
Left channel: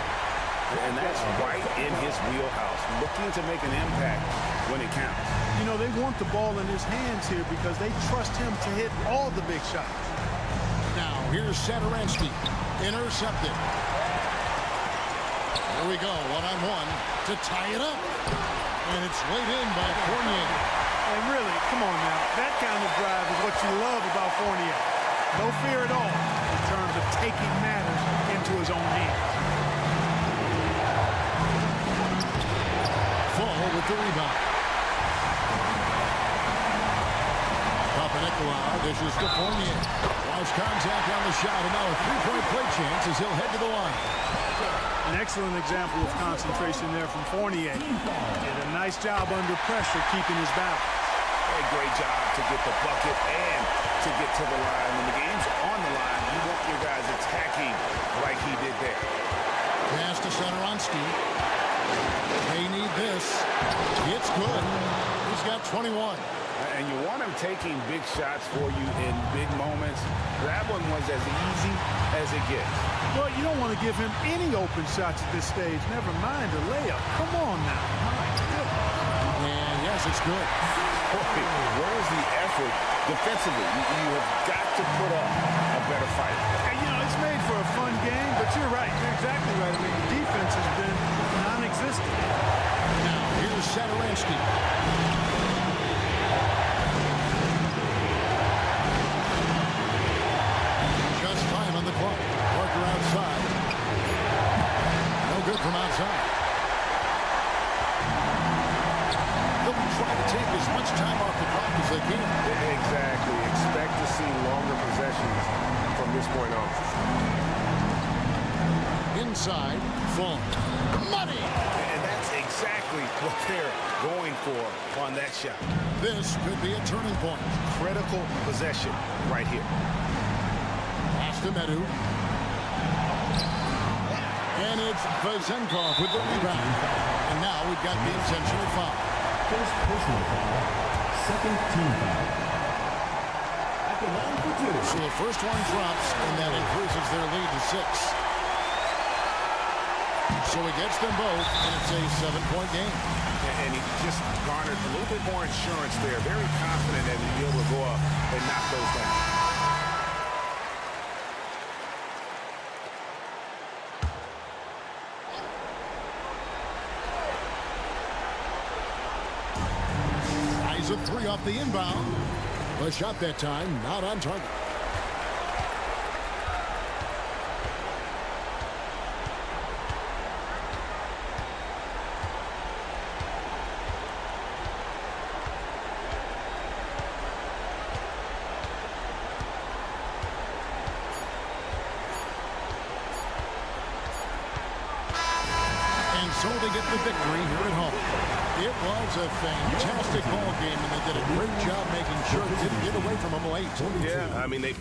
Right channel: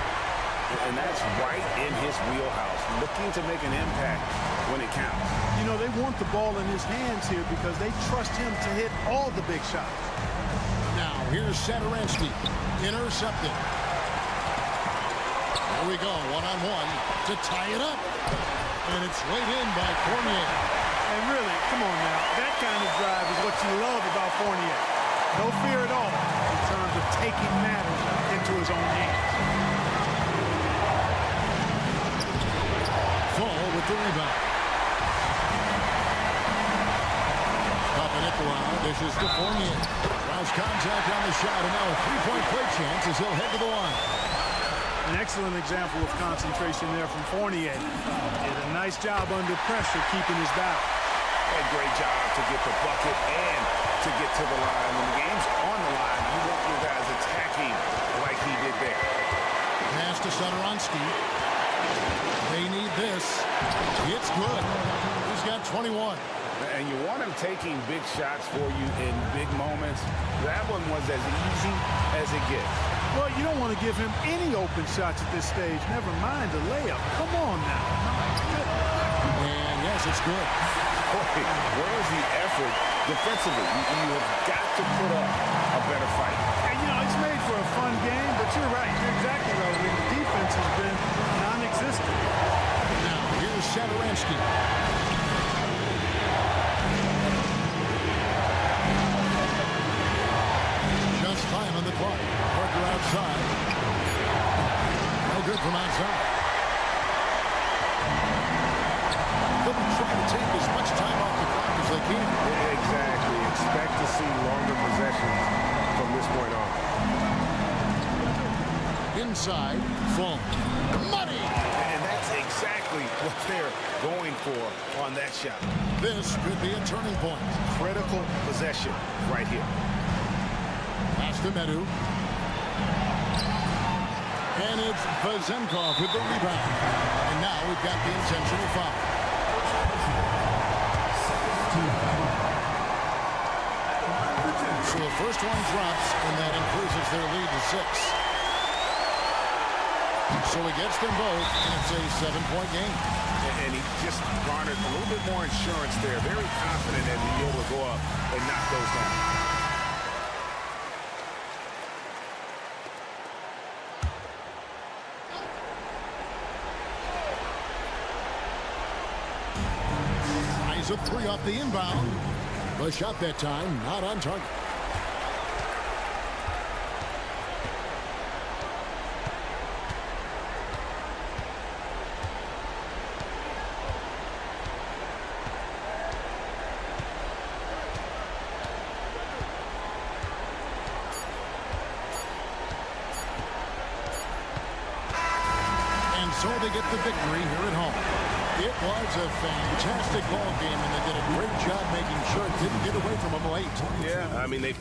And that's right in his wheelhouse. Looking to make an impact when it counts. You know, they want the ball in his hands here because they trust him to hit all the big shots. Now, here's Satoransky. Intercepted. There we go, one-on-one to tie it up. And it's laid in by Fournier. And really, come on now, that kind of drive is what you love about Fournier. No fear at all in terms of taking matters into his own hands. Fall with the rebound. Papanikolaou dishes to Fournier. Lost contact on the shot, and now a three-point play chance as he'll head to the line. An excellent example of concentration there from Fournier. Did a nice job under pressure keeping his balance. A great job to get the bucket and to get to the line. When the game's on the line, you want your guys attacking like he did there. Pass to Satoransky. They need this. It's good. He's got 21. And you want him taking big shots for you in big moments. That one was as easy as it gets. Well, you don't want to give him any open shots at this stage. Never mind a layup. Come on now. My goodness. And yes, it's good. Boy, where's the effort defensively? You have got to put up a better fight. And, you know, it's made for a fun game, but you're right. You're exactly right. I mean, the defense has been non-existent. Now, here's Satoransky. Just time on the clock. Parker outside. No good from outside. They'll be trying to take as much time off the clock as they can. Exactly. Expect to see longer possessions from this point on. Inside, full. Money! And that's exactly what they're going for on that shot. This could be a turning point. Critical possession right here. Pass to Medu. And it's Vezenkov with the rebound. And now we've got the intentional foul. First personal foul. Second team foul. At the line for two. So the first one drops, and that increases their lead to 6. So he gets them both, and it's a 7-point game. And he just garnered a little bit more insurance there. Very confident that he'll be able to go up and knock those down. A 3 off the inbound. The shot that time, not on target. And so they get the victory here at home. It was a fantastic ball game, and they did a great job making sure it didn't get away from them late. Yeah, I mean, they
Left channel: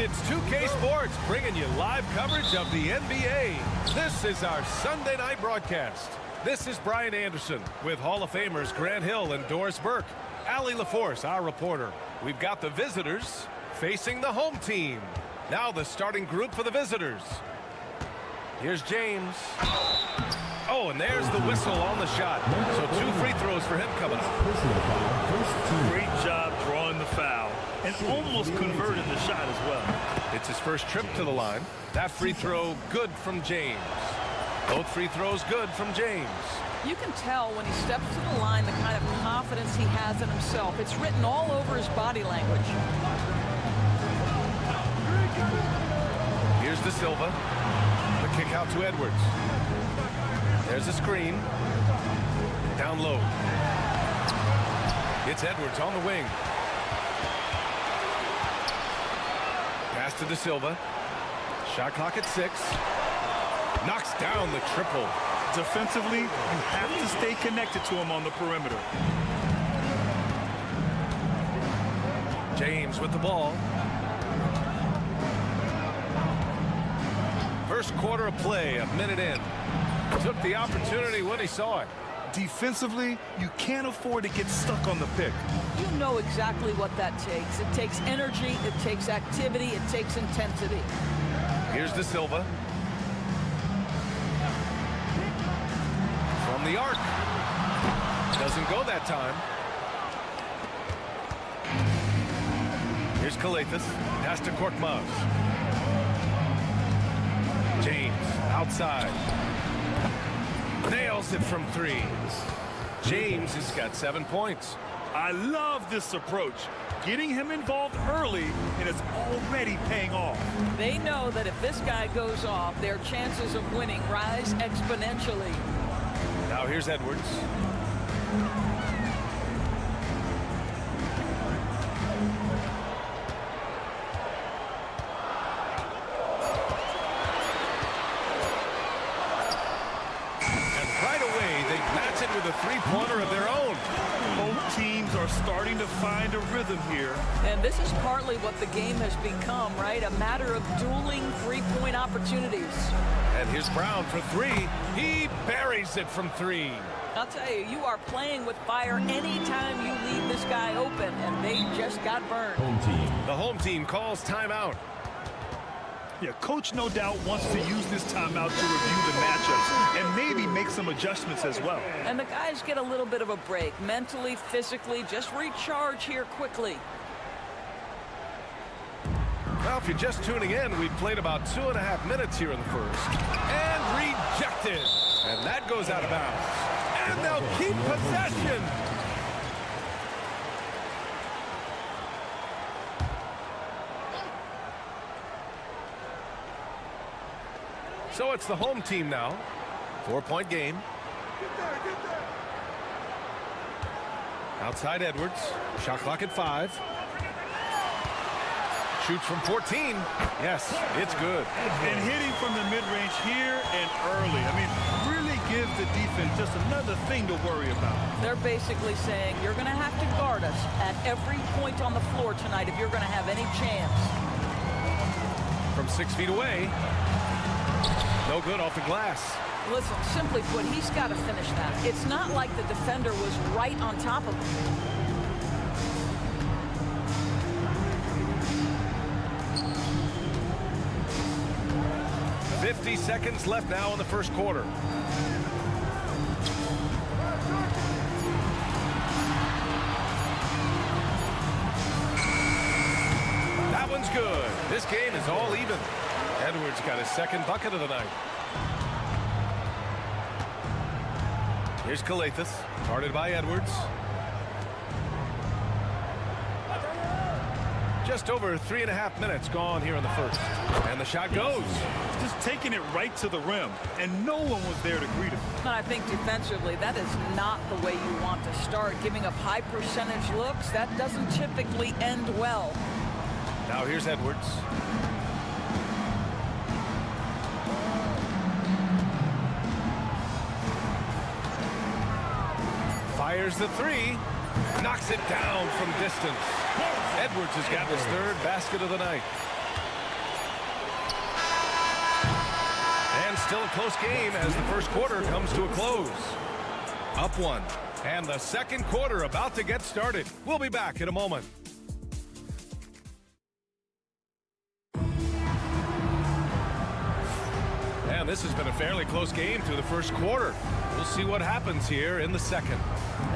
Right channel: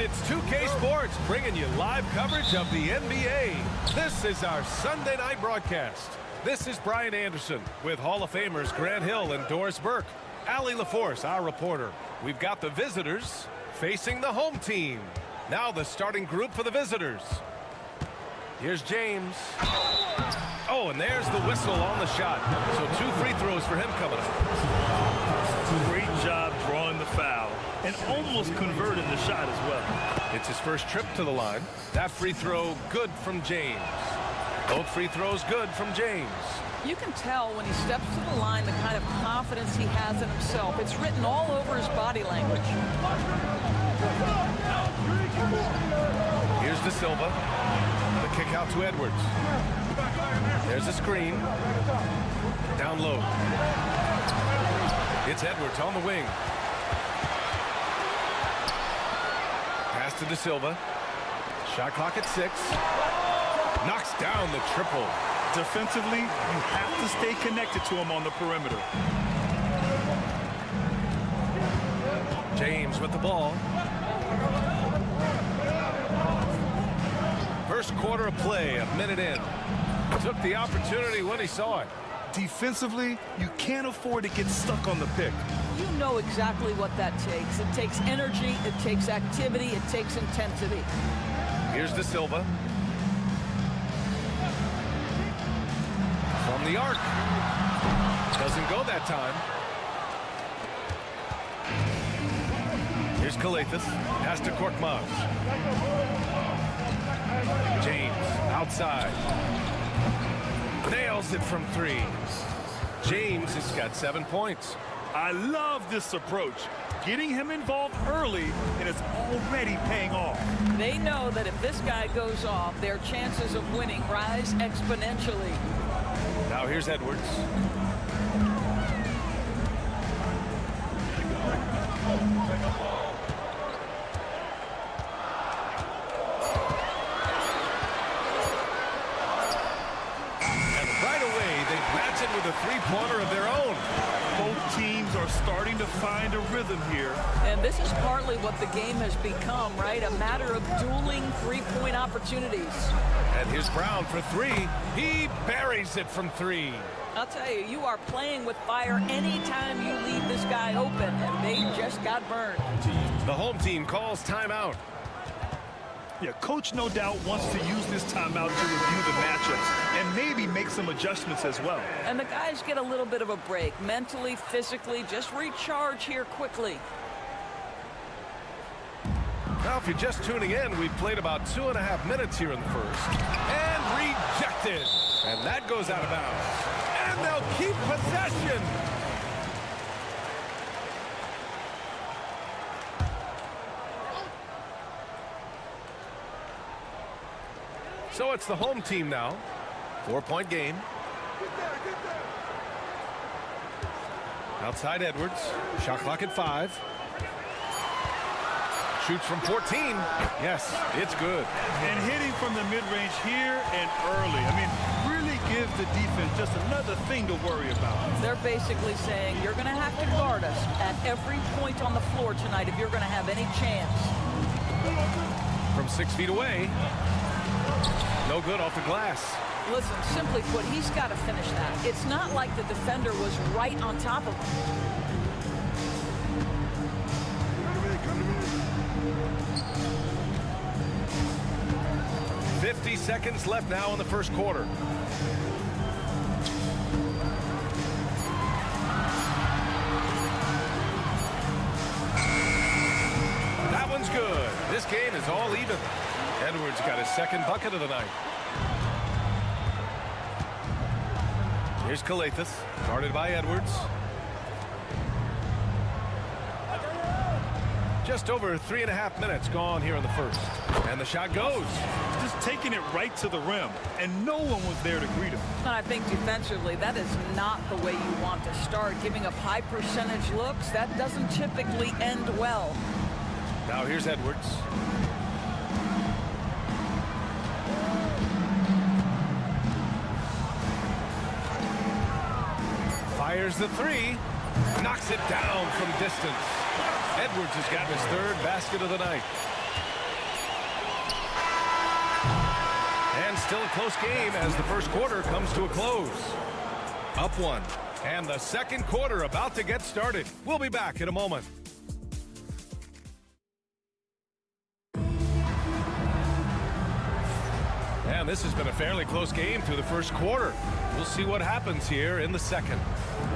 It's 2K Sports bringing you live coverage of the NBA. This is our Sunday night broadcast. This is Brian Anderson with Hall of Famers Grant Hill and Doris Burke. Allie LaForce, our reporter. We've got the visitors facing the home team. Now the starting group for the visitors. Here's James. Oh, and there's the whistle on the shot. So 2 free throws for him coming up. Great job drawing the foul and almost converting the shot as well. It's his first trip to the line. That free throw good from James. Both free throws good from James. You can tell when he steps to the line the kind of confidence he has in himself. It's written all over his body language. Here's De Silva. The kick out to Edwards. There's a screen. Down low. It's Edwards on the wing. Pass to De Silva. Shot clock at 6. Knocks down the triple. Defensively, you have to stay connected to him on the perimeter. James with the ball. First quarter of play, a minute in. Took the opportunity when he saw it. Defensively, you can't afford to get stuck on the pick. You know exactly what that takes. It takes energy, it takes activity, it takes intensity. Here's De Silva. From the arc. Doesn't go that time. Here's Kalathis. Pass to Korkmaz. James outside. Nails it from 3. James has got 7 points. I love this approach. Getting him involved early, and it's already paying off. They know that if this guy goes off, their chances of winning rise exponentially. Now here's Edwards. Match it with a three-pointer of their own. Both teams are starting to find a rhythm here. And this is partly what the game has become, right? A matter of dueling three-point opportunities. And here's Brown for 3. He buries it from 3. I'll tell you, you are playing with fire anytime you leave this guy open, and they just got burned. The home team calls timeout. Yeah, coach no doubt wants to use this timeout to review the matchups and maybe make some adjustments as well. And the guys get a little bit of a break, mentally, physically, just recharge here quickly. Now, if you're just tuning in, we've played about 2.5 minutes here in the first. And rejected. And that goes out of bounds. And they'll keep possession. So it's the home team now. 4-point game. Outside Edwards. Shot clock at 5. Shoots from 14. Yes, it's good. And hitting from the mid-range here and early. I mean, really give the defense just another thing to worry about. They're basically saying you're going to have to guard us at every point on the floor tonight if you're going to have any chance. From 6 feet away. No good off the glass. Listen, simply put, he's got to finish that. It's not like the defender was right on top of him. .50 seconds left now in the first quarter. That That one's good. This game is all even. Edwards got his second bucket of the night. Here's Calathis, guarded by Edwards. Just over 3.5 minutes gone here in the first. And the shot goes. Just taking it right to the rim, and no one was there to greet him. And I think defensively, that is not the way you want to start. Giving up high percentage looks, that doesn't typically end well. Now here's Edwards. Fires the three. Knocks it down from distance. Edwards has gotten his third basket of the night. And still a close game as the first quarter comes to a close. Up one. And the second quarter about to get started. We'll be back in a moment. And this has been a fairly close game through the first quarter. We'll see what happens here in the second.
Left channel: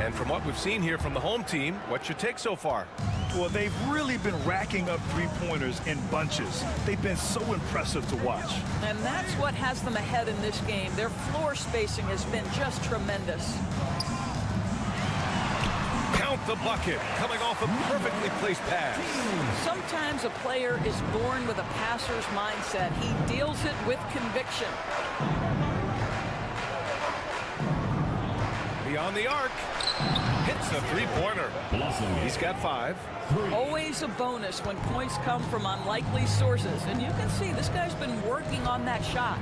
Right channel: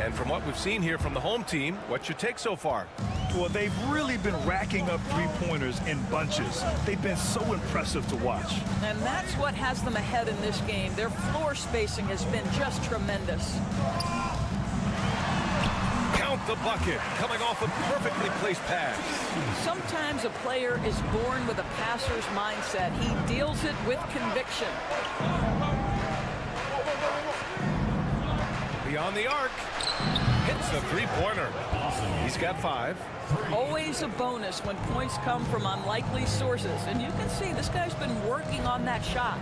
And from what we've seen here from the home team, what's your take so far? Well, they've really been racking up three-pointers in bunches. They've been so impressive to watch. And that's what has them ahead in this game. Their floor spacing has been just tremendous. Count the bucket, coming off a perfectly placed pass. Sometimes a player is born with a passer's mindset. He deals it with conviction. Beyond the arc, hits the three-pointer. He's got 5. Always a bonus when points come from unlikely sources. And you can see this guy's been working on that shot.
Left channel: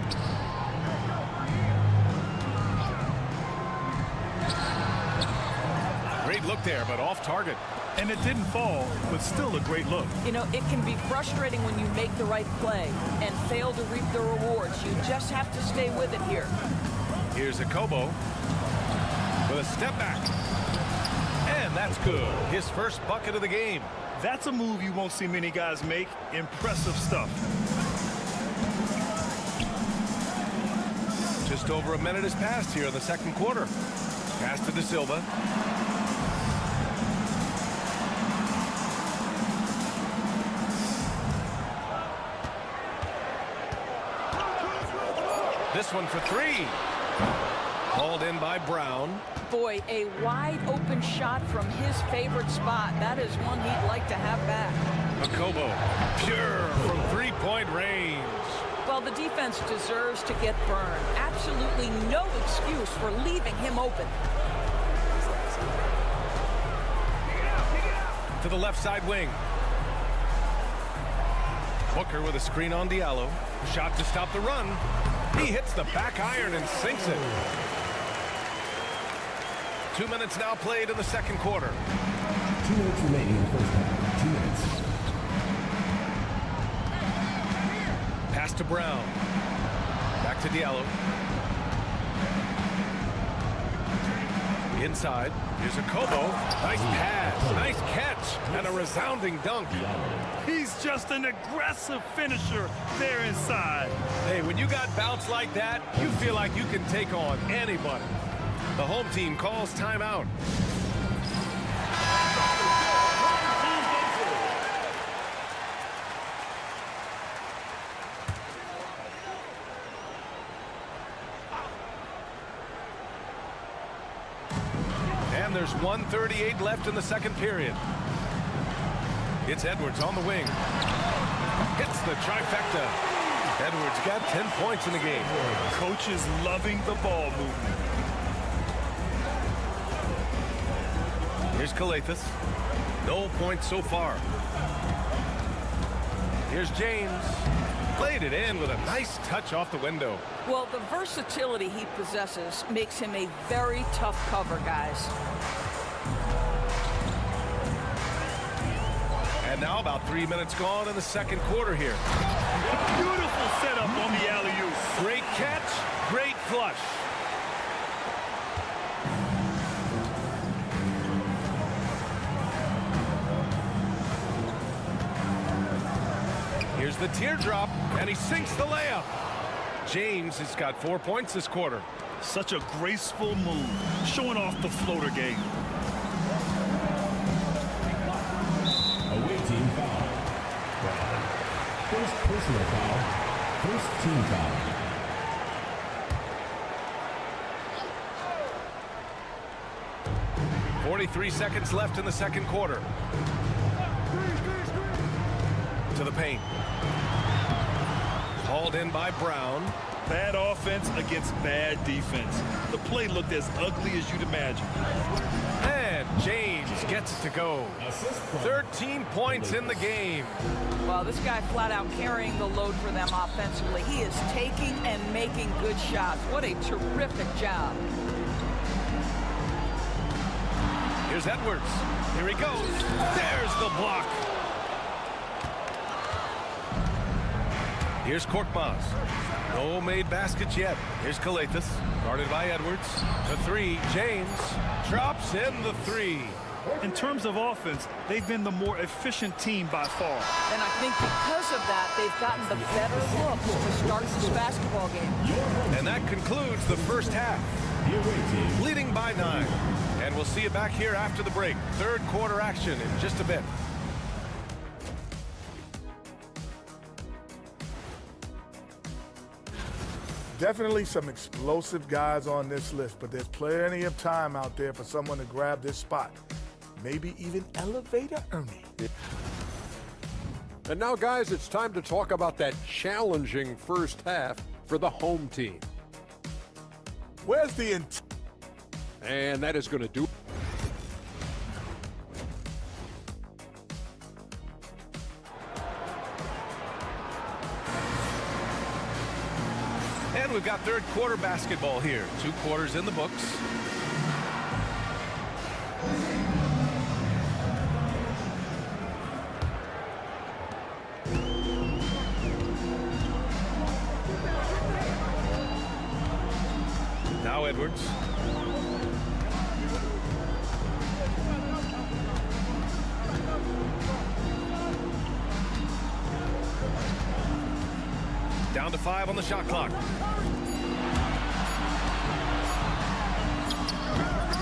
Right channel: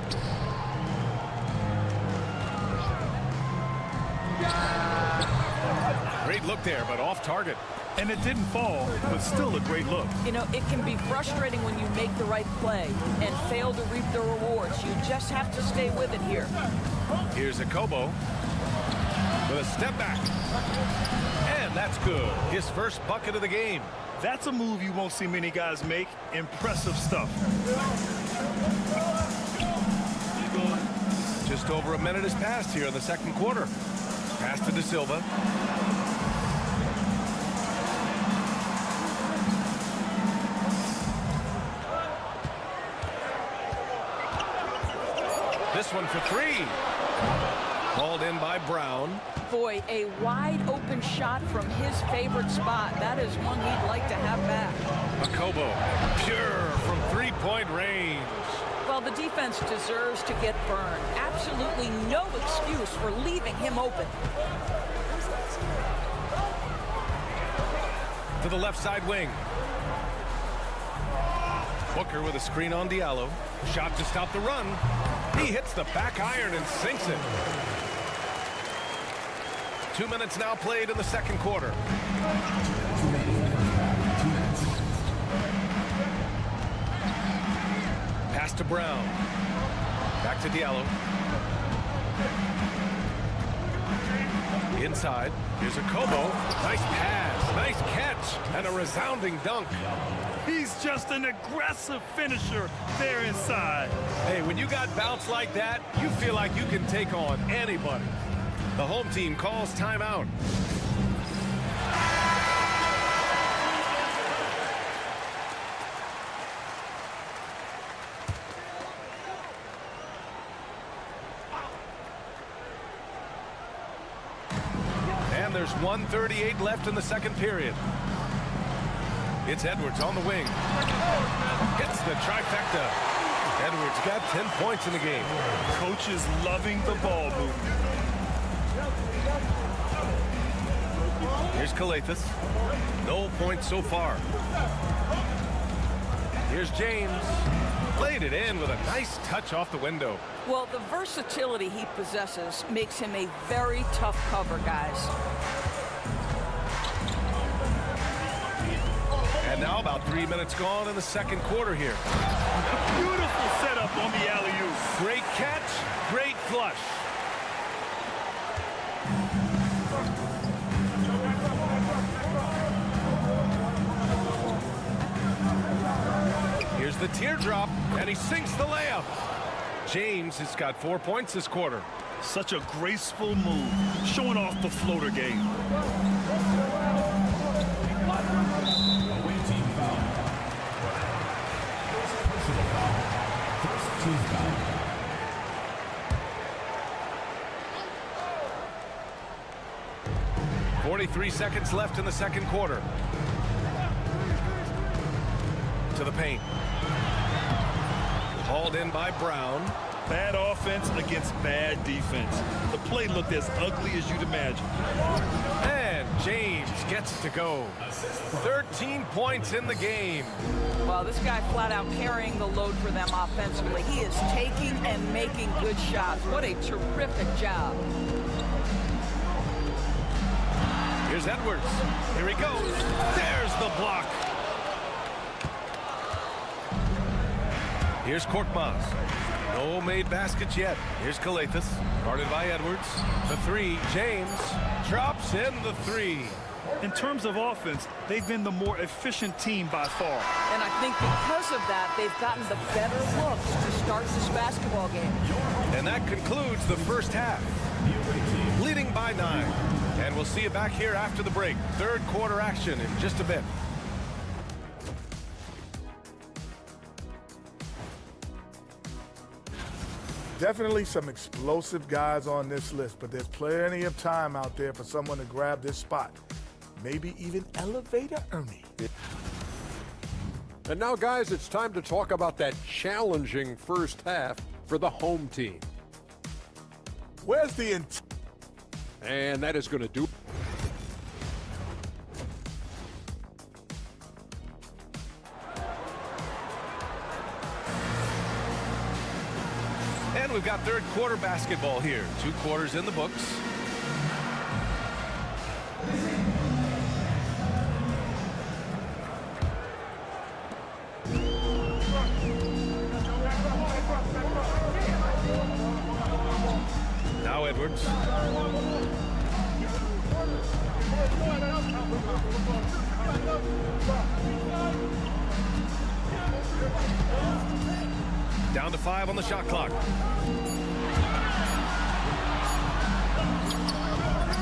Great look there, but off target. And it didn't fall, but still a great look. You know, it can be frustrating when you make the right play and fail to reap the rewards. You just have to stay with it here. Here's Akobo with a step back. And that's good. His first bucket of the game. That's a move you won't see many guys make. Impressive stuff. Just over a minute has passed here in the second quarter. Pass to De Silva. This one for 3. Hauled in by Brown. Boy, a wide open shot from his favorite spot. That is one he'd like to have back. Akobo, pure from three-point range. Well, the defense deserves to get burned. Absolutely no excuse for leaving him open. To the left side wing. Booker with a screen on Diallo. Shot to stop the run. He hits the back iron and sinks it. 2 minutes now played in the second quarter. 2 minutes remaining in the first half. 2 minutes. Pass to Brown. Back to Diallo. Inside. Here's Akobo. Nice pass. Nice catch. And a resounding dunk. He's just an aggressive finisher there inside. Hey, when you got bounce like that, you feel like you can take on anybody. The home team calls timeout. And there's 1:38 left in the second period. It's Edwards on the wing. Hits the trifecta. Edwards got 10 points in the game. Coach is loving the ball movement. Here's Calathis. No points so far. Here's James. Played it in with a nice touch off the window. Well, the versatility he possesses makes him a very tough cover, guys. And now about 3 minutes gone in the second quarter here. Beautiful setup on the alley-oop. Great catch, great flush. Here's the teardrop, and he sinks the layup. James has got 4 points this quarter. Such a graceful move, showing off the floater game. Away team foul. Personal foul. First team foul. .43 seconds left in the second quarter. To the paint. Hauled in by Brown. Bad offense against bad defense. The play looked as ugly as you'd imagine. And James gets it to go. 13 points in the game. Well, this guy flat out carrying the load for them offensively. He is taking and making good shots. What a terrific job. Here's Edwards. Here he goes. There's the block. Here's Korkmaz. No made baskets yet. Here's Calathes. Guarded by Edwards. The three. James drops in the three. In terms of offense, they've been the more efficient team by far. And I think because of that, they've gotten the better looks to start this basketball game. And that concludes the first half. Leading by 9. And we'll see you back here after the break. Third quarter action in just a bit. Definitely some explosive guys on this list, but there's plenty of time out there for someone to grab this spot. Maybe even Elevator Ernie. And now, guys, it's time to talk about that challenging first half for the home team. Where's the intent? And that is going to do. And we've got third quarter basketball here. 2 quarters in the books. Now Edwards. Down to 5 on the shot clock.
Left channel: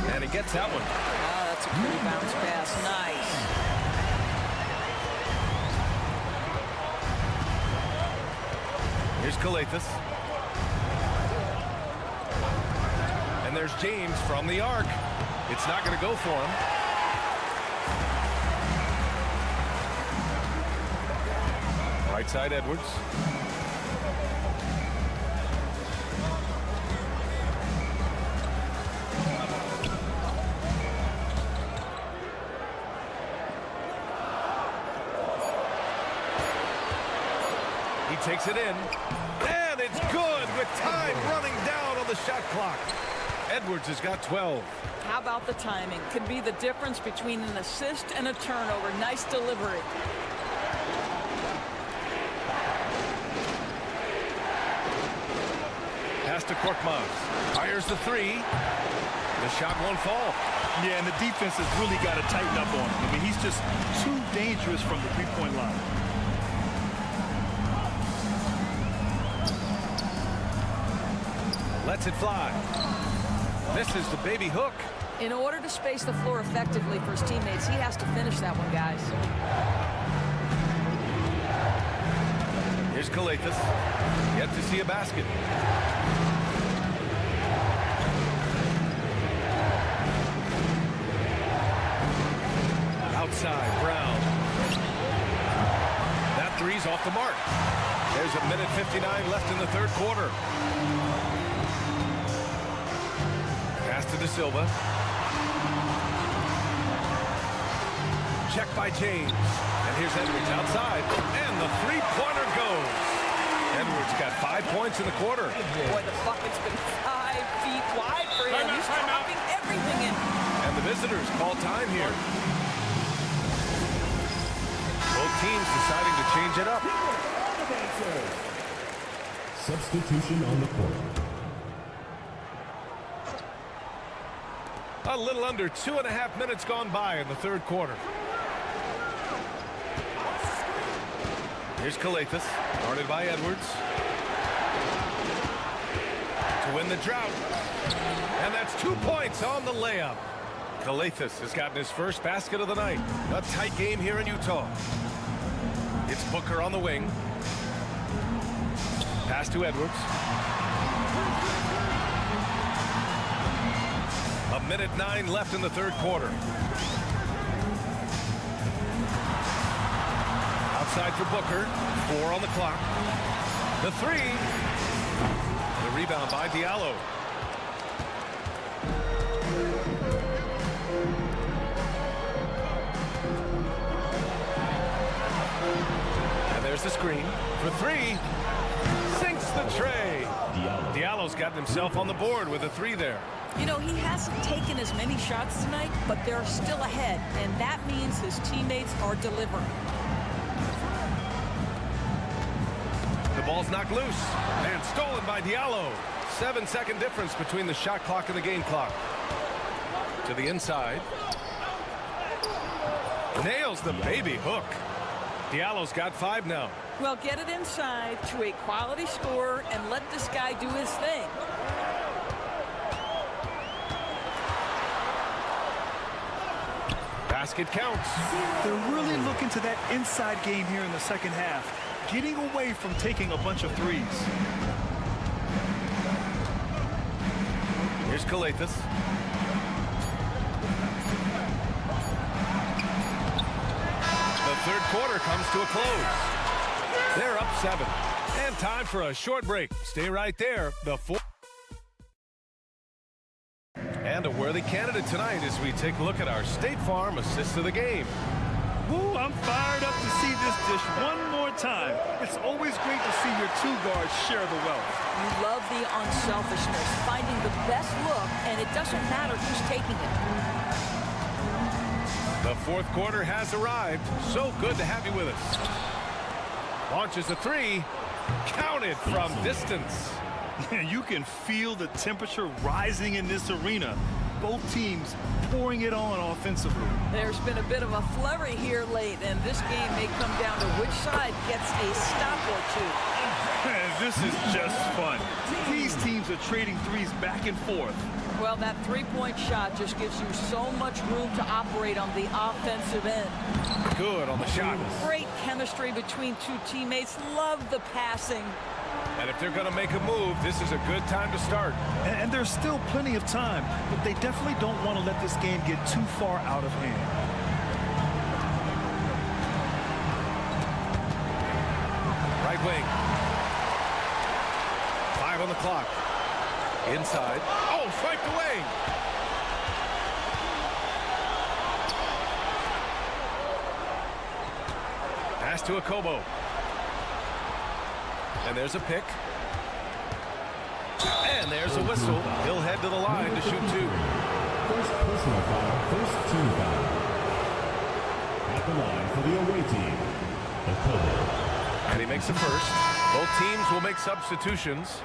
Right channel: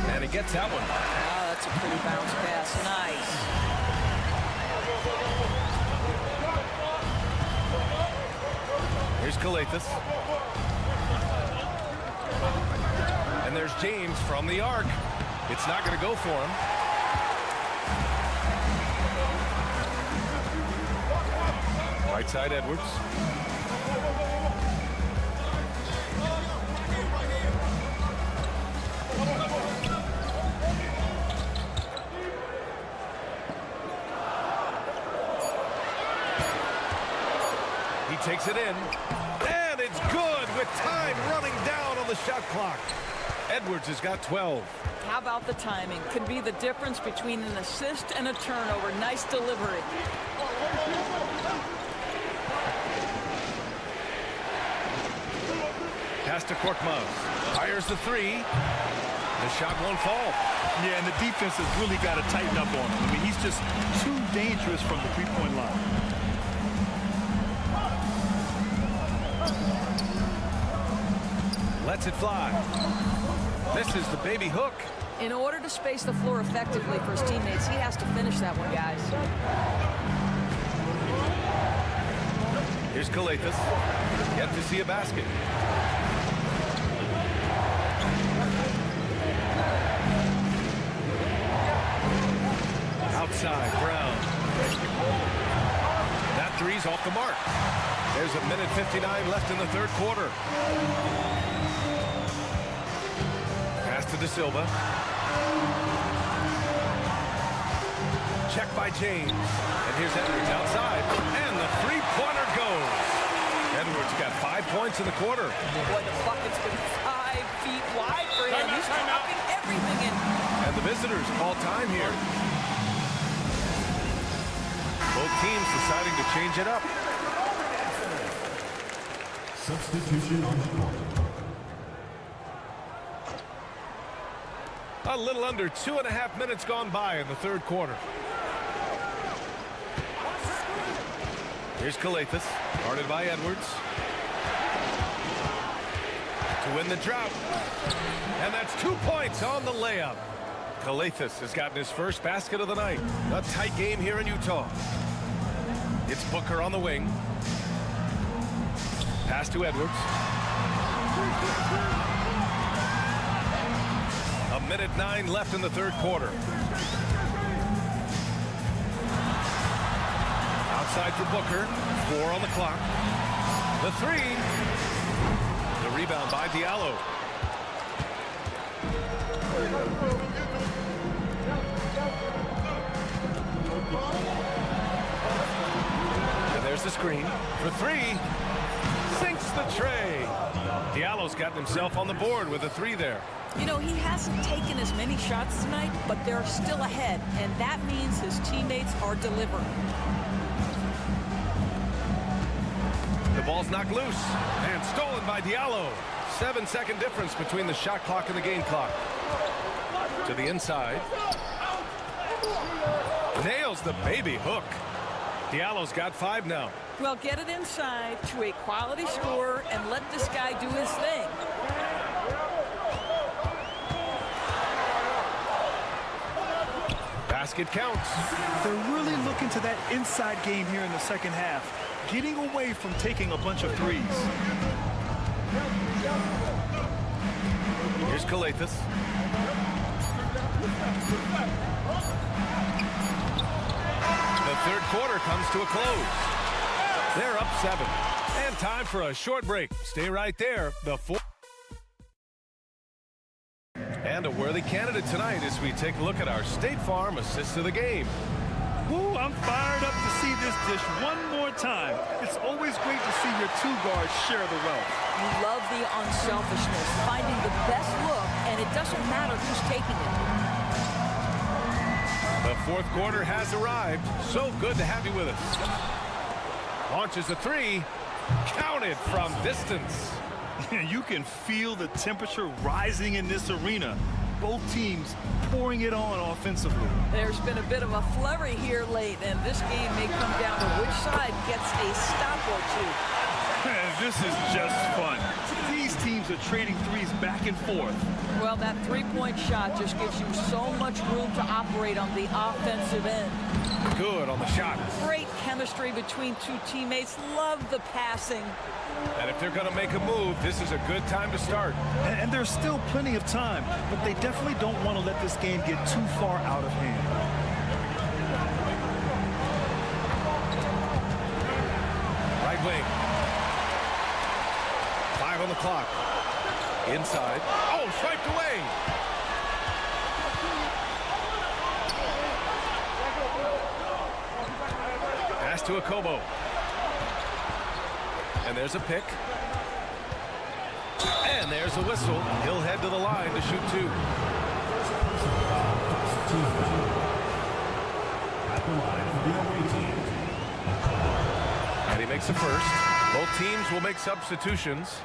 And he gets that one. Oh, that's a pretty bounce pass. Nice. Here's Calathes. And there's James from the arc. It's not going to go for him. Right side, Edwards. He takes it in. And it's good with time running down on the shot clock. Edwards has got 12. How about the timing? Could be the difference between an assist and a turnover. Nice delivery. Pass to Korkmaz. Fires the three. The shot won't fall. Yeah, and the defense has really got to tighten up on him. I mean, he's just too dangerous from the three-point line. Lets it fly. Misses the baby hook. In order to space the floor effectively for his teammates, he has to finish that one, guys. Here's Calathes. Yet to see a basket. Outside, Brown. That three's off the mark. There's a minute 59 left in the third quarter. Pass to De Silva. Check by James. And here's Edwards outside. And the three-pointer goes. Edwards got 5 points in the quarter. Boy, the bucket's been 5 feet wide for him. He's dropping everything in. And the visitors call time here. Both teams deciding to change it up. Substitution on the court. A little under 2.5 minutes gone by in the third quarter. Here's Calathes, guarded by Edwards. To win the drought. And that's 2 points on the layup. Calathes has gotten his first basket of the night. A tight game here in Utah. It's Booker on the wing. Pass to Edwards. A minute 9 left in the third quarter. Outside for Booker. 4 on the clock. The three. The rebound by Diallo. And there's the screen for three. Sinks the tray. Diallo's gotten himself on the board with a three there. You know, he hasn't taken as many shots tonight, but they're still ahead, and that means his teammates are delivering. The ball's knocked loose and stolen by Diallo. 7-second difference between the shot clock and the game clock. To the inside. Nails the baby hook. Diallo's got 5 now. Well, get it inside to a quality scorer and let this guy do his thing. Basket counts. They're really looking to that inside game here in the second half, getting away from taking a bunch of threes. Here's Calathis. The third quarter comes to a close. They're up 7. And time for a short break. Stay right there. The fourth. And a worthy candidate tonight as we take a look at our State Farm assist of the game. Woo, I'm fired up to see this dish one more time. It's always great to see your two guards share the wealth. You love the unselfishness, finding the best look, and it doesn't matter who's taking it. The fourth quarter has arrived. So good to have you with us. Launches a three. Counted from distance. You can feel the temperature rising in this arena. Both teams pouring it on offensively. There's been a bit of a flurry here late, and this game may come down to which side gets a stop or two. This is just fun. These teams are trading threes back and forth. Well, that three-point shot just gives you so much room to operate on the offensive end. Good on the shot. Great chemistry between two teammates. Love the passing. And if they're going to make a move, this is a good time to start. And there's still plenty of time, but they definitely don't want to let this game get too far out of hand. Right wing. 5 on the clock. Inside. Oh, swiped away. Pass to Akobo. And there's a pick. And there's a whistle. He'll head to the line to shoot 2. First personal foul, first team foul. At the line for the away team. And he makes the first. Both teams will make substitutions.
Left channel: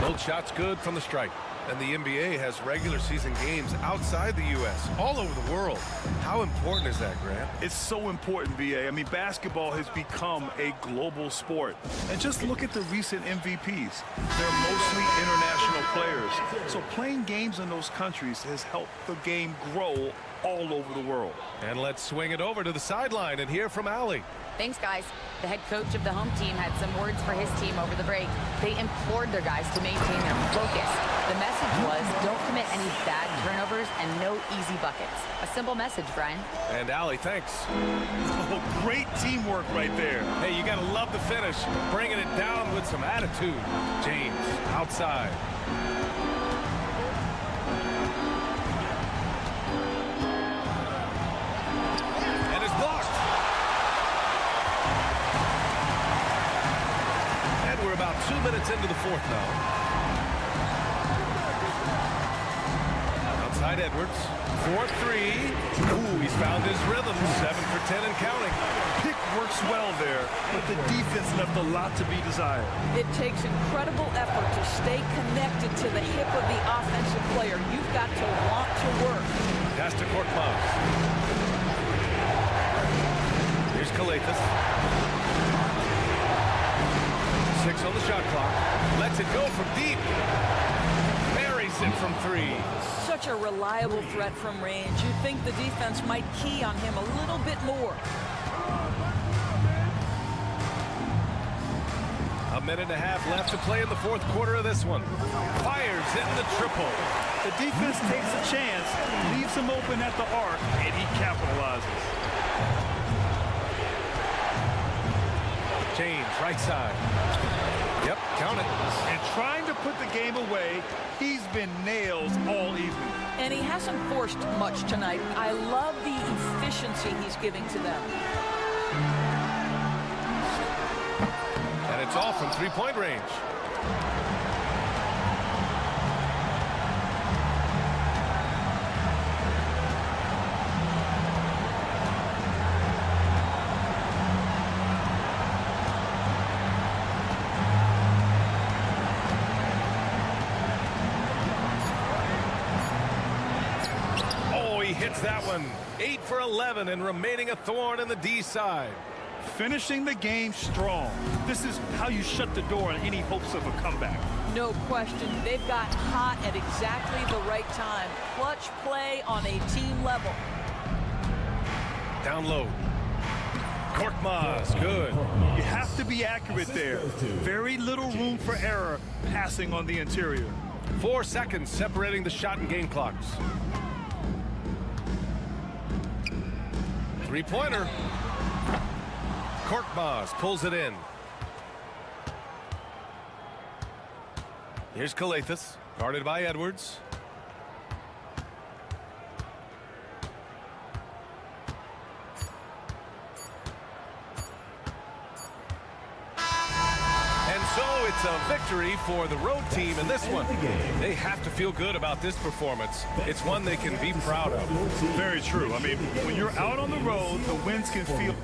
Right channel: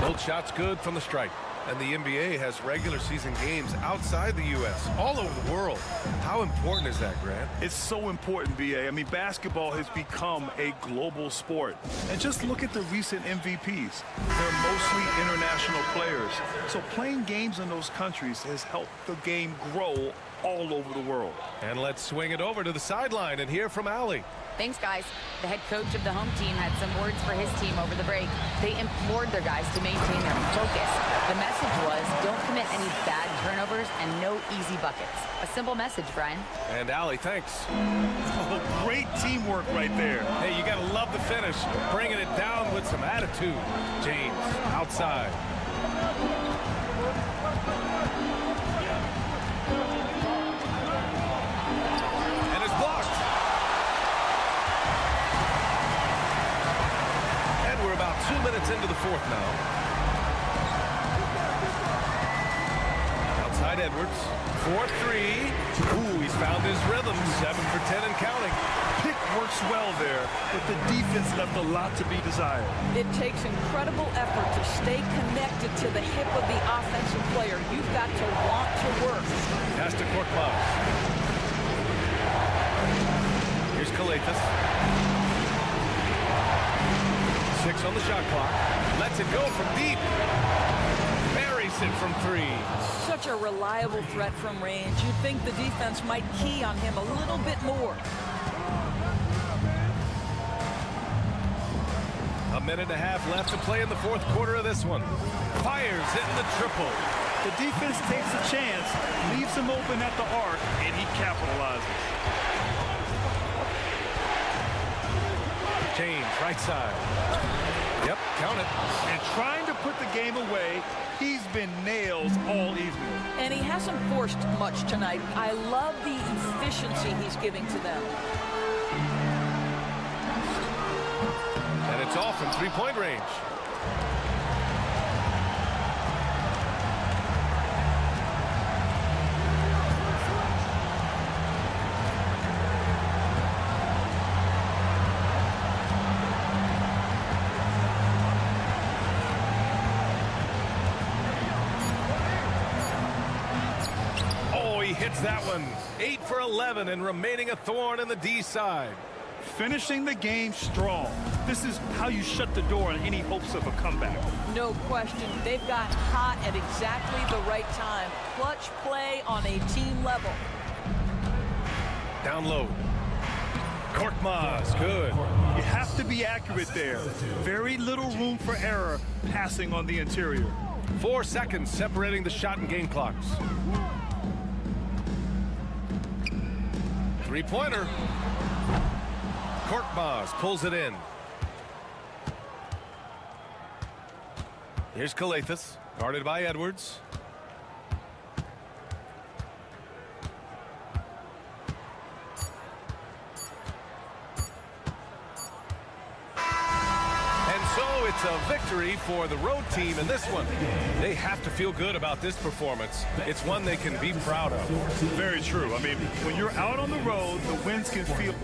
Both shots good from the stripe. And the NBA has regular season games outside the U.S., all over the world. How important is that, Grant? It's so important, BA. I mean, basketball has become a global sport. And just look at the recent MVPs. They're mostly international players. So playing games in those countries has helped the game grow all over the world. And let's swing it over to the sideline and hear from Allie. Thanks, guys. The head coach of the home team had some words for his team over the break. They implored their guys to maintain their focus. The message was, don't commit any bad turnovers and no easy buckets. A simple message, Brian. And Allie, thanks. Oh, great teamwork right there. Hey, you got to love the finish. Bringing it down with some attitude. James, outside. And it's blocked. And we're about 2 minutes into the fourth now. Outside Edwards. 4-3. Ooh, he's found his rhythm. 7 for 10 and counting. Pick works well there, but the defense left a lot to be desired. It takes incredible effort to stay connected to the hip of the offensive player. You've got to want to work. Pass to Korkmaz. Here's Calathis. 6 on the shot clock. Lets it go from deep. Buries makes it from 3. Such a reliable threat from range. You'd think the defense might key on him a little bit more. A minute and a half left to play in the fourth quarter of this one. Fires hitting the triple. The defense takes a chance, leaves him open at the arc, and he capitalizes. James, right side. Yep, count it. And trying to put the game away, he's been nails all evening. And he hasn't forced much tonight. I love the efficiency he's giving to them. And it's all from three-point range. Oh, he hits that one. 8 for 11 and remaining a thorn in the D side. Finishing the game strong. This is how you shut the door on any hopes of a comeback. No question. They've got hot at exactly the right time. Clutch play on a team level. Down low. Korkmaz, good. You have to be accurate there. Very little room for error passing on the interior. 4 seconds separating the shot and game clocks. Three-pointer. Korkmaz pulls it in. Here's Kalathis, guarded by Edwards. And so it's a victory for the road team in this one. They have to feel good about this performance. It's one they can be proud of. Very true. I mean, when you're out on the road, the wins can feel...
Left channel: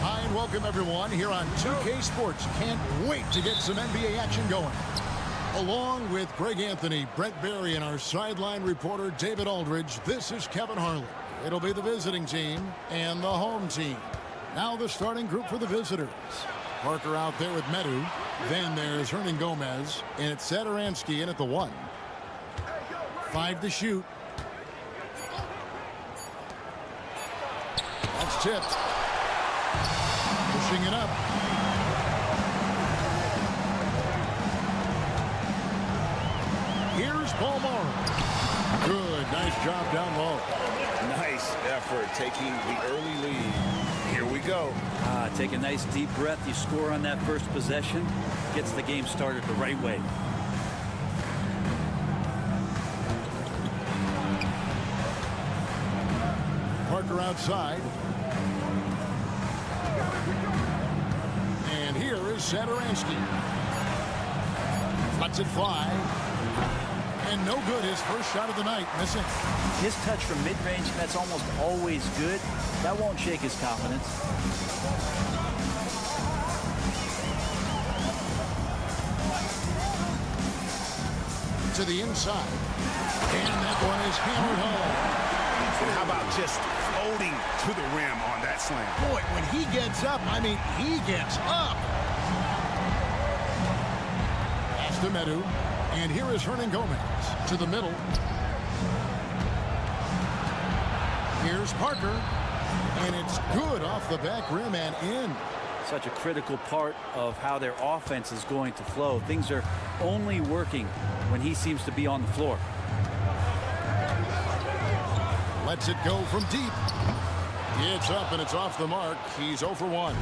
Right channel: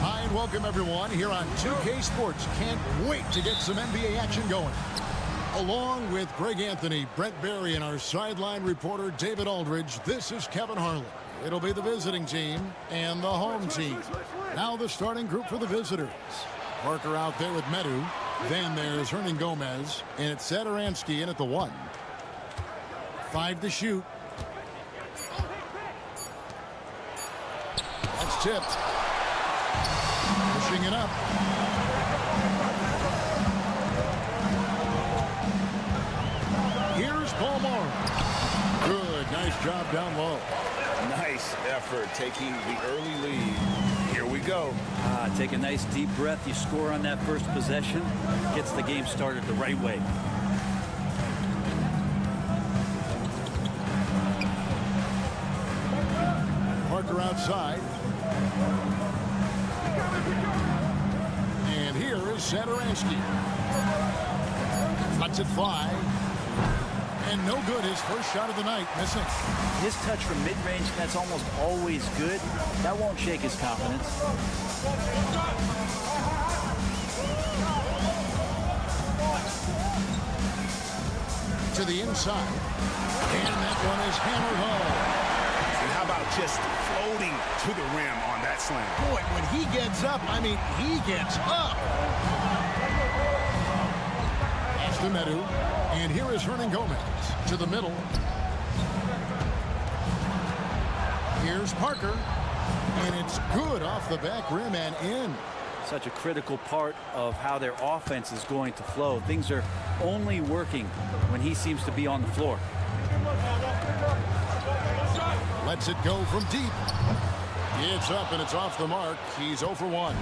Hi, and welcome everyone here on 2K Sports. Can't wait to get some NBA action going. Along with Greg Anthony, Brent Barry, and our sideline reporter David Aldridge, this is Kevin Harlan. It'll be the visiting team and the home team. Now the starting group for the visitors. Parker out there with Medu. Then there's Hernan Gomez, and it's Satoransky in at the 1. 5 to shoot. That's tipped. Pushing it up. Here's Paul Morrow. Good, nice job down low. Nice effort taking the early lead. Here we go. Take a nice deep breath. You score on that first possession. Gets the game started the right way. Parker outside. And here is Satoransky. Lets it fly. And no good. His first shot of the night, missing. His touch from mid-range, that's almost always good. That won't shake his confidence. To the inside. And that one is hammered home. And how about just floating to the rim on that slam? Boy, when he gets up, I mean, he gets up. That's to Medu. And here is Hernan Gomez to the middle. Here's Parker. And it's good off the back rim and in. Such a critical part of how their offense is going to flow. Things are only working when he seems to be on the floor. Lets it go from deep. It's up and it's off the mark. He's 0 for 1.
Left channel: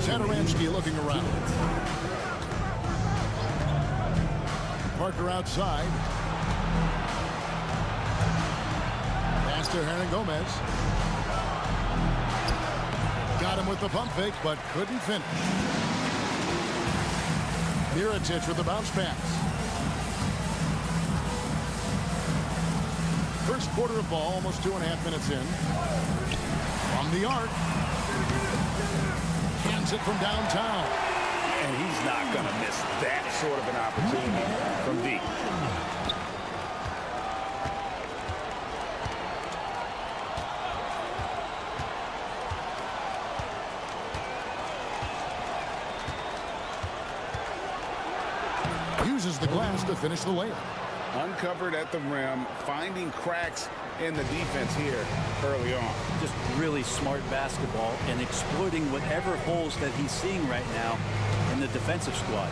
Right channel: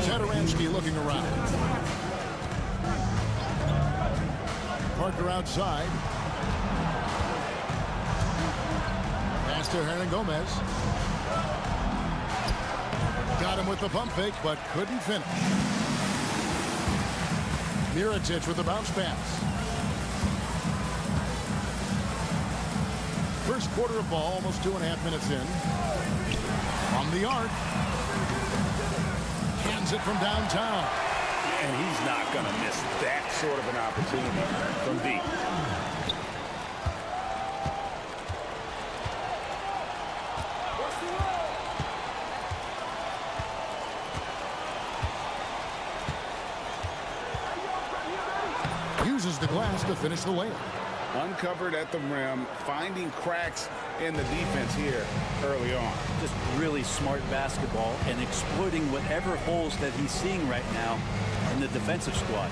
Satoransky looking around. Parker outside. Pass to Hernan Gomez. Got him with the pump fake, but couldn't finish. Mirotic with the bounce pass. First quarter of ball, almost 2.5 minutes in. From the arc. Cans it from downtown. And he's not going to miss that sort of an opportunity from deep. Uses the glass to finish the layup. Uncovered at the rim, finding cracks in the defense here early on. Just really smart basketball and exploiting whatever holes that he's seeing right now in the defensive squad.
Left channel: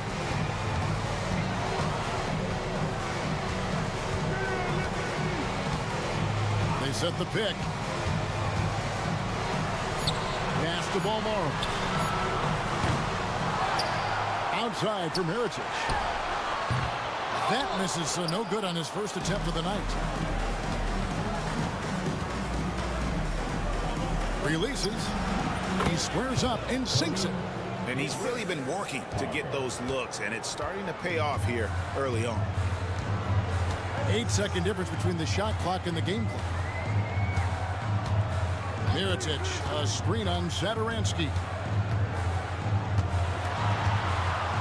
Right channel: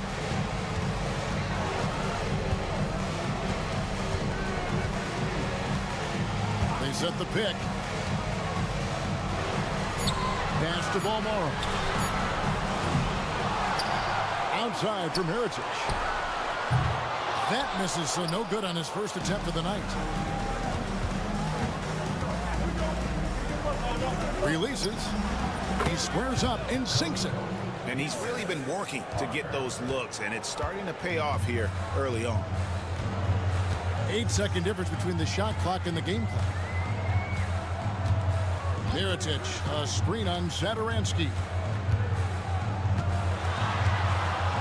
They set the pick. Pass to Balmoro. Outside for Mirotic. That misses, so no good on his first attempt of the night. Releases. He squares up and sinks it. And he's really been working to get those looks, and it's starting to pay off here early on. 8-second difference between the shot clock and the game clock. Mirotic, a screen on Satoransky.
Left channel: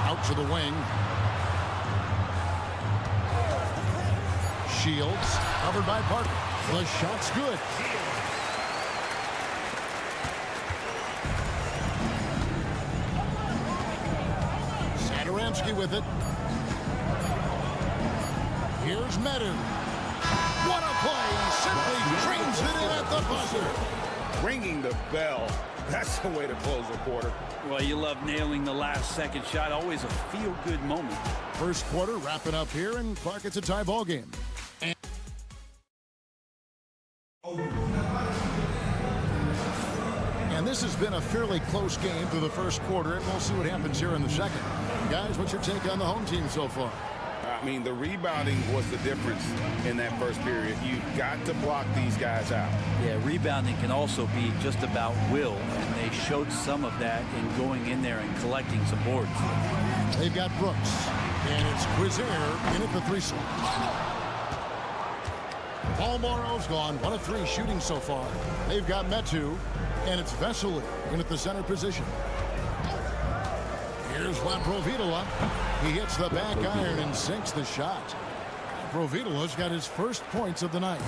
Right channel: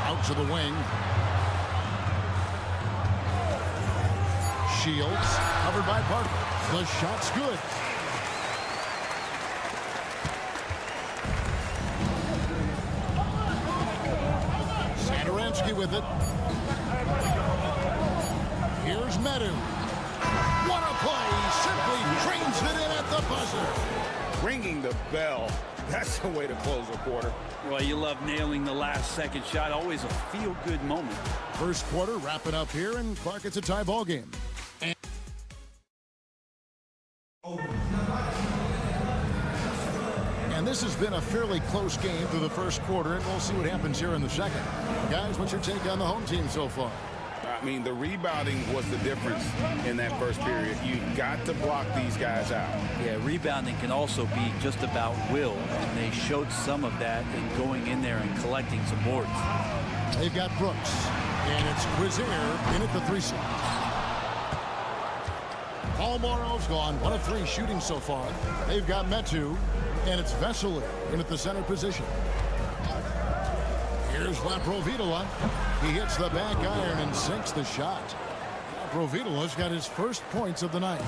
Out to the wing. Shields, covered by Parker. The shot's good. Satoransky with it. Here's Medu. What a play! Simply trains it in at the buzzer. Ringing the bell. That's the way to close a quarter. Well, you love nailing the last second shot. Always a feel-good moment. First quarter wrapping up here, and Clark, it's a tie ball game. And this has been a fairly close game through the first quarter, and we'll see what happens here in the second. Guys, what's your take on the home team so far? I mean, the rebounding was the difference in that first period. You've got to block these guys out. Yeah, rebounding can also be just about will, and they showed some of that in going in there and collecting some boards. They've got Brooks, and it's Quizier in at the 3 slot. Paul Morrow's gone 1 of 3 shooting so far. They've got Metu, and it's Vesely in at the center position. Here's Laprovitola. He hits the back iron and sinks the shot. Laprovitola's got his first points of the night.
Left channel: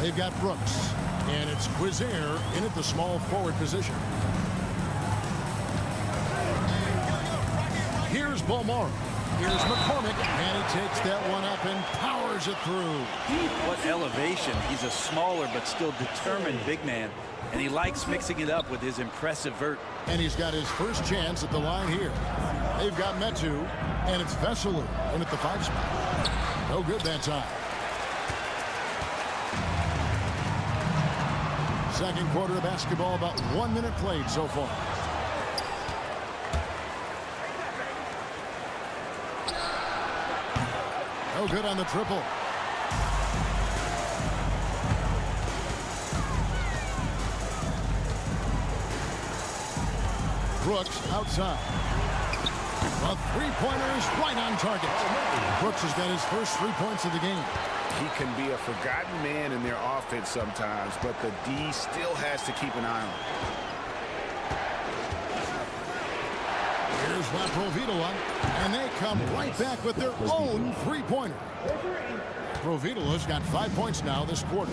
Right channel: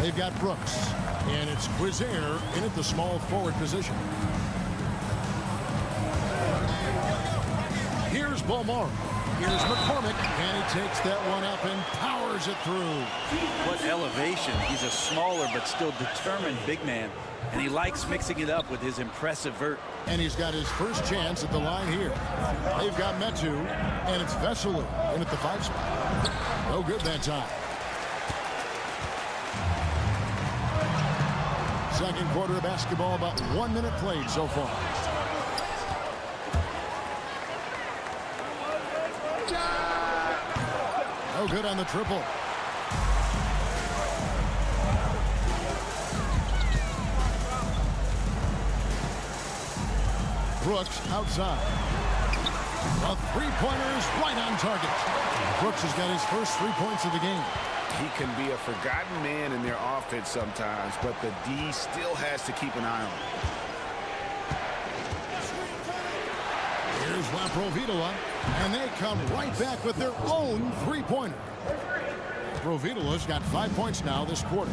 They've got Brooks, and it's Quizier in at the small forward position. Here's Balmoro. Here's McCormick, and he takes that one up and powers it through. What elevation. He's a smaller but still determined big man, and he likes mixing it up with his impressive vert. And he's got his first chance at the line here. They've got Metu, and it's Vesely in at the 5 spot. No good that time. Second quarter of basketball, about 1 minute played so far. No good on the triple. Brooks outside. A three-pointer is right on target. Brooks has got his first 3 points of the game. He can be a forgotten man in their offense sometimes, but the D still has to keep an eye on him. Here's Laprovitola, and they come right back with their own three-pointer. Provitola's got 5 points now this quarter.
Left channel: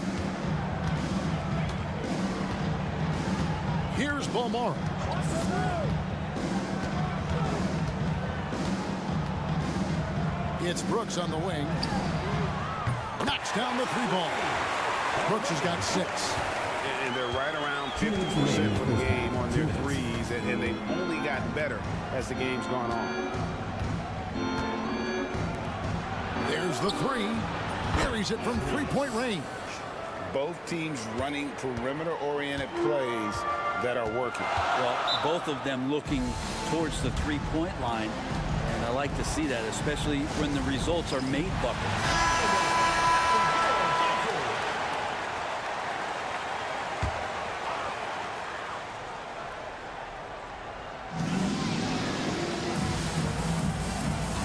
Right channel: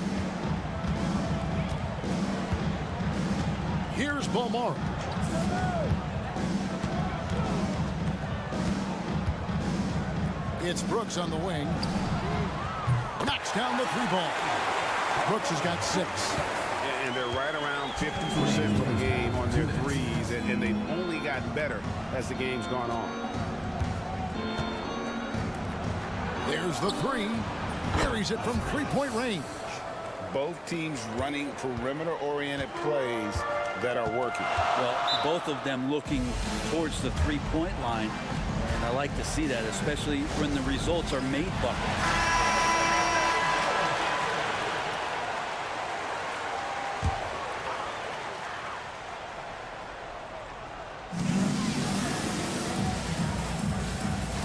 Here's Bomara. It's Brooks on the wing. Knocks down the 3 ball. Brooks has got 6. And they're right around 50% for the game on their threes, and they've only gotten better as the game's gone on. There's the 3. Buries it from 3-point range. Both teams running perimeter-oriented plays that are working. Well, both of them looking towards the 3-point line, and I like to see that, especially when the results are made buckets.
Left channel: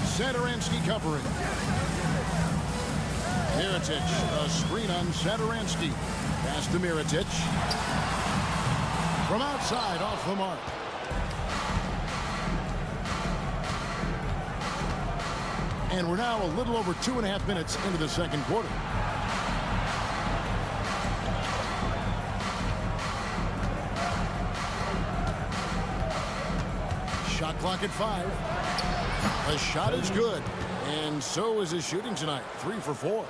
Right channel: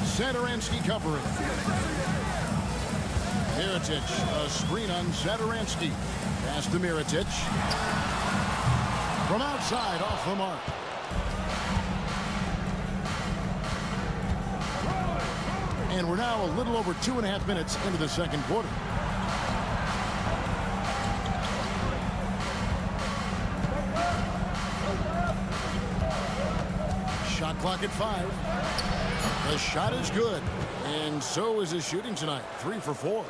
Satoransky covering. Mirotic, a screen on Satoransky. Pass to Mirotic. From outside, off the mark. And we're now a little over 2.5 minutes into the second quarter. Shot clock at 5. The shot is good, and so is his shooting tonight. 3 for 4.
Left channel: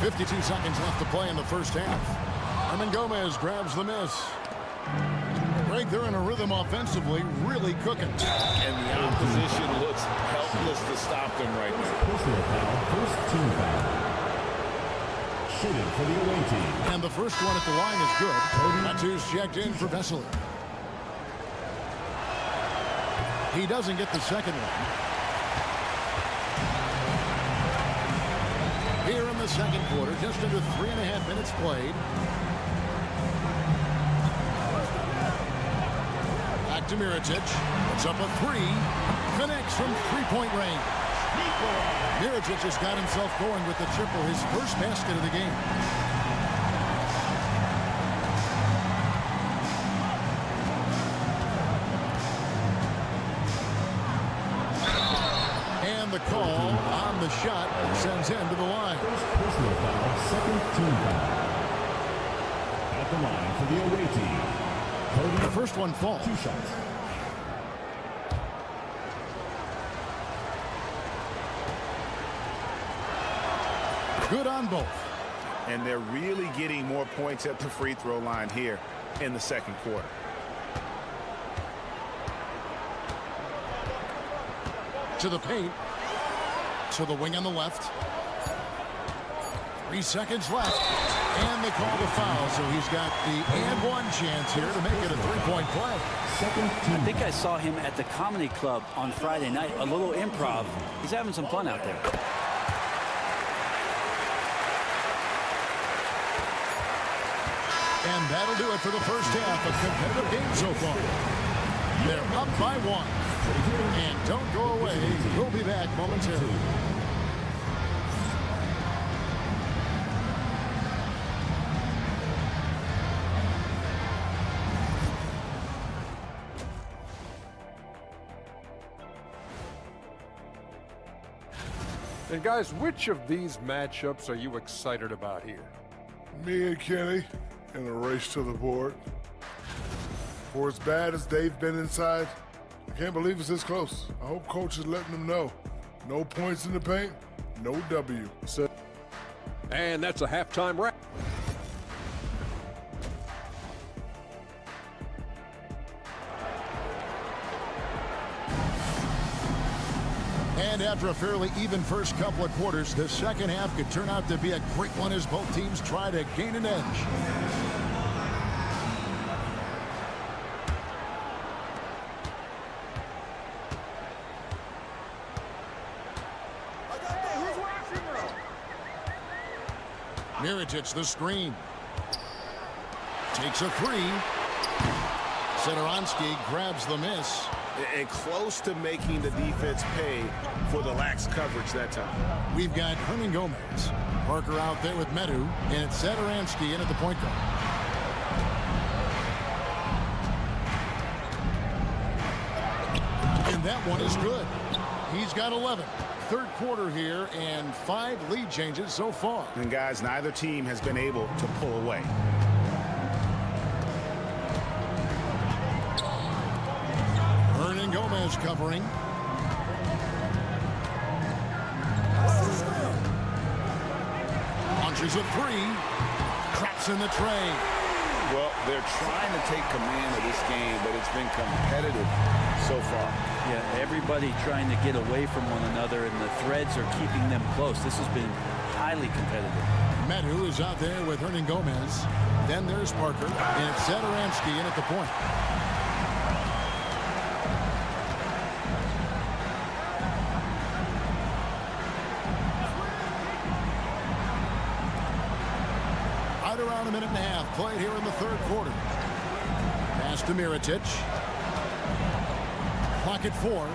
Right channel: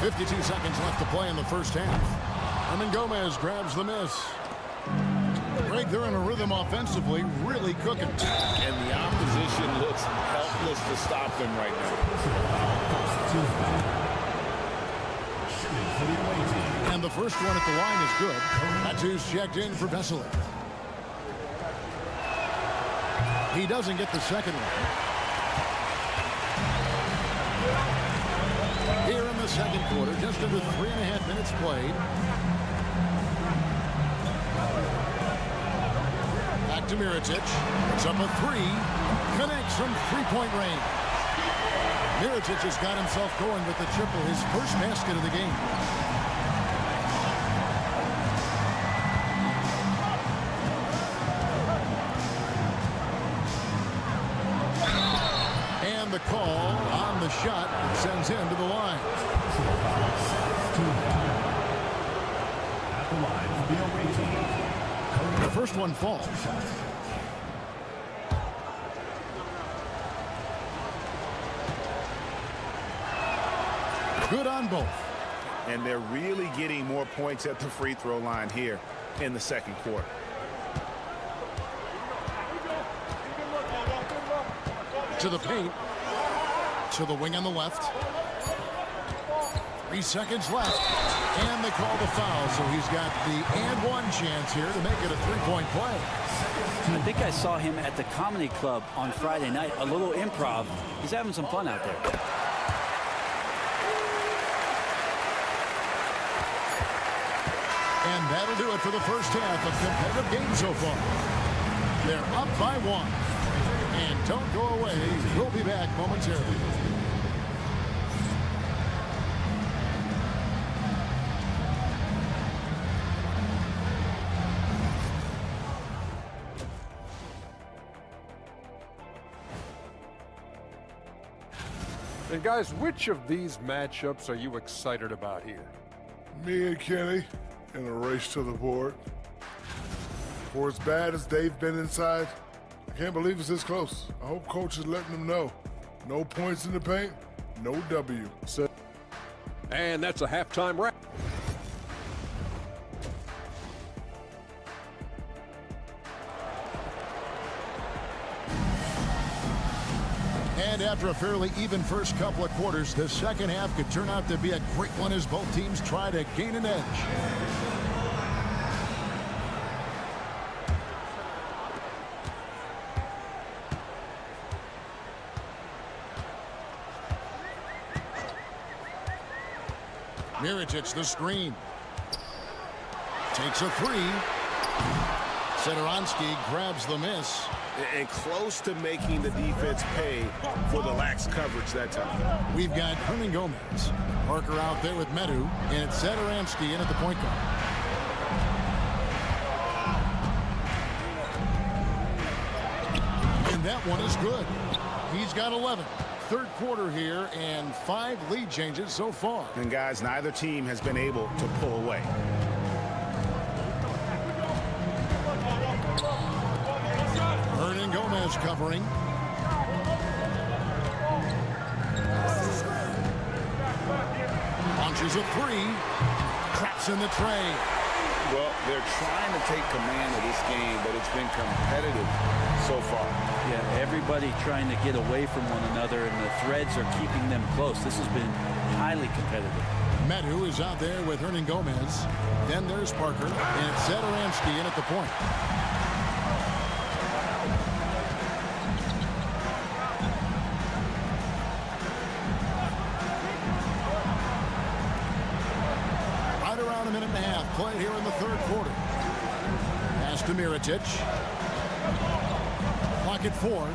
.52 seconds left to play in the first half. Herman Gomez grabs the miss. Greg, they're in a rhythm offensively, really cooking. And the opposition looks helpless to stop them right now. First team foul. Shooting for the away team. And the first one at the line is good. Matu's checked in for Vesely. He doesn't get the second one. Here in the second quarter, just under 3.5 minutes played. Back to Mirotic. It's up a 3. Connects from 3-point range. Mirotic has got himself going with the triple, his first basket of the game. And the call on the shot that sends him to the line. Personal foul, second team foul. At the line for the away team. The first one falls. 2 shots. Good on both. And they're really getting more points at the free throw line here in the second quarter. To the paint. To the wing on the left. 3 seconds left. And they call the foul, so he's got the and one chance here to make it a 3-point play. I think I saw him at the Comedy Club on Friday night, a little improv. He's having some fun out there. And that'll do it for the first half. A competitive game so far. They're up by 1. And don't go away. We'll be back momentarily. And guys, which of these matchups are you excited about here? Me and Kenny in a race to the board. For as bad as they've been inside, I can't believe it's this close. I hope coach is letting them know. No points in the paint, no W. And that's a halftime wrap. And after a fairly even first couple of quarters, the second half could turn out to be a great one as both teams try to gain an edge. Mirotic, the screen. Takes a three. Satoransky grabs the miss. And close to making the defense pay for the lax coverage that time. We've got Hernan Gomez. Parker out there with Medu, and it's Satoransky in at the point guard. And that one is good. He's got 11. Third quarter here, and 5 lead changes so far. And guys, neither team has been able to pull away. Hernan Gomez covering. Launches a three. Traps in the tray. Well, they're trying to take command of this game, but it's been competitive so far. Yeah, everybody trying to get away from one another, and the threads are keeping them close. This has been highly competitive. Medu is out there with Hernan Gomez. Then there's Parker, and it's Satoransky in at the point. Right around a minute and a half played here in the third quarter. Pass to Mirotic. Clock at 4.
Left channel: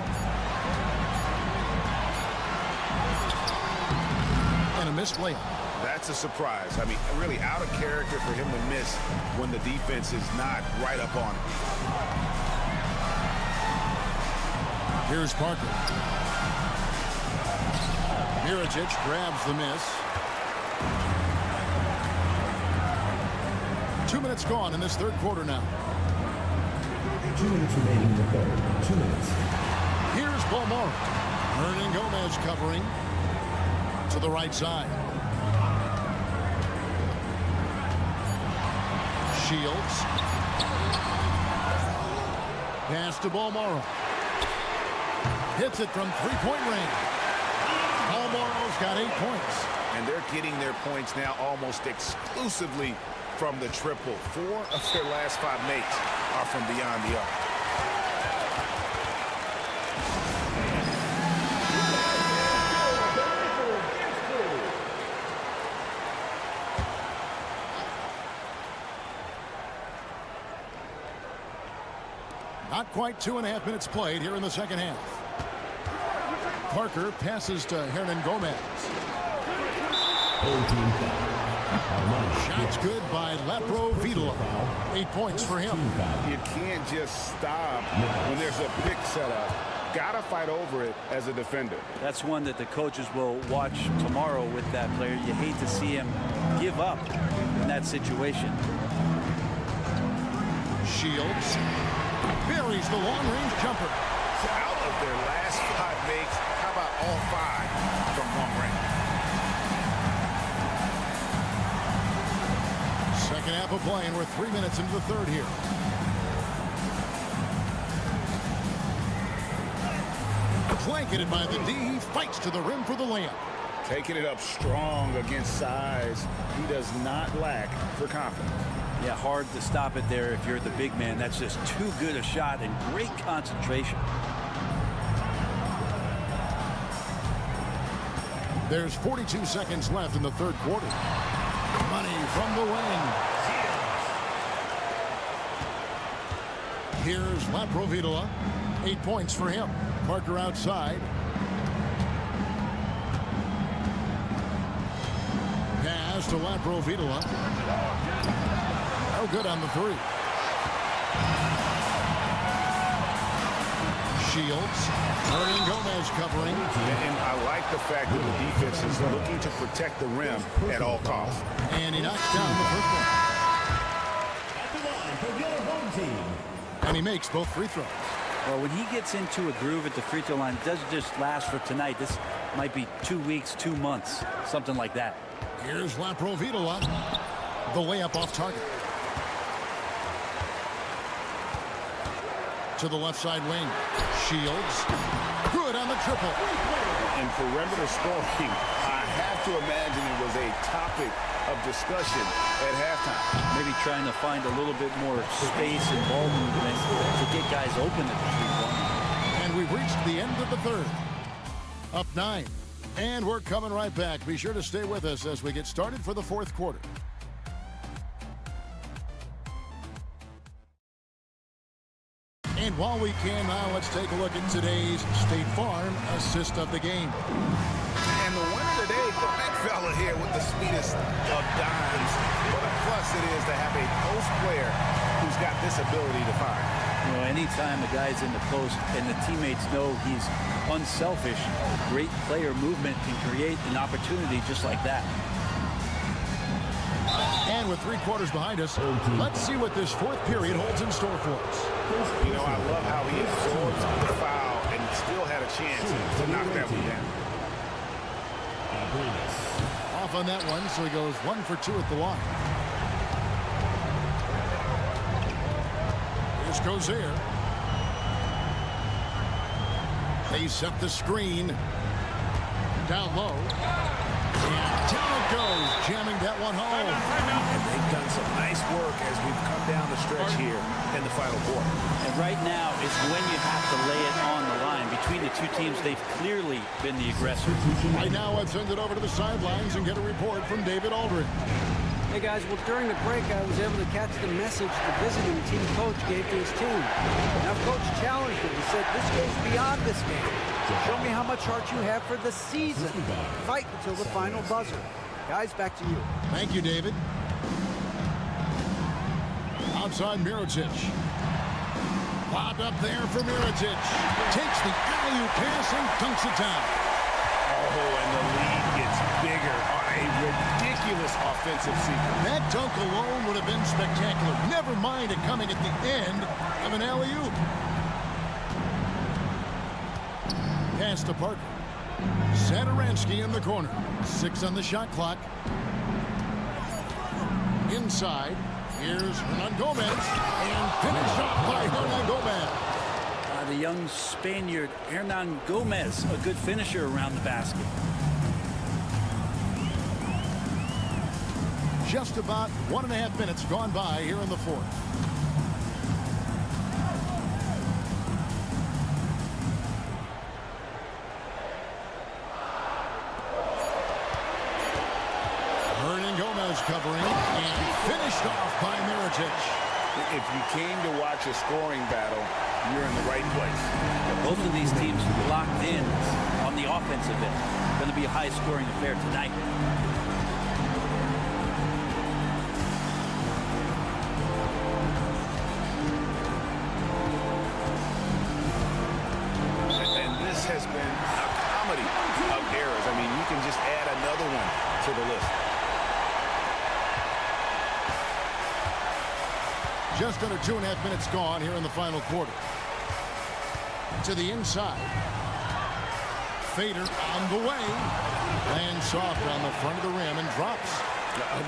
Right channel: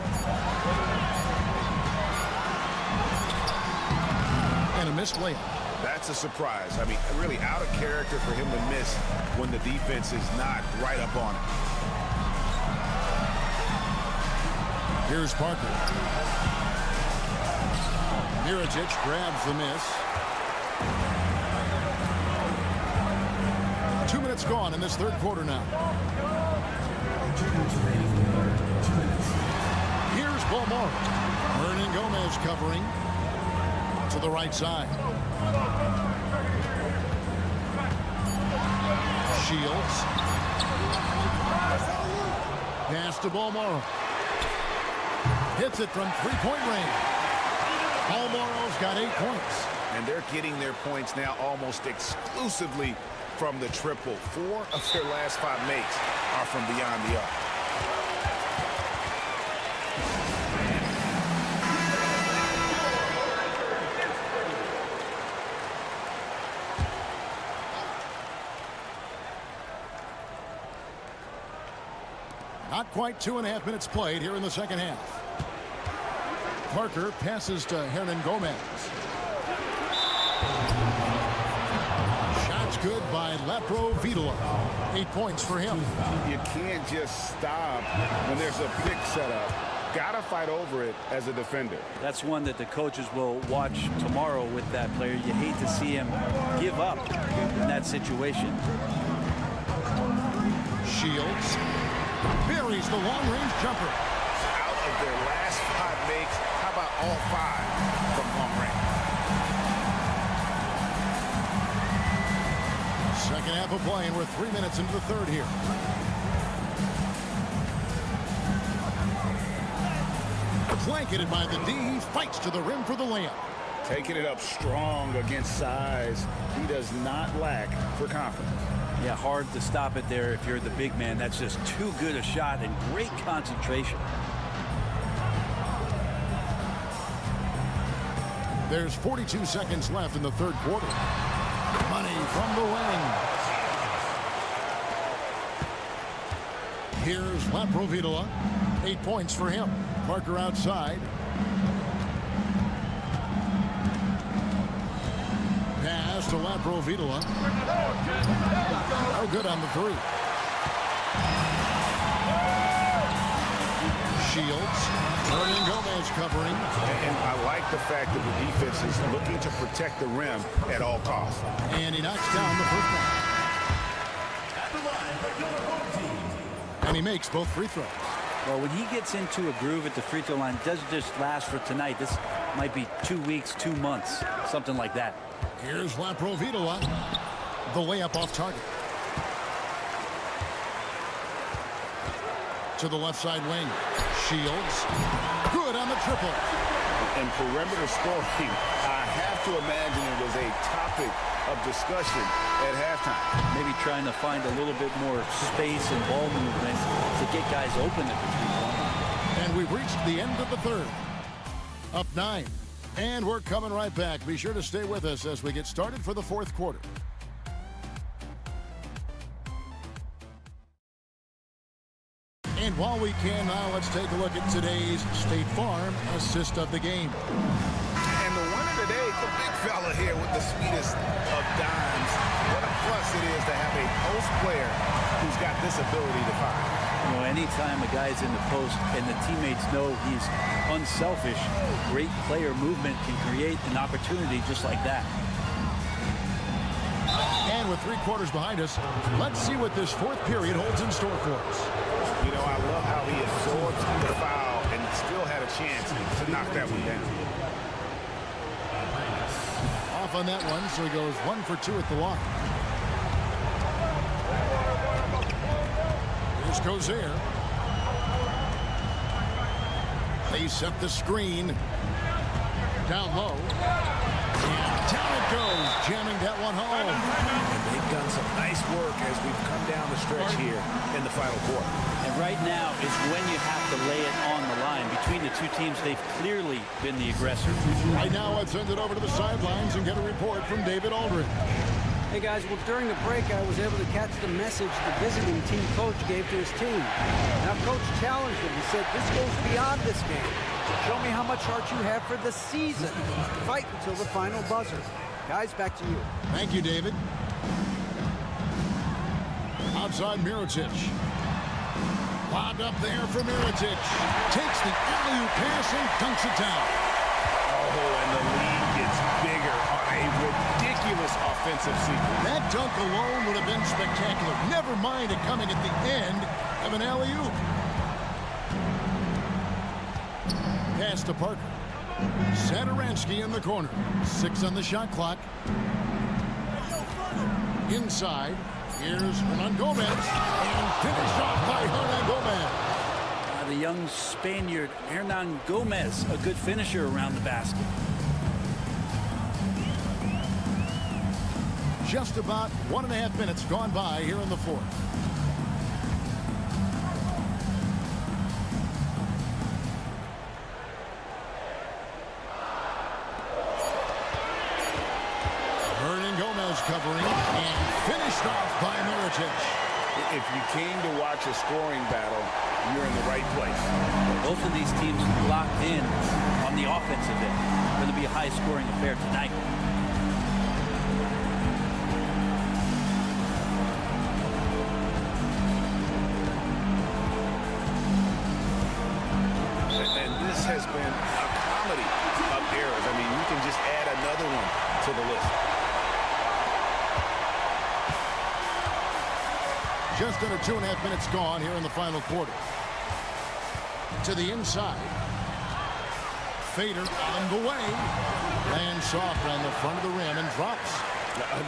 And a missed layup. That's a surprise. I mean, really out of character for him to miss when the defense is not right up on it. Here's Parker. Mirotic grabs the miss. 2 minutes gone in this third quarter now. 2 minutes remaining in the third. 2 minutes. Here's Balmore. Hernan Gomez covering to the right side. Shields. Pass to Balmore. Hits it from three-point range. Balmoro's got 8 points. And they're getting their points now almost exclusively from the triple. 4 of their last 5 makes are from beyond the arc. Not quite 2.5 minutes played here in the second half. Parker passes to Hernan Gomez. Shots good by Lapro Vitola. 8 points for him. You can't just stop when there's a pick set up. Gotta fight over it as a defender. That's one that the coaches will watch tomorrow with that player. You hate to see him give up in that situation. Shields buries the long-range jumper. Out of their last 5 makes, how about all 5 from long range? Second half of play, and we're 3 minutes into the third here. Blanketed by the D. He fights to the rim for the layup. Taking it up strong against size. He does not lack for confidence. Yeah, hard to stop it there if you're the big man. That's just too good a shot and great concentration. There's 42 seconds left in the third quarter. Money from the wing. Here's Lapro Vitola. 8 points for him. Parker outside. Pass to Lapro Vitola. Oh, good on the 3. Shields Hernan Gomez covering. And I like the fact that the defense is looking to protect the rim at all costs. And he knocks down the first one. At the line for your home team. And he makes both free throws. Well, when he gets into a groove at the free throw line, it doesn't just last for tonight. This might be 2 weeks, 2 months, something like that. Here's Laprovitola. The layup off target. To the left side wing. Shields. Good on the triple. In perimeter scoring, I have to imagine it was a topic of discussion at halftime. Maybe trying to find a little bit more space and ball movement to get guys open at the three-point line. And we've reached the end of the third. Up 9. And we're coming right back. Be sure to stay with us as we get started for the fourth quarter. And while we can now, let's take a look at today's State Farm assist of the game. And the winner today, the big fella here with the sweetest of dimes. What a plus it is to have a post player who's got this ability to find. You know, anytime a guy's in the post and the teammates know he's unselfish, great player movement can create an opportunity just like that. And with 3 quarters behind us, let's see what this fourth period holds in store for us. You know, I love how he absorbs the foul and still had a chance to knock that one down. Off on that one, so he goes 1 for 2 at the line. Here's Cozier. They set the screen. Down low. And down it goes, jamming that one home. And they've done some nice work as we've come down the stretch here in the final quarter. And right now is when you have to lay it on the line. Between the two teams, they've clearly been the aggressor. Right now, let's send it over to the sidelines and get a report from David Aldridge. Hey guys, well during the break I was able to catch the message the visiting team coach gave to his team. Now coach challenged him. He said, this goes beyond this game. Show me how much heart you have for the season. Fight until the final buzzer. Guys, back to you. Thank you, David. Outside Mirotic. Lobbed up there for Mirotic. Takes the alley-oop pass and dunks it down. Oh, and the lead gets bigger on a ridiculous offensive sequence. That dunk alone would have been spectacular. Never mind it coming at the end of an alley-oop. Pass to Parker. Satoransky in the corner. 6 on the shot clock. Inside. Here's Hernan Gomez. And finished off by Hernan Gomez. The young Spaniard, Hernan Gomez, a good finisher around the basket. Just about 1.5 minutes gone by here in the fourth. Hernan Gomez covering and finished off by Mirotic. If you came to watch a scoring battle, you're in the right place. Both of these teams locked in on the offensive end. Going to be a high-scoring affair tonight. And this has been a comedy of errors. I mean, you can just add another one to the list. Just under 2.5 minutes gone here in the final quarter. To the inside. Fader on the way. Lands soft on the front of the rim and drops.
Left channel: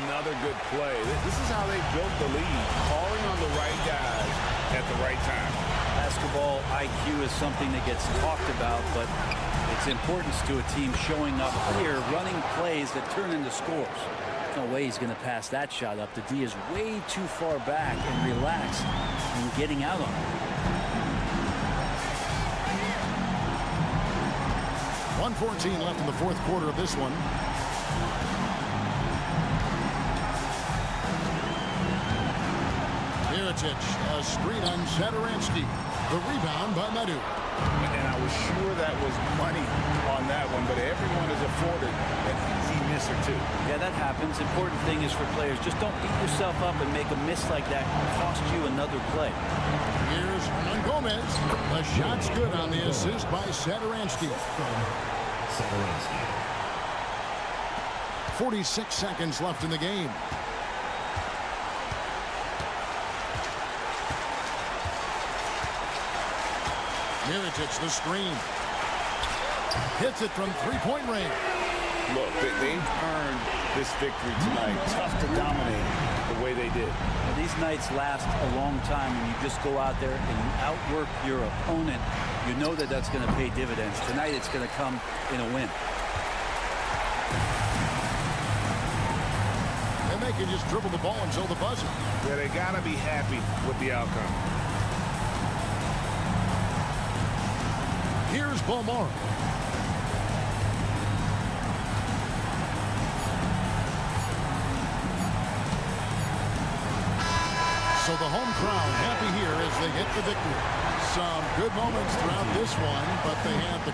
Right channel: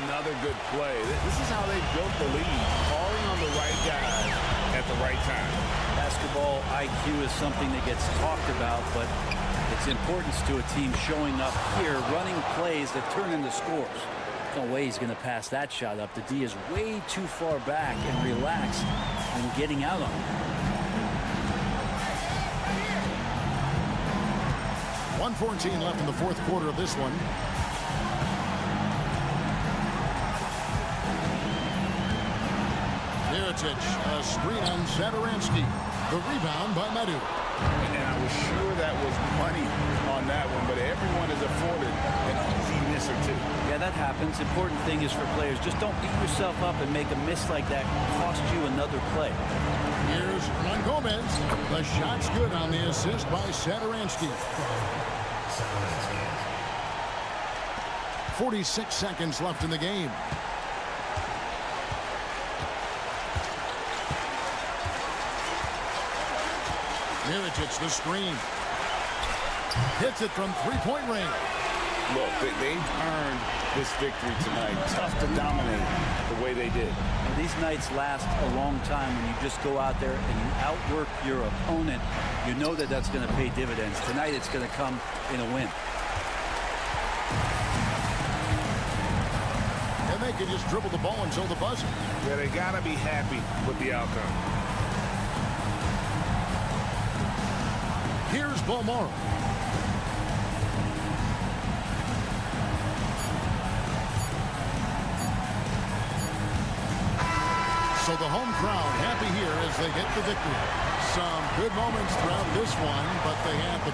Another good play. This is how they built the lead, calling on the right guys at the right time. Basketball IQ is something that gets talked about, but its importance to a team showing up here, running plays that turn into scores. No way he's going to pass that shot up. The D is way too far back and relaxed and getting out on it. 1:14 left in the fourth quarter of this one. Mirotic, a screen on Satoransky. The rebound by Madrid. And I was sure that was money on that one, but everyone is afforded an easy miss or two. Yeah, that happens. Important thing is for players, just don't beat yourself up and make a miss like that cost you another play. Here's Hernan Gomez. The shot's good on the assist by Satoransky. 46 seconds left in the game. Mirotic, the screen. Hits it from three-point range. Look, they've earned this victory tonight. Tough to dominate the way they did. And these nights last a long time when you just go out there and you outwork your opponent. You know that that's going to pay dividends. Tonight it's going to come in a win. And they can just dribble the ball until the buzzer. Yeah, they got to be happy with the outcome. Here's Bomaro. So the home crowd happy here as they get the victory. Some good moments throughout this one, but they had the...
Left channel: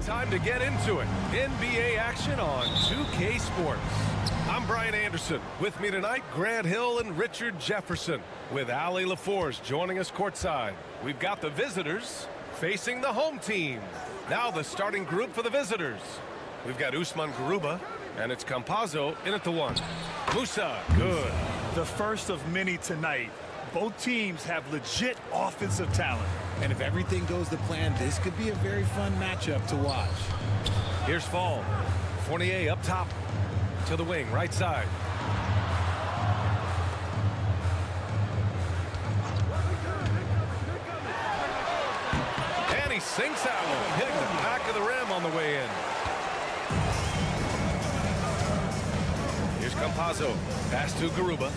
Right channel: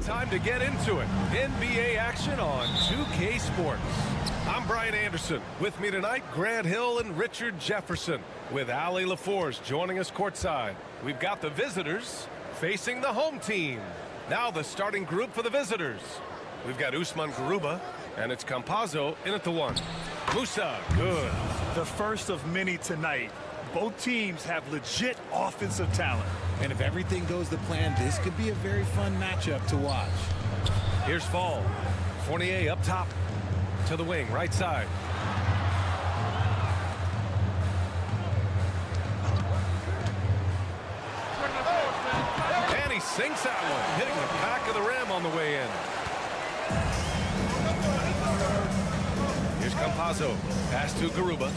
Time to get into it. NBA action on 2K Sports. I'm Brian Anderson. With me tonight, Grant Hill and Richard Jefferson, with Ali LaForce joining us courtside. We've got the visitors facing the home team. Now the starting group for the visitors. We've got Usman Garuba, and it's Campazzo in at the one. Musa, good. The first of many tonight. Both teams have legit offensive talent. And if everything goes to plan, this could be a very fun matchup to watch. Here's Fall. Fournier up top to the wing, right side. And he sinks that one, hitting the back of the rim on the way in. Here's Campazzo. Pass to Garuba.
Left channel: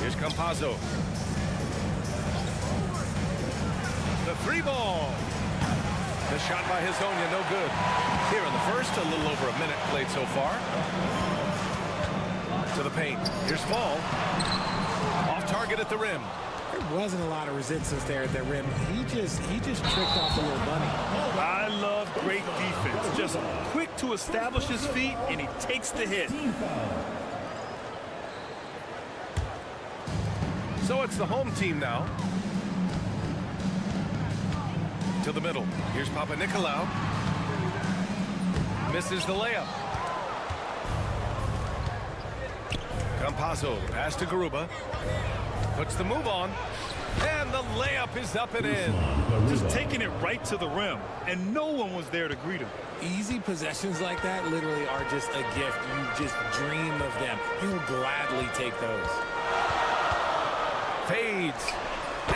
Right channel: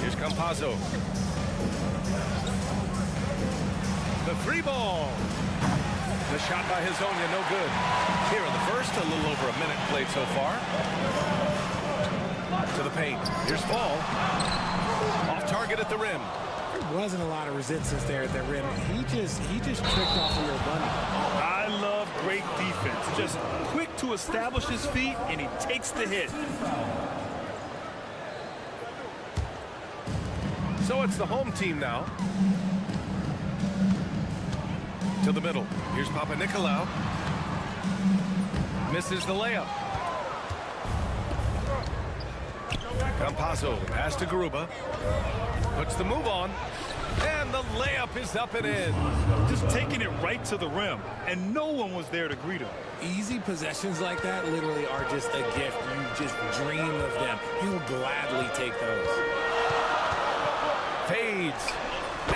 Here's Campazzo. The three ball. The shot by Hezonja, no good. Here in the first, a little over a minute played so far. To the paint. Here's Fall. Off target at the rim. There wasn't a lot of resistance there at the rim. He just tricked off a little bunny. I love great defense. Just quick to establish his feet, and he takes the hit. So it's the home team now. To the middle. Here's Papanikolaou. Misses the layup. Campazzo, pass to Garuba. Puts the move on. And the layup is up and in. Just taking it right to the rim. And no one was there to greet him. Easy possessions like that literally are just a gift. You just dream of them. He'll gladly take those. Fades.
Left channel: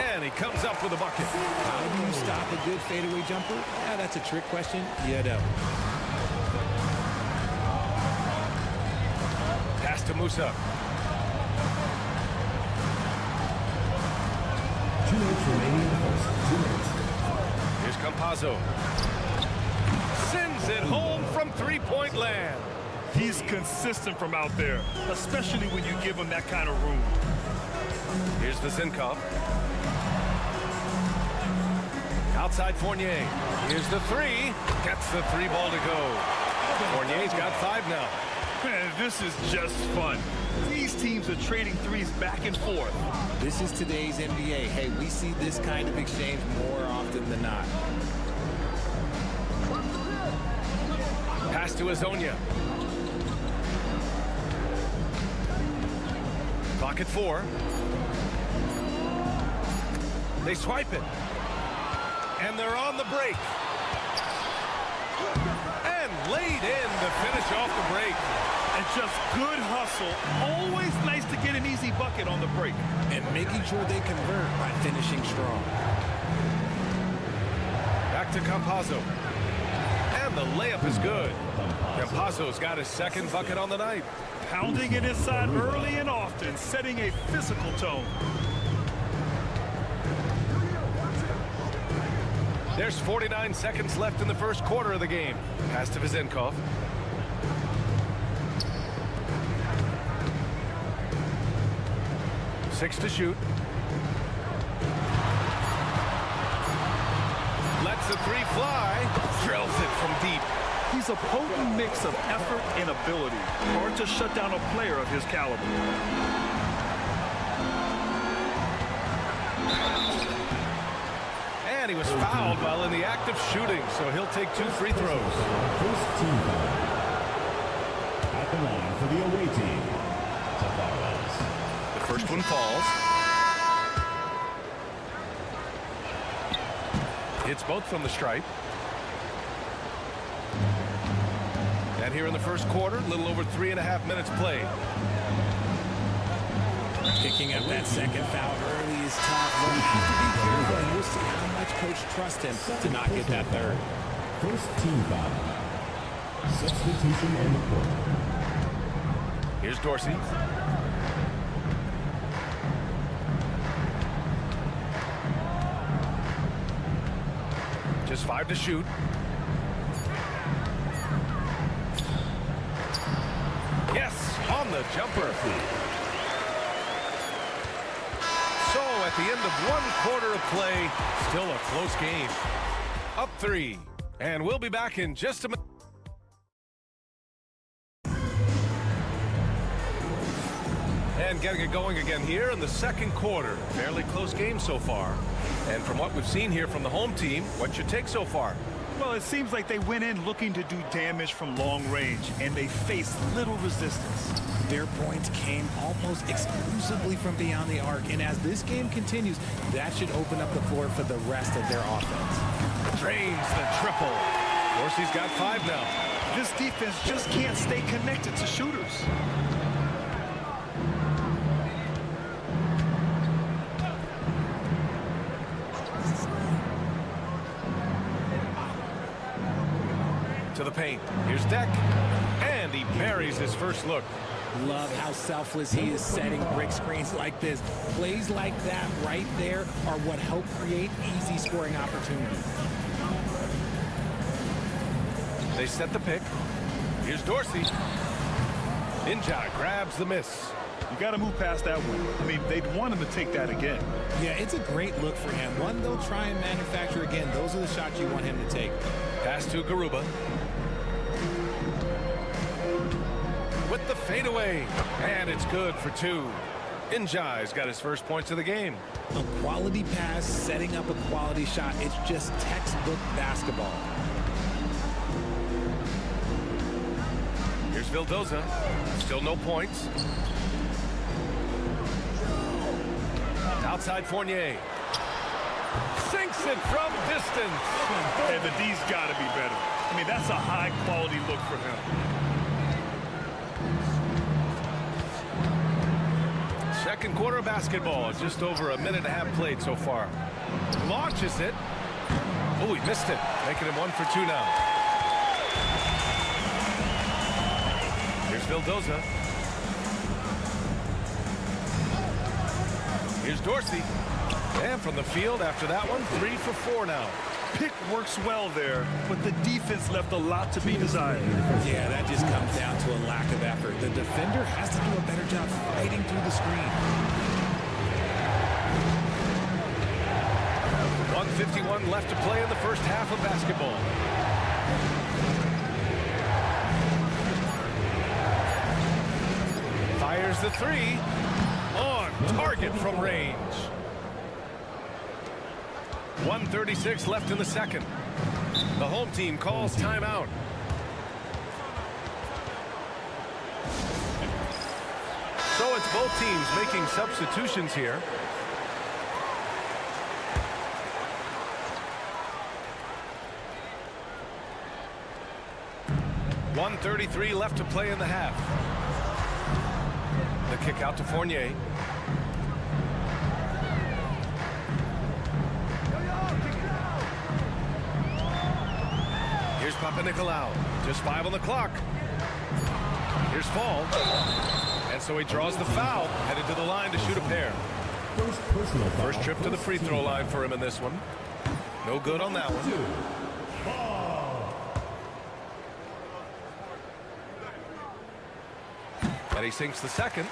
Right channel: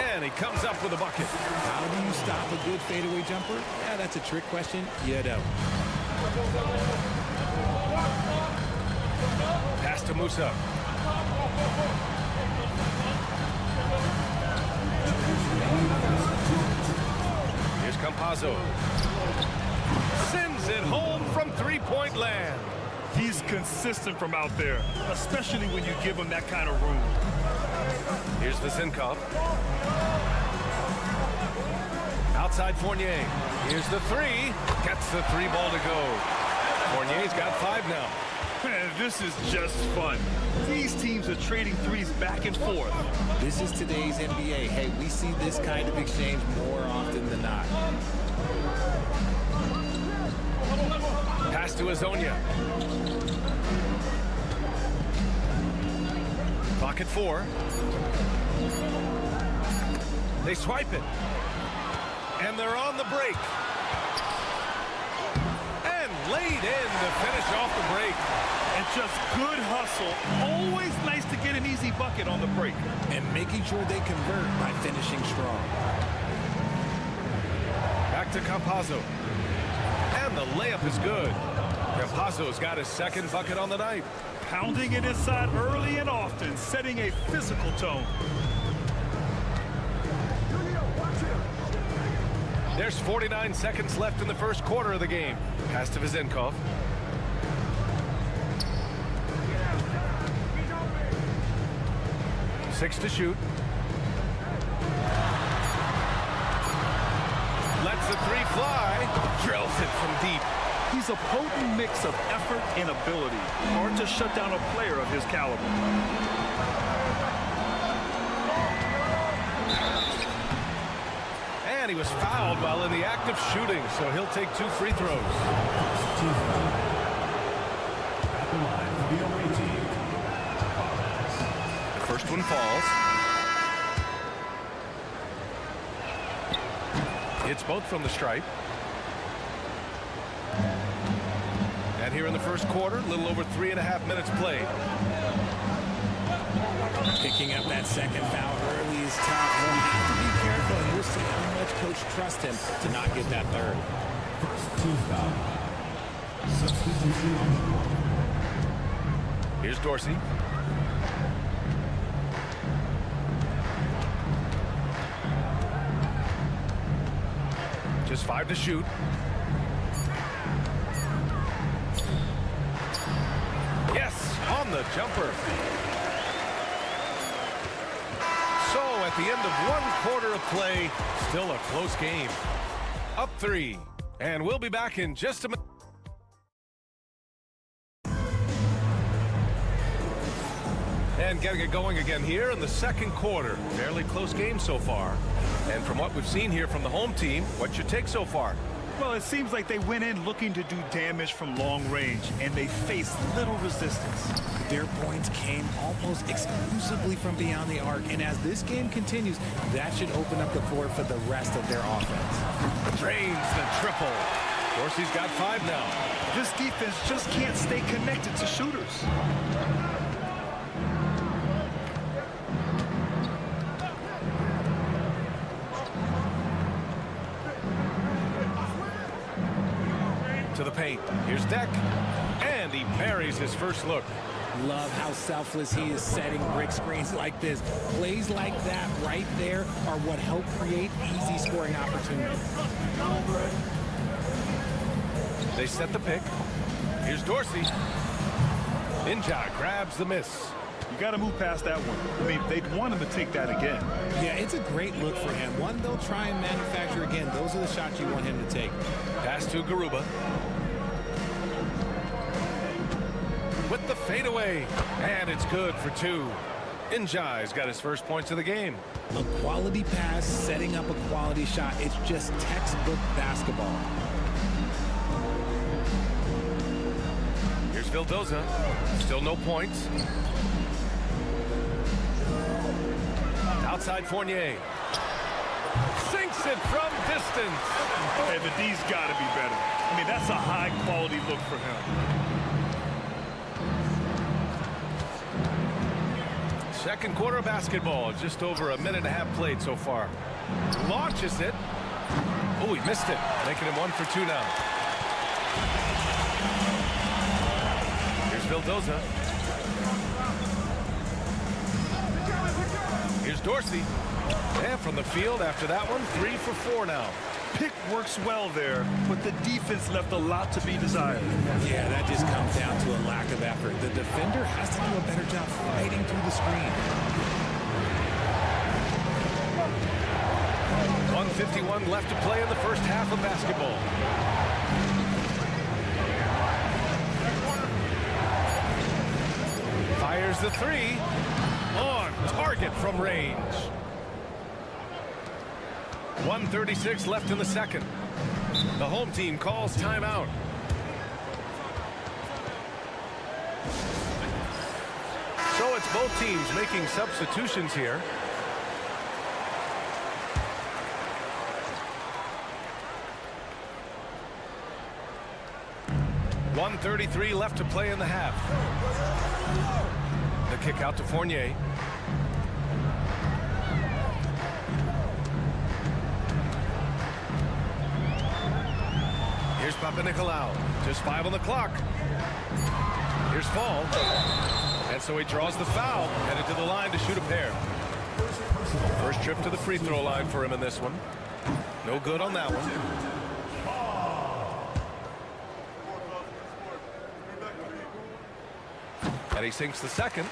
And he comes up with a bucket. How do you stop a good fadeaway jumper? Yeah, that's a trick question. You don't. Pass to Musa. Campazzo. Sends it home from three-point land. He's consistent from out there, especially when you give him that kind of room. Here's Vizinkov. Outside Fournier. Here's the three. Gets the three ball to go. Fournier's got 5 now. Man, this is just fun. These teams are trading threes back and forth. This is today's NBA. Hey, we see this kind of exchange more often than not. Pass to Azonia. Clock at 4. They swipe it. And they're on the break. And laid in to finish off the break. And just good hustle. Always nice to get an easy bucket on the break. And making sure they convert by finishing strong. Back to Campazzo. And the layup is good. Campazzo's got his second bucket on the night. Pounding it inside early and often, setting a physical tone. There's 49 seconds left in the first quarter of the game. Pass to Vizinkov. Six to shoot. Lets the three fly. Drills it from deep. He's a potent mix of effort and ability. Hard to shut down a player of his caliber. And he was fouled while in the act of shooting, so he'll take 2 free throws. First team foul. At the line for the away team. The first one falls. Hits both from the stripe. And here in the first quarter, a little over 3.5 minutes played. Picking up that second foul early is tough. They'll have to be careful, and we'll see how much coach trusts him to not get that third. First team foul. Substitution on the court. Here's Dorsey. Just 5 to shoot. Yes, on the jumper. So at the end of 1 quarter of play, still a close game. Up 3. And we'll be back in just a minute. And getting it going again here in the second quarter. Fairly close game so far. And from what we've seen here from the home team, what's your take so far? Well, it seems like they went in looking to do damage from long range, and they faced little resistance. Their points came almost exclusively from beyond the arc, and as this game continues, that should open up the floor for the rest of their offense. Drains the triple. Dorsey's got 5 now. This defense just can't stay connected to shooters. To the paint. Here's Deck. And he buries his first look. Love how selfless he is setting brick screens like this. Plays like that right there are what help create easy scoring opportunities. They set the pick. Here's Dorsey. Ninja grabs the miss. You got to move past that one. I mean, they'd want him to take that again. Yeah, it's a great look for him. One they'll try and manufacture again. Those are the shots you want him to take. Pass to Garuba. With the fadeaway. And it's good for 2. Injai's got his first points of the game. A quality pass, setting up a quality shot. It's just textbook basketball. Here's Vildoza. Still no points. Outside Fournier. Sinks it from distance. Hey, the D's got to be better. I mean, that's a high-quality look for him. Second quarter of basketball. Just over 1.5 minutes played so far. Launches it. Oh, he missed it. Making him 1 for 2 now. Here's Vildoza. Here's Dorsey. And from the field after that one, 3 for 4 now. Pick works well there, but the defense left a lot to be desired. Yeah, that just comes down to a lack of effort. The defender has to do a better job fighting through the screen. 1:51 left to play in the first half of basketball. Fires the three. On target from range. 1:36 left in the second. The home team calls timeout. So it's both teams making substitutions here. .133 left to play in the half. The kick out to Fournier. Here's Papanikolaou. Just 5 on the clock. Here's Fall. And so he draws the foul. Headed to the line to shoot a pair. First trip to the free throw line for him in this one. No good on that one. And he sinks the second.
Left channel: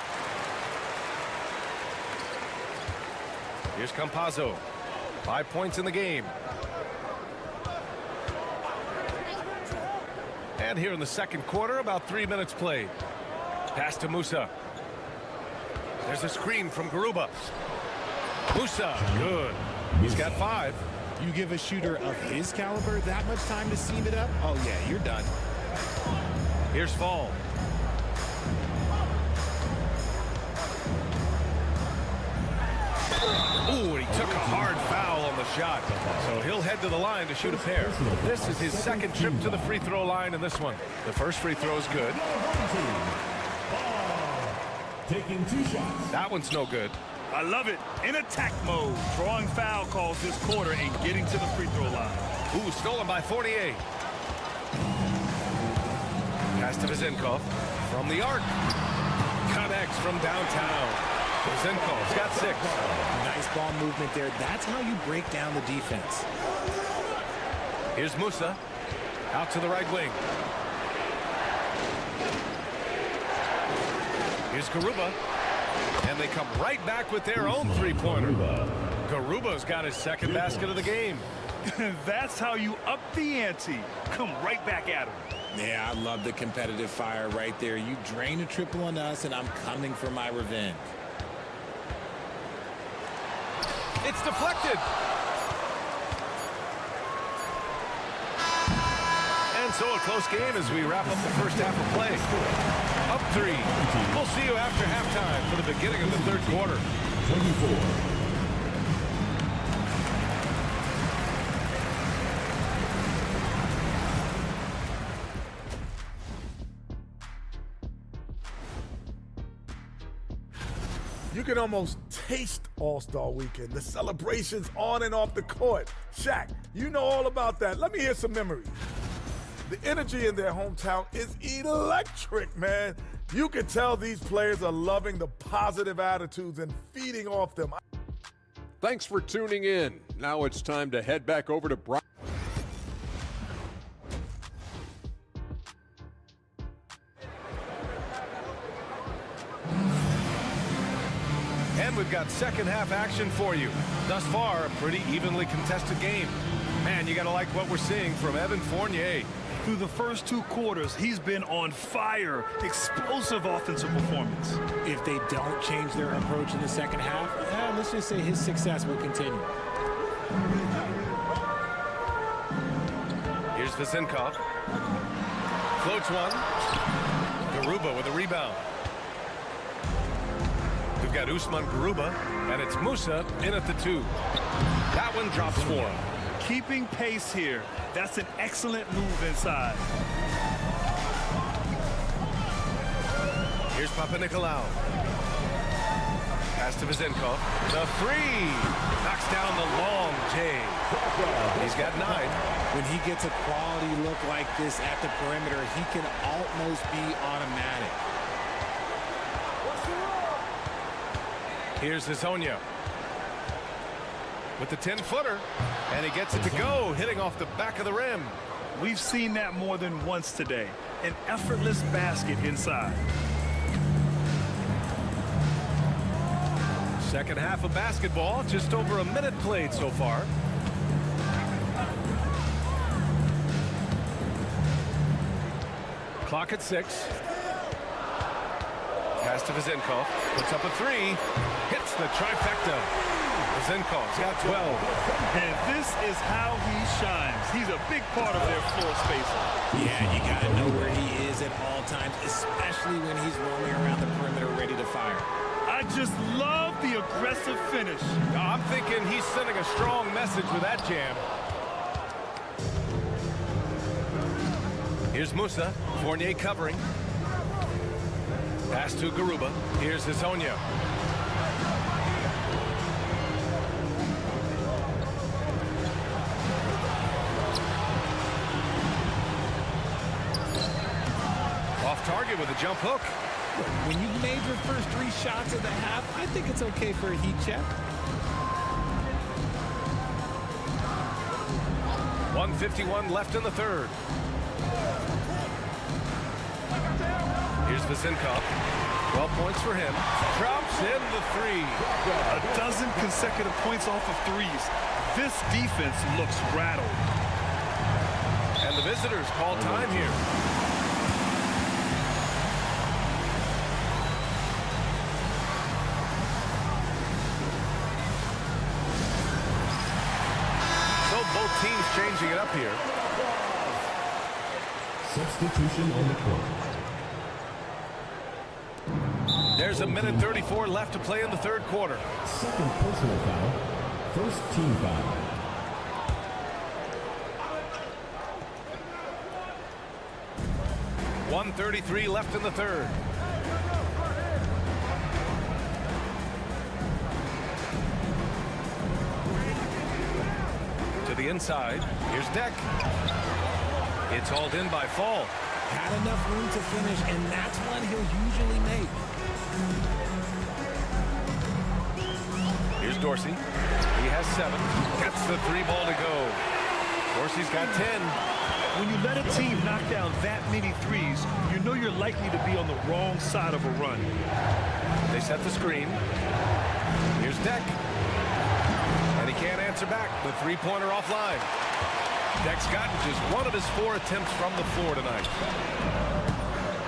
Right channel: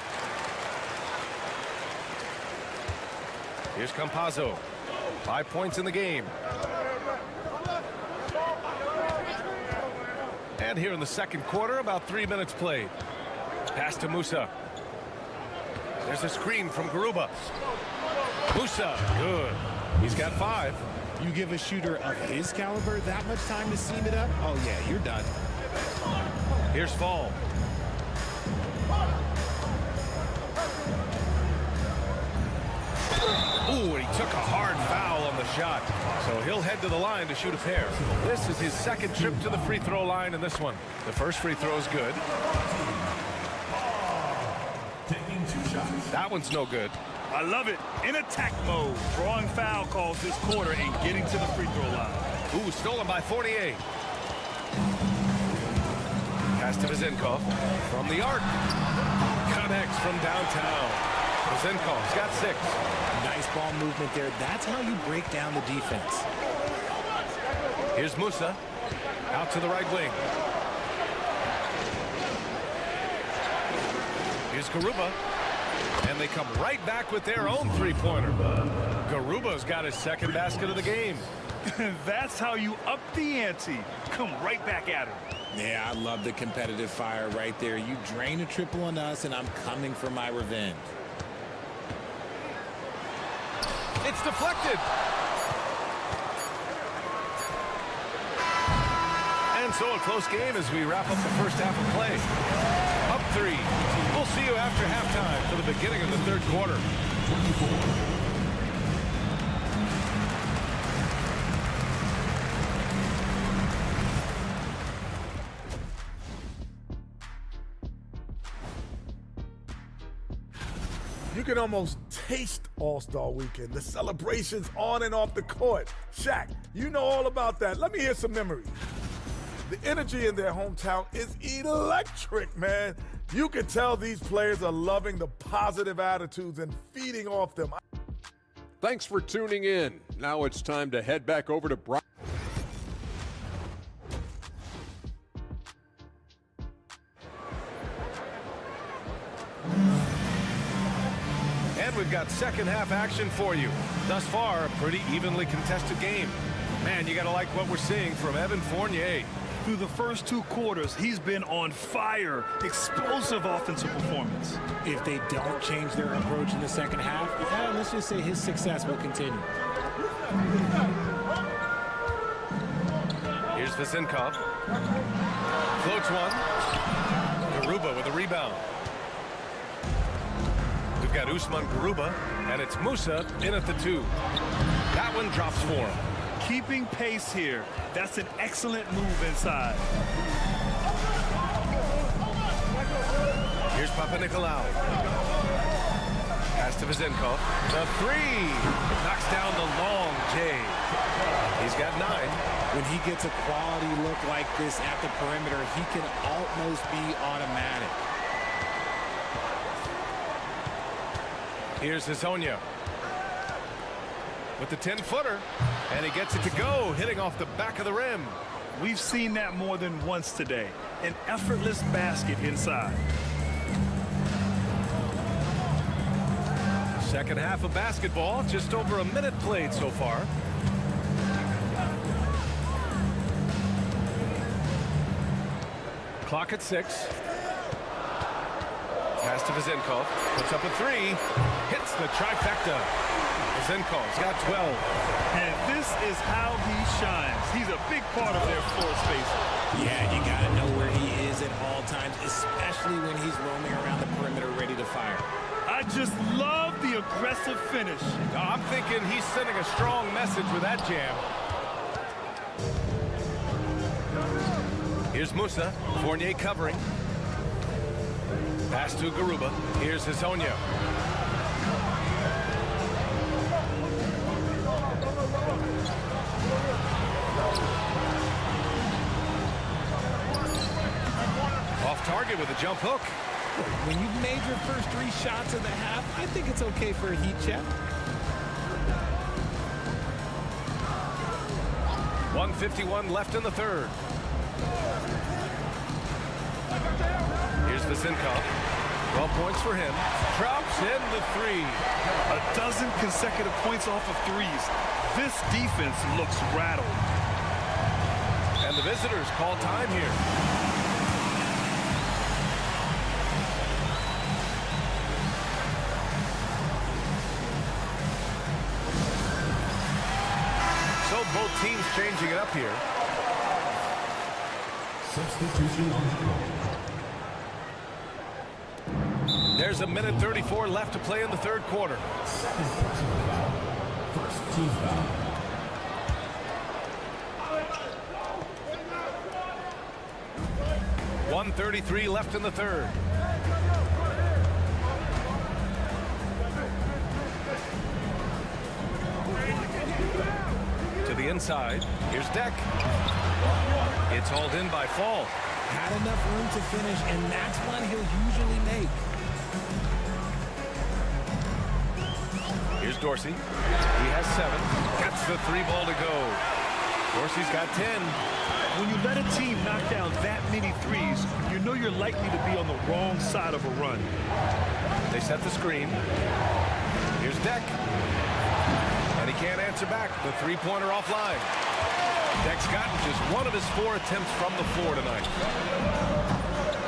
Here's Campazzo. 5 points in the game. And here in the second quarter, about 3 minutes played. Pass to Musa. There's a screen from Garuba. Musa, good. He's got 5. You give a shooter of his caliber that much time to seam it up? Oh, yeah, you're done. Here's Fall. Ooh, and he took a hard foul on the shot. So he'll head to the line to shoot a pair. This is his second trip to the free throw line in this one. The first free throw is good. Taking 2 shots. That one's no good. I love it. In attack mode. Drawing foul calls this quarter and getting to the free throw line. Ooh, stolen by Fournier. Pass to Vezenkov from the arc. Connects from downtown. Vezenkov's got 6. Nice ball movement there. That's how you break down the defense. Here's Musa. Out to the right wing. Here's Garuba. And they come right back with their own three-pointer. Garuba's got his second basket of the game. That's how you up the ante. Come right back at him. Yeah, I love the competitive fire right there. You drain a triple on us, and I'm coming for my revenge. It's deflected. And so a close game as we wrap up the first half of play. Up 3. We'll see you after halftime for the beginning of the third quarter. 24. You can almost taste All-Star Weekend. The celebrations on and off the court. Shaq, you know all about that. Let me hear some memories. The energy in their hometown is electric, man. You can tell these players are loving the positive attitudes and feeding off them. Thanks for tuning in. Now it's time to head back over to Brian. And we've got second half action for you. Thus far, a pretty evenly contested game. Man, you got to like what we're seeing from Evan Fournier. Through the first 2 quarters, he's been on fire. Explosive offensive performance. If they don't change their approach in the second half, let's just say his success will continue. Here's Vezenkov. Floats one. Garuba with a rebound. We've got Usman Garuba, and it's Musa in at the 2. That one drops for him. Keeping pace here. That's an excellent move inside. Here's Papanikolaou. Pass to Vezenkov. The 3. Knocks down the long J. He's got 9. When he gets a quality look like this at the perimeter, he can almost be automatic. Here's Hezonja. with the 10-footer. And he gets it to go, hitting off the back of the rim. We've seen that more than once today. An effortless basket inside. Second half of basketball, just over a minute played so far. Clock at 6. Pass to Vezenkov, puts up a 3, hits the trifecta. Vezenkov's got 12. And this is how he shines. He's a big part of their floor space. Yeah, you got to know where he is at all times, especially when he's roaming around the perimeter ready to fire. I just love the aggressive finish. I'm thinking he's sending a strong message with that jam. Here's Musa, Fournier covering. Pass to Garuba. Here's Hezonja. Off target with a jump hook. Look, when you've made your first 3 shots of the half, I think it's okay for a heat check. 1:51 left in the third. Here's Vezenkov. 12 points for him. Drops in the 3. A dozen consecutive points off of 3s. This defense looks rattled. And the visitors call time here. So both teams changing it up here. Substitution on the court. There's a minute 34 left to play in the third quarter. Second personal foul. First team foul. .133 left in the third. To the inside. Here's Deck. It's hauled in by Fall. Had enough room to finish, and that's one he'll usually make. Here's Dorsey. He has 7. Gets the 3 ball to go. Dorsey's got 10. When you let a team knock down that many 3s, you know you're likely to be on the wrong side of a run. They set the screen. Here's Deck. And he can't answer back. The 3-pointer offline. Deck's gotten just 1 of his 4 attempts from the floor tonight.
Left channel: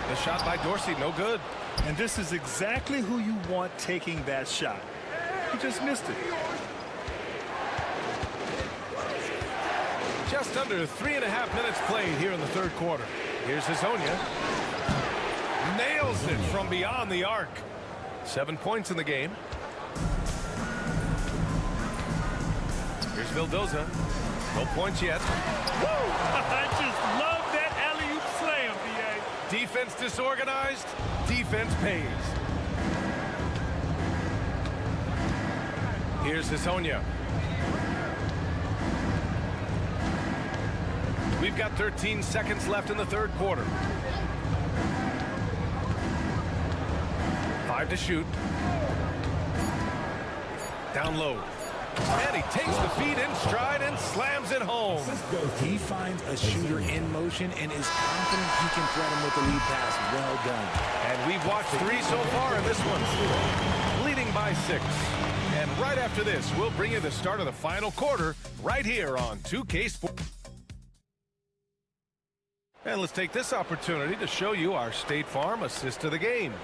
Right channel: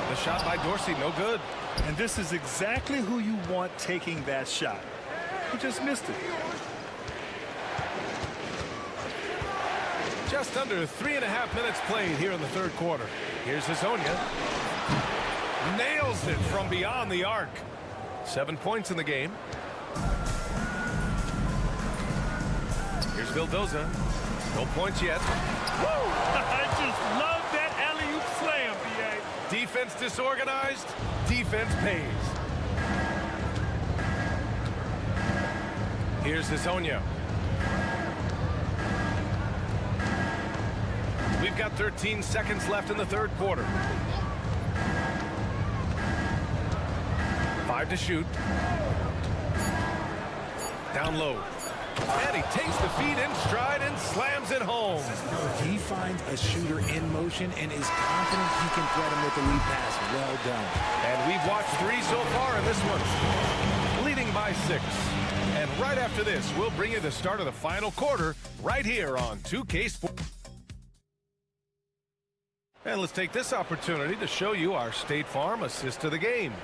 The shot by Dorsey, no good. And this is exactly who you want taking that shot. He just missed it. Just under 3.5 minutes played here in the third quarter. Here's Hezonja. Nails it from beyond the arc. 7 points in the game. Here's Vildoza. No points yet. Woo! I just love that alley-oop slam, B.A. Defense disorganized. Defense pays. Here's Hezonja. We've got 13 seconds left in the third quarter. 5 to shoot. Down low. And he takes the feed in stride and slams it home. He finds a shooter in motion and is confident he can thread him with the lead pass. Well done. And we've watched 3 so far in this one. Leading by 6. And right after this, we'll bring you the start of the final quarter right here on 2K Sports. And let's take this opportunity to show you our State Farm assist of the game.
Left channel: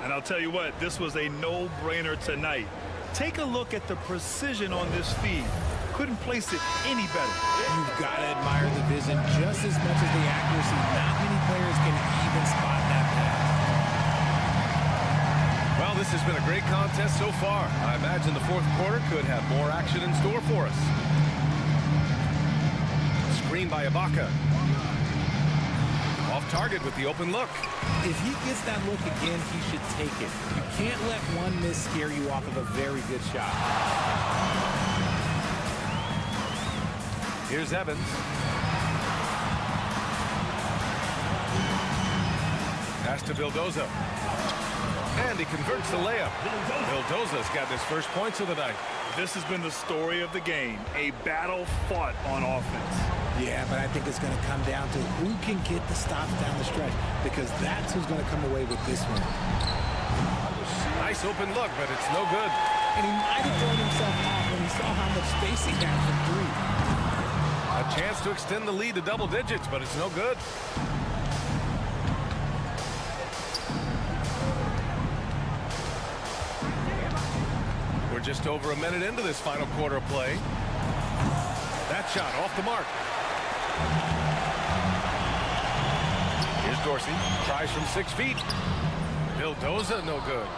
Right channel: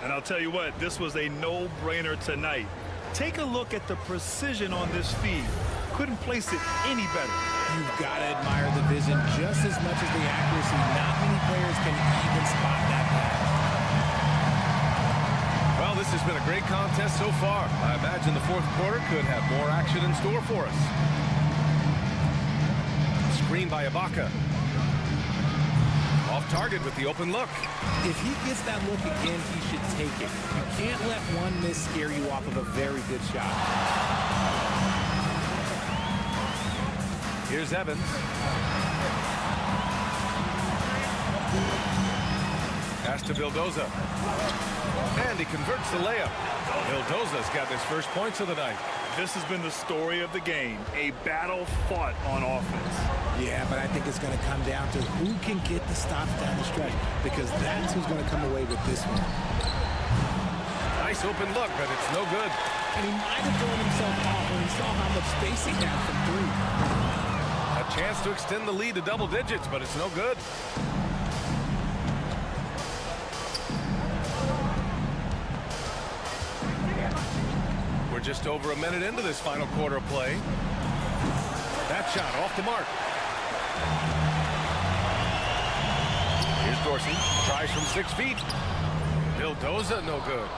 And I'll tell you what, this was a no-brainer tonight. Take a look at the precision on this feed. Couldn't place it any better. You've got to admire the vision just as much as the accuracy. Not many players can even spot that pass. Well, this has been a great contest so far. I imagine the fourth quarter could have more action in store for us. Screen by Ibaka. Off target with the open look. If he gets that look again, he should take it. You can't let one miss scare you off of a very good shot. Here's Evans. Pass to Vildoza. And he converts the layup. Vildoza's got his first points of the night. This has been the story of the game, a battle fought on offense. Yeah, but I think it's going to come down to who can get the stops down the stretch, because that's who's going to come away with this one. Nice open look, but it's no good. And he might have thrown himself off when he saw how much space he had from three. A chance to extend the lead to double digits, but it's no good. We're just over a minute into this final quarter of play. That shot off the mark. Here's Dorsey. Tries from 6 feet. Vildoza, no good.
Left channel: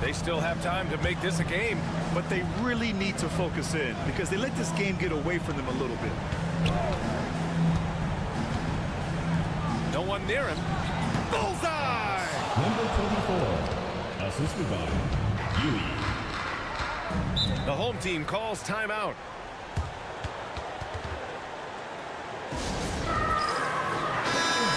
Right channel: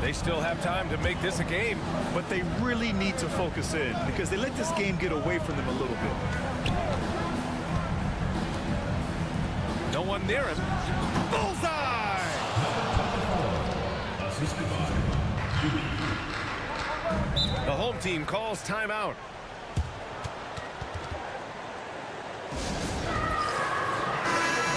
They still have time to make this a game. But they really need to focus in because they let this game get away from them a little bit. No one near him. Bullseye! Number 24, assisted by Yui. The home team calls timeout.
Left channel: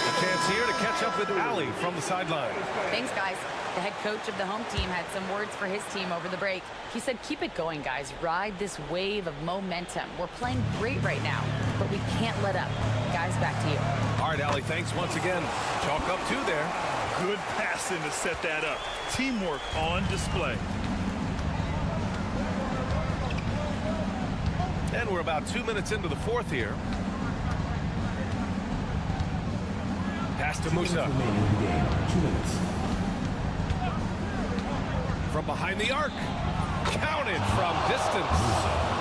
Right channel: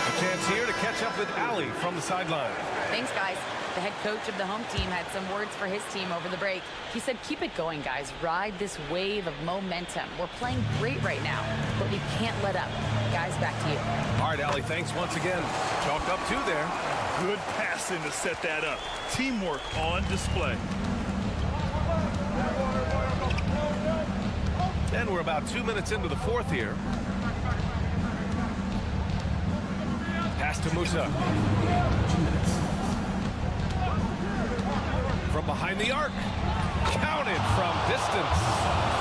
A chance here to catch up with Ali from the sideline. Thanks, guys. The head coach of the home team had some words for his team over the break. He said, keep it going, guys. Ride this wave of momentum. We're playing great right now, but we can't let up. Guys, back to you. All right, Ali, thanks once again. Chalk up 2 there. Good passing to set that up. Teamwork on display. And we're about 2 minutes into the fourth here. Pass to Musa. 2 minutes. From behind the arc. Counted from distance.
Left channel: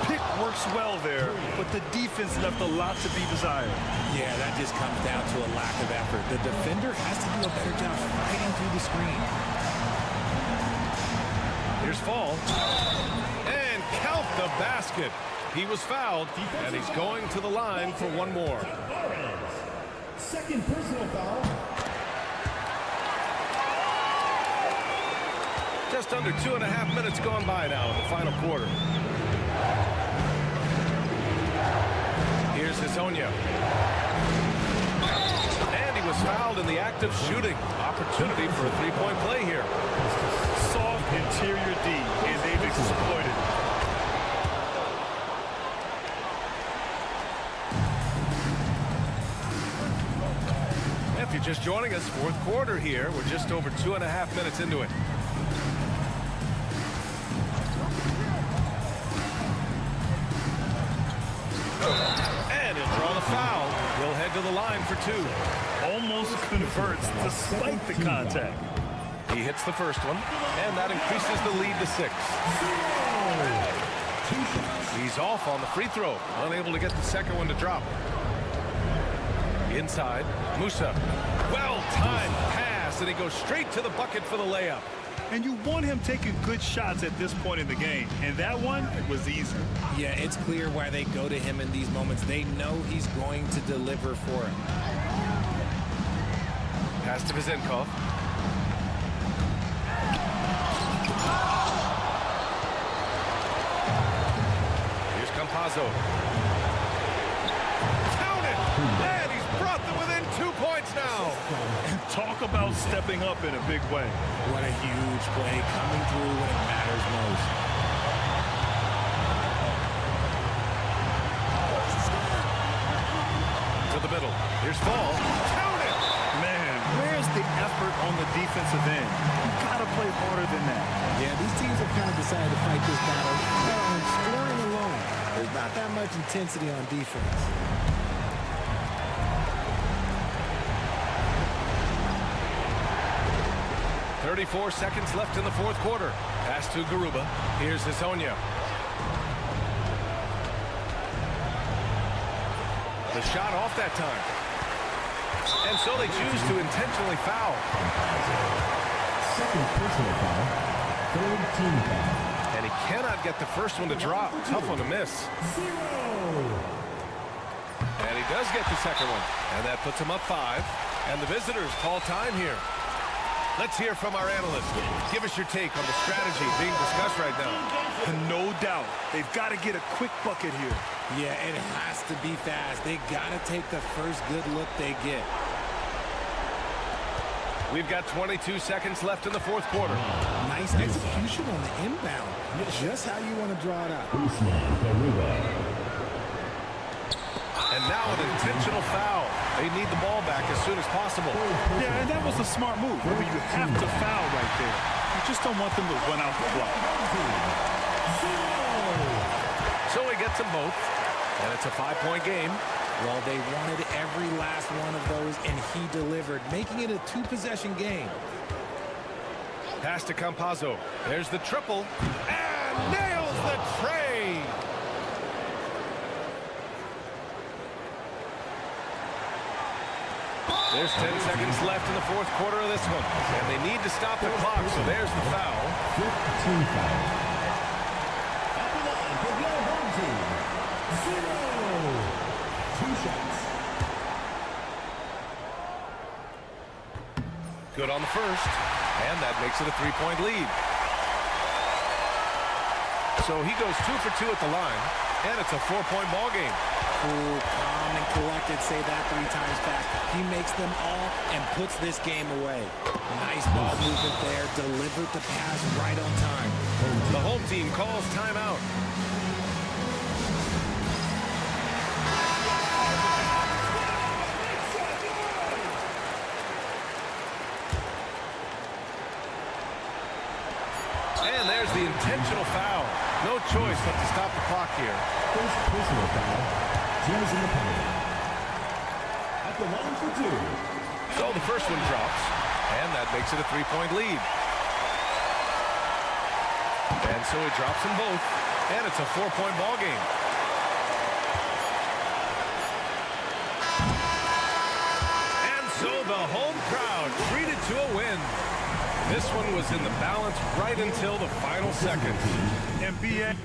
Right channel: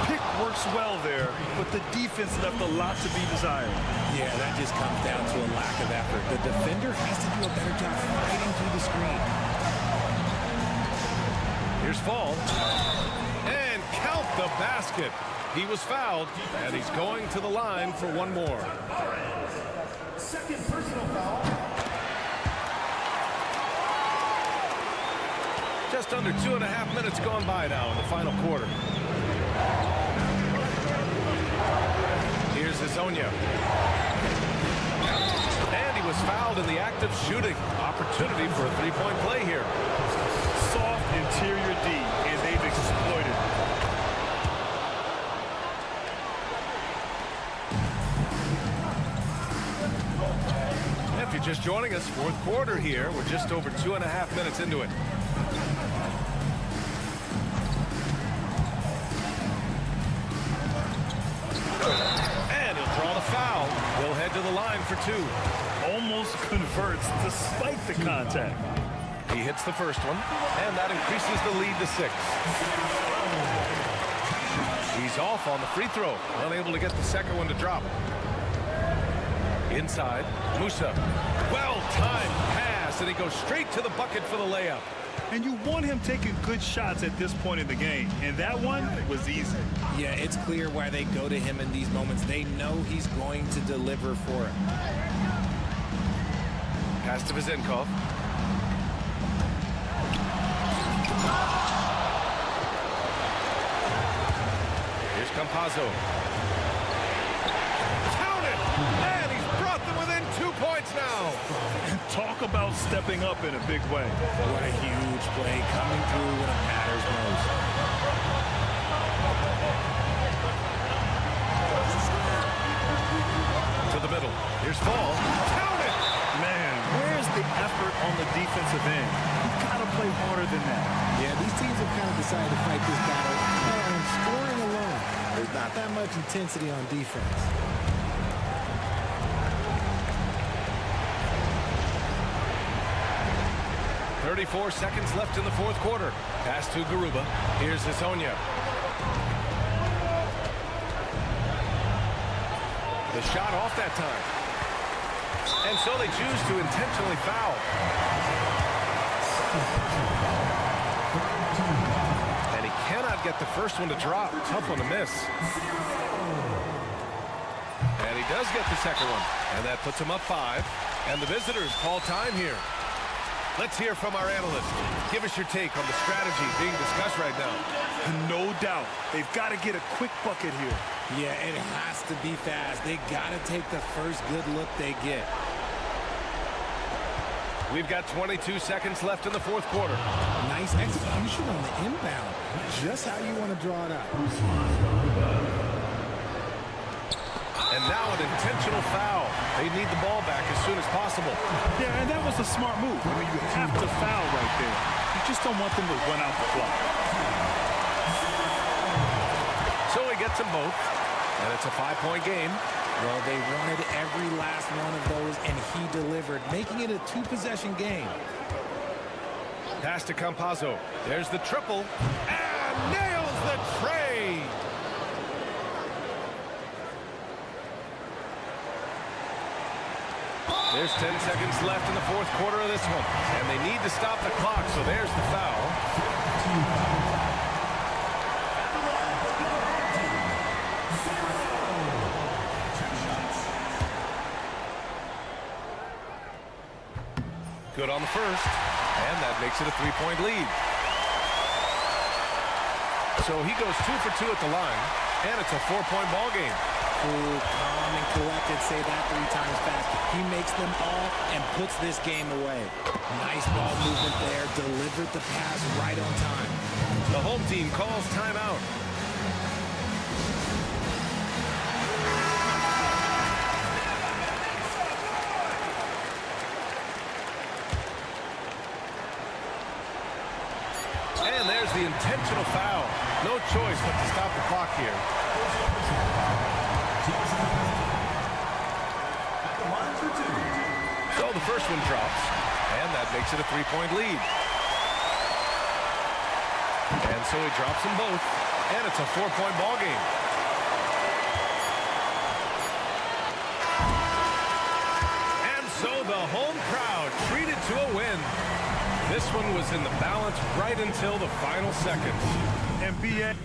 Pick works well there, but the defense left a lot to be desired. Yeah, that just comes down to a lack of effort. The defender has to do a better job fighting through the screen. Here's Fall. And count the basket. He was fouled, and he's going to the line for one more. Second personal foul. Just under 2.5 minutes gone by now in the final quarter. Here's Hazonia. And he was fouled in the act of shooting. Opportunity for a three-point play here. Soft interior D, and they've exploited it. If you're just joining us, fourth quarter here. We're just over 2.5 minutes into it. And he'll draw the foul. He'll head to the line for 2. Almost converts despite the contact. He hits the first one, and that increases the lead to 6. He's off on the free throw, unable to get the second one to drop. Inside, Musa. Well-timed pass, and he goes straight to the bucket for the layup. And you want him taking good shots at this point in the game, and that one was easy. Yeah, it's clear why they go to him in these moments. They know he's going to deliver for him. Pass to Vizenkov. Here's Campazzo. Count it! And he's brought them within 2 points now. And talk about stepping up in a big way. What a huge play, coming through when it matters most. To the middle. Here's Fall. Count it! Man, where's the effort on the defensive end? You've got to play harder than that. Yeah, these teams have kind of decided to fight this battle on scoring alone. There's not that much intensity on defense. .34 seconds left in the fourth quarter. Pass to Garuba. Here's Hazonia. The shot off that time. And so they choose to intentionally foul. Second personal foul. Third team foul. And he cannot get the first one to drop. Tough one to miss. And he does get the second one. And that puts him up 5. And the visitors call time here. Let's hear from our analyst. Give us your take on the strategy being discussed right now. No doubt. They've got to get a quick bucket here. Yeah, it has to be fast. They got to take the first good look they get. We've got 22 seconds left in the fourth quarter. Nice execution on the inbound. Just how you want to draw it out. And now an intentional foul. They need the ball back as soon as possible. Yeah, and that was a smart move. I mean, you have to foul right there. You just don't want them to run out the clock. So he gets them both, and it's a 5-point game. Well, they wanted every last one of those, and he delivered, making it a 2-possession game. Pass to Campazzo. There's the triple, and nails the tray. There's 10 seconds left in the fourth quarter of this one, and they need to stop the clock, so there's the foul. Good on the first, and that makes it a 3-point lead. So he goes 2 for 2 at the line, and it's a 4-point ball game. Cool, calm, and collected. Say that 3 times fast. He makes them all and puts this game away. Nice ball movement there. Delivered the pass right on time. The home team calls timeout. And there's the intentional foul. No choice but to stop the clock here. First personal foul. Teams in the penalty. At the line for 2. So the first one drops, and that makes it a 3-point lead. And so he drops them both, and it's a 4-point ball game. And so the home crowd treated to a win. This one was in the balance right until the final seconds. NBA.